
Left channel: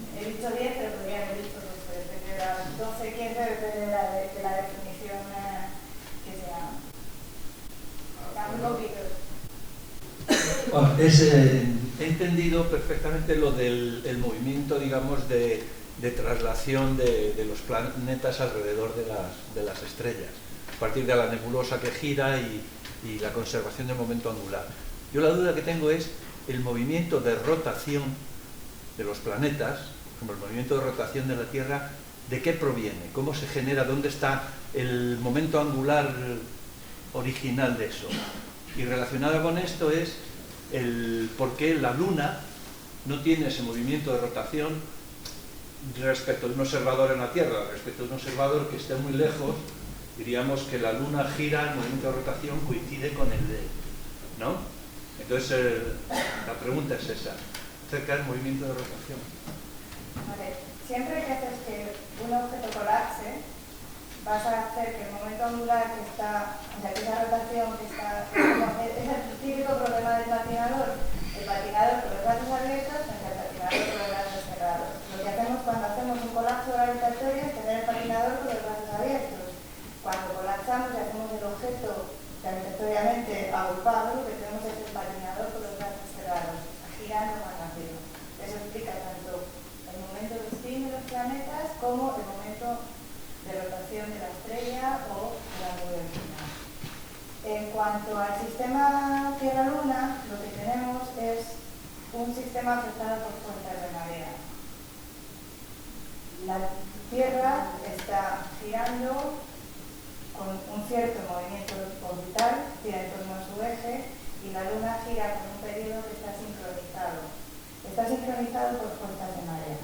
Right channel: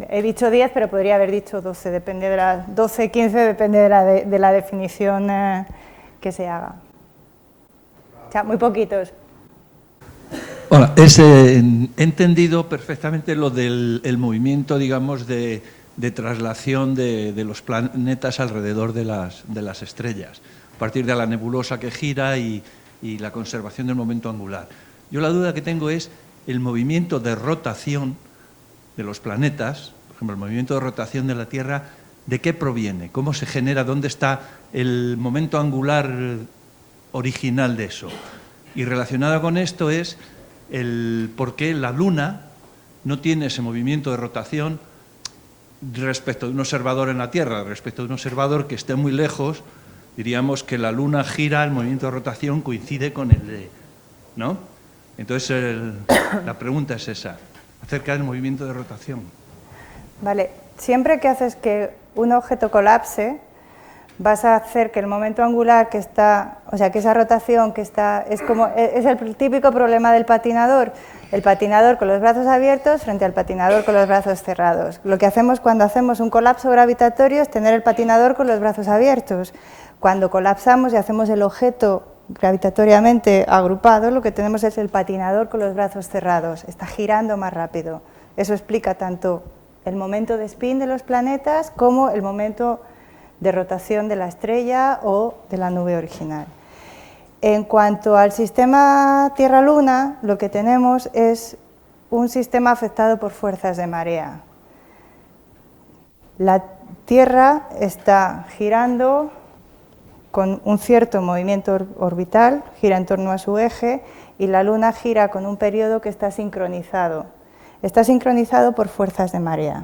He dicho 10, pero podría haber dicho 12, depende de 12, 15, depende de la definición que se haga. O sea, muy poquitos. Hola, he entendido perfectamente lo del movimiento, digamos, de traslación de los planetas alrededor de las estrellas, a partir de la nebulosa que gira y la conservación del momento angular. Yo la duda que tengo es el movimiento de rotación de los planetas, por ejemplo, el movimiento de rotación de la Tierra, ¿de qué proviene? ¿Cómo se genera? ¿Dónde está el momento angular original de eso? Y relacionado con esto es el por qué la Luna no tiene ese movimiento de rotación respecto de un observador en la Tierra. Respecto de un observador que esté muy lejos, diríamos que la Luna gira, el movimiento de rotación coincide con el de... ¿no? Entonces, la pregunta es esa, acerca del movimiento de rotación. Vale, siempre que haces que un objeto colapse, vas a hacer que el momento angular que está, o sea, que esa rotación que está, es el típico problema del patinador. El patinador con los brazos abiertos frente al patinador con los brazos cerrados. Lo que hacemos cuando hacemos un colapso gravitatorio es tener el patinador con los brazos abiertos. Cuando colapsamos y hacemos el objeto gravitatoriamente agrupado, lo que tenemos es el patinador con los brazos cerrados. Está girando más rápido. Eso explica tanto el momento de spin de los planetas como el momento de rotación de la estrella o de la nube original. En cuanto al sistema Tierra-Luna, lo que tenemos es un sistema afectado por fuerzas de marea. La Tierra está girando con un cierto movimiento orbital, gira en torno a su eje, y la Luna gira con un periodo que está sincronizado. Está sincronizado por fuerzas de marea.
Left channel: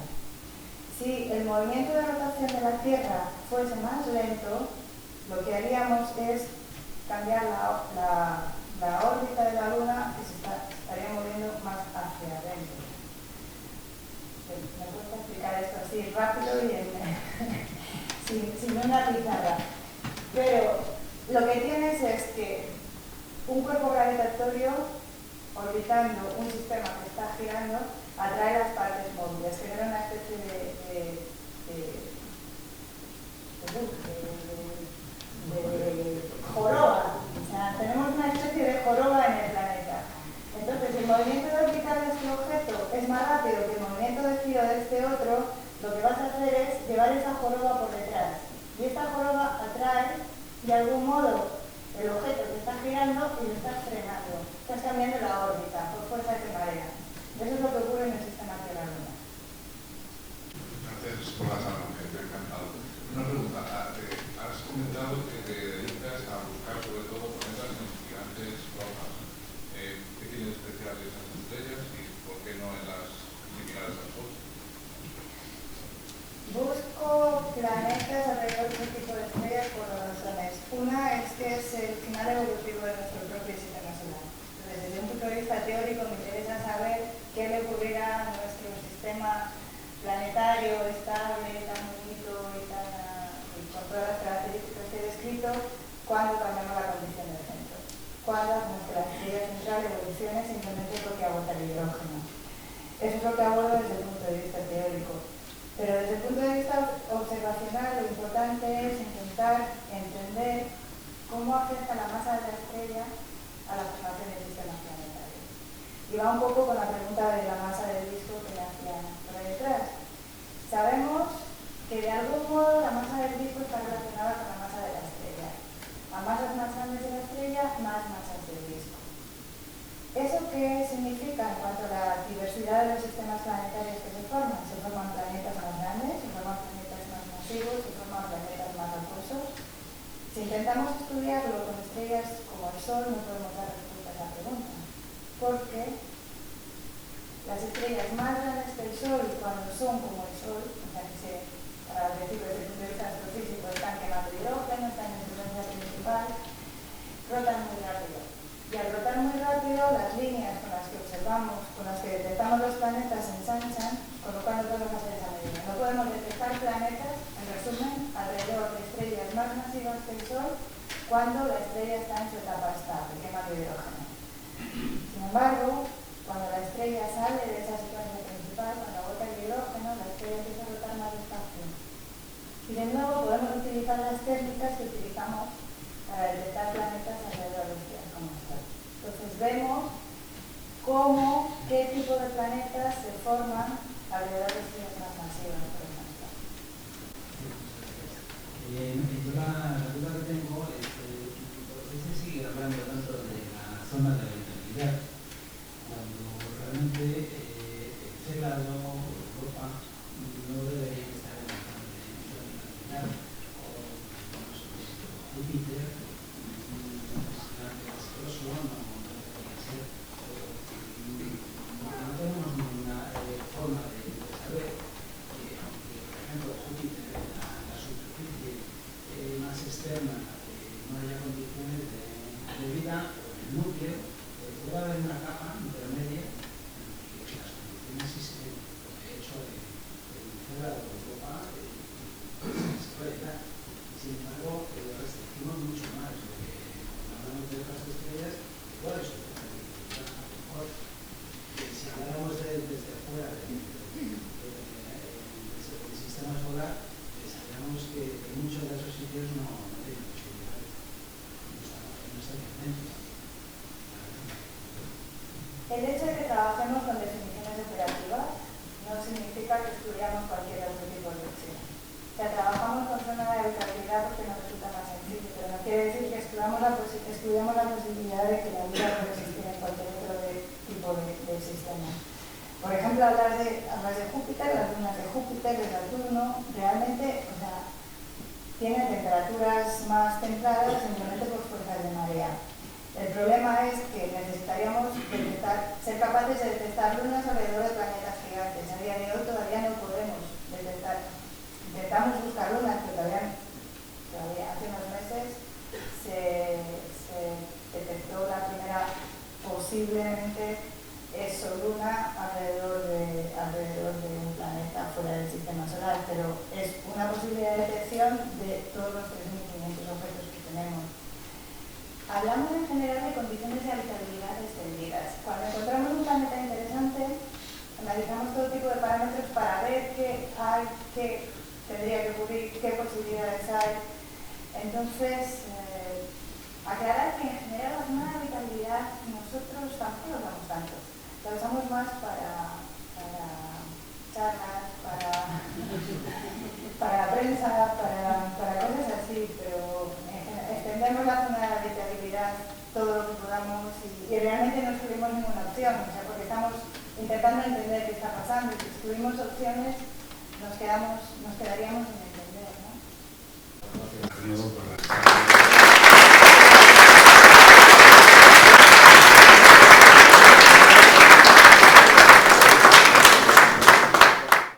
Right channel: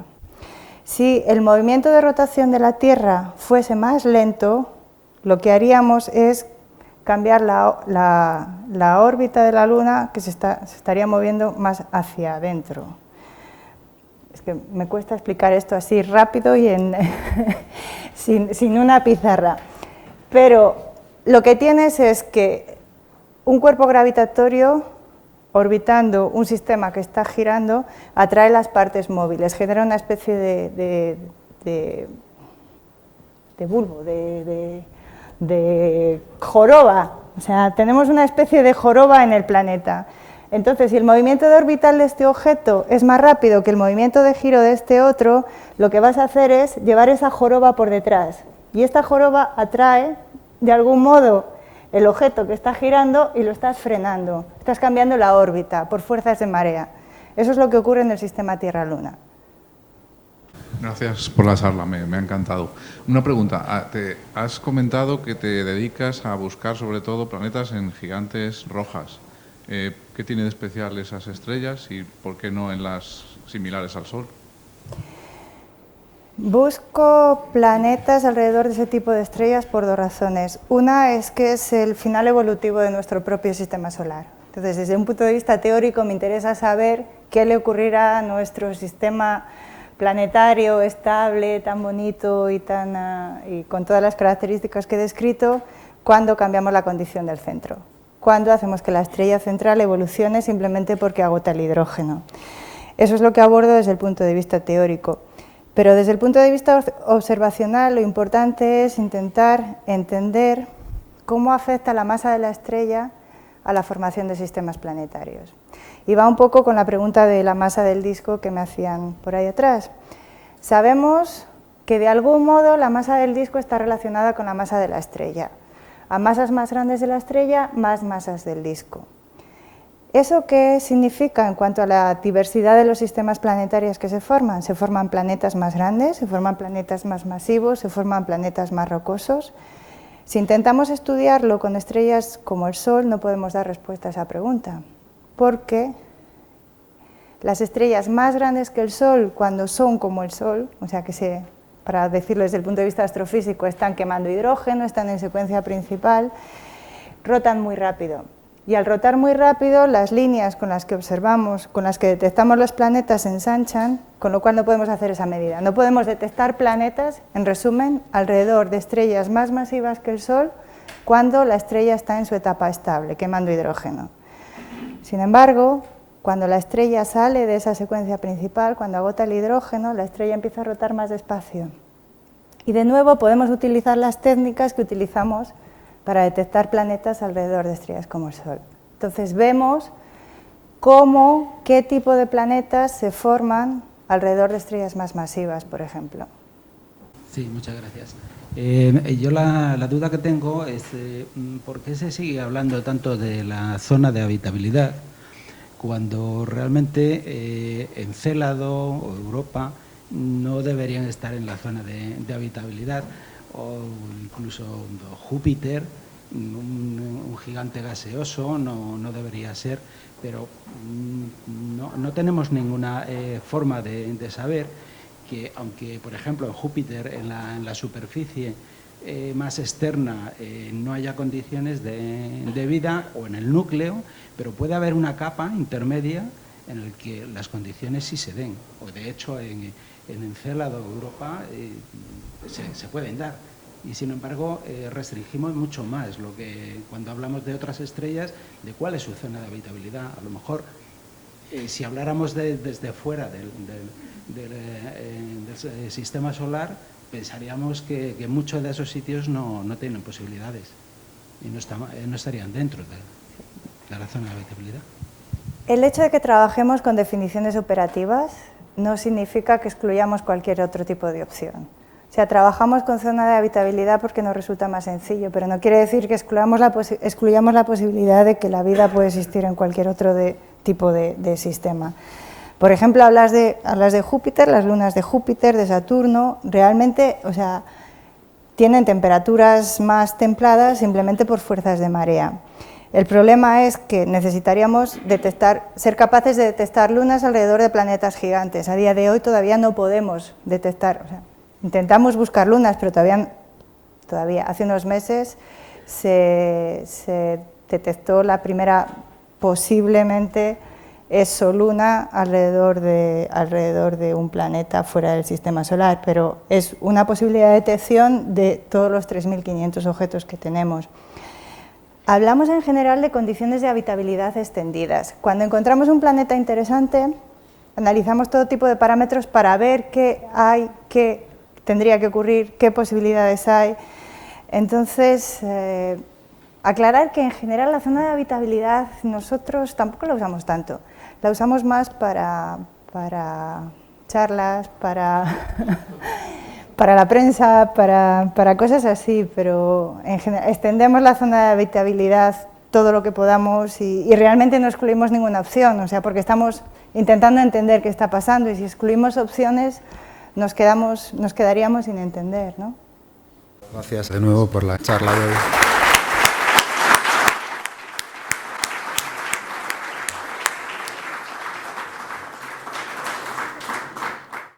Si el movimiento de rotación de la Tierra fuese más lento, lo que haríamos es cambiar la órbita de la Luna, que se estaría moviendo más hacia adentro. Es que me cuesta explicar esto así rápido y sin una pizarra. Pero lo que tienes es que un cuerpo gravitatorio orbitando un sistema que está girando atrae las partes móviles, genera una especie de bulbo, de joroba. O sea, tenemos una especie de joroba en el planeta. Entonces, si el movimiento de orbital de este objeto es más rápido que el movimiento de giro de este otro, lo que vas a hacer es llevar esa joroba por detrás. Y esta joroba atrae, de algún modo, el objeto que está girando y lo estás frenando. Estás cambiando la órbita por fuerzas de marea. Eso es lo que ocurre en el sistema Tierra-Luna. Gracias por la charla, me ha encantado. Una pregunta, te has comentado que te dedicas a buscar sobre todo planetas en gigantes rojas. ¿Qué tiene de especial esas estrellas y por qué no en las similares al Sol? Busco planetas alrededor de ese tipo de estrellas por dos razones. Una es que es el final evolutivo de nuestro propio sistema solar. Entonces, desde un punto de vista teórico, me interesa saber qué le ocurrirá a nuestro sistema planetario estable, tan bonito y con todas las características que he descrito, cuando cambiamos la condición del centro. Cuando hacemos que la estrella central evolucione simplemente porque agota el hidrógeno. Eso es lo que abordo desde el punto de vista teórico. Pero desde el punto de vista observacional, lo importante es intentar entender cómo afecta la masa de la estrella a la formación de sistemas planetarios. Y va un poco con la pregunta de la masa del disco que me hacían por ahí atrás. Sabemos que de algún modo la masa del disco está relacionada con la masa de la estrella. A masas más grandes de la estrella, más masas del disco. ¿Eso qué significa en cuanto a la diversidad de los sistemas planetarios que se forman? Se forman planetas más grandes, se forman planetas más masivos, se forman planetas más rocosos. Si intentamos estudiarlo con estrellas como el Sol, no podemos dar respuesta a esa pregunta, porque las estrellas más grandes que el Sol, cuando son como el Sol, o sea que para decirlo desde el punto de vista astrofísico, están quemando hidrógeno, están en secuencia principal, rotan muy rápido. Y al rotar muy rápido, las líneas con las que observamos, con las que detectamos los planetas se ensanchan, con lo cual no podemos hacer esa medida. No podemos detectar planetas, en resumen, alrededor de estrellas más masivas que el Sol, cuando la estrella está en su etapa estable, quemando hidrógeno. Sin embargo, cuando la estrella sale de esa secuencia principal, cuando agota el hidrógeno, la estrella empieza a rotar más despacio. Y de nuevo podemos utilizar las técnicas que utilizamos para detectar planetas alrededor de estrellas como el Sol. Entonces vemos qué tipo de planetas se forman alrededor de estrellas más masivas, por ejemplo. Sí, muchas gracias. Yo la duda que tengo es ¿por qué se sigue hablando tanto de la zona de habitabilidad cuando realmente Encélado o Europa no deberían estar en la zona de habitabilidad? O incluso Júpiter, un gigante gaseoso, no debería ser, pero no tenemos ninguna forma de saber que, aunque por ejemplo en Júpiter, en la superficie más externa, no haya condiciones de vida, o en el núcleo, pero puede haber una capa intermedia en la que las condiciones sí se den, o de hecho en Encélado, Europa, se pueden dar. Y sin embargo restringimos mucho más lo que cuando hablamos de otras estrellas, de cuál es su zona de habitabilidad. A lo mejor si habláramos desde fuera del sistema solar, pensaríamos que muchos de esos sitios no tienen posibilidades y no estarían dentro de la zona de habitabilidad. El hecho de que trabajemos con definiciones operativas no significa que excluyamos cualquier otro tipo de opción. O sea, trabajamos con zona de habitabilidad porque nos resulta más sencillo, pero no quiere decir que excluyamos la posibilidad de que la vida puede existir en cualquier otro tipo de sistema. Por ejemplo, hablas de Júpiter, las lunas de Júpiter, de Saturno, realmente, o sea, tienen temperaturas más templadas simplemente por fuerzas de marea. El problema es que necesitaríamos ser capaces de detectar lunas alrededor de planetas gigantes. A día de hoy todavía no podemos detectar. Intentamos buscar lunas, pero todavía hace unos meses se detectó la primera posiblemente exoluna alrededor de un planeta fuera del sistema solar, pero es una posibilidad de detección de todos los 3.500 objetos que tenemos. Hablamos en general de condiciones de habitabilidad extendidas. Cuando encontramos un planeta interesante, analizamos todo tipo de parámetros para ver qué hay, qué tendría que ocurrir, qué posibilidades hay. Entonces, aclarar que en general la zona de habitabilidad nosotros tampoco la usamos tanto. La usamos más para charlas, para la prensa, para cosas así, pero en general extendemos la zona de habitabilidad todo lo que podamos y realmente no excluimos ninguna opción, o sea, porque estamos intentando entender qué está pasando y si excluimos opciones nos quedaríamos sin entender, ¿no? Gracias de nuevo por la charla.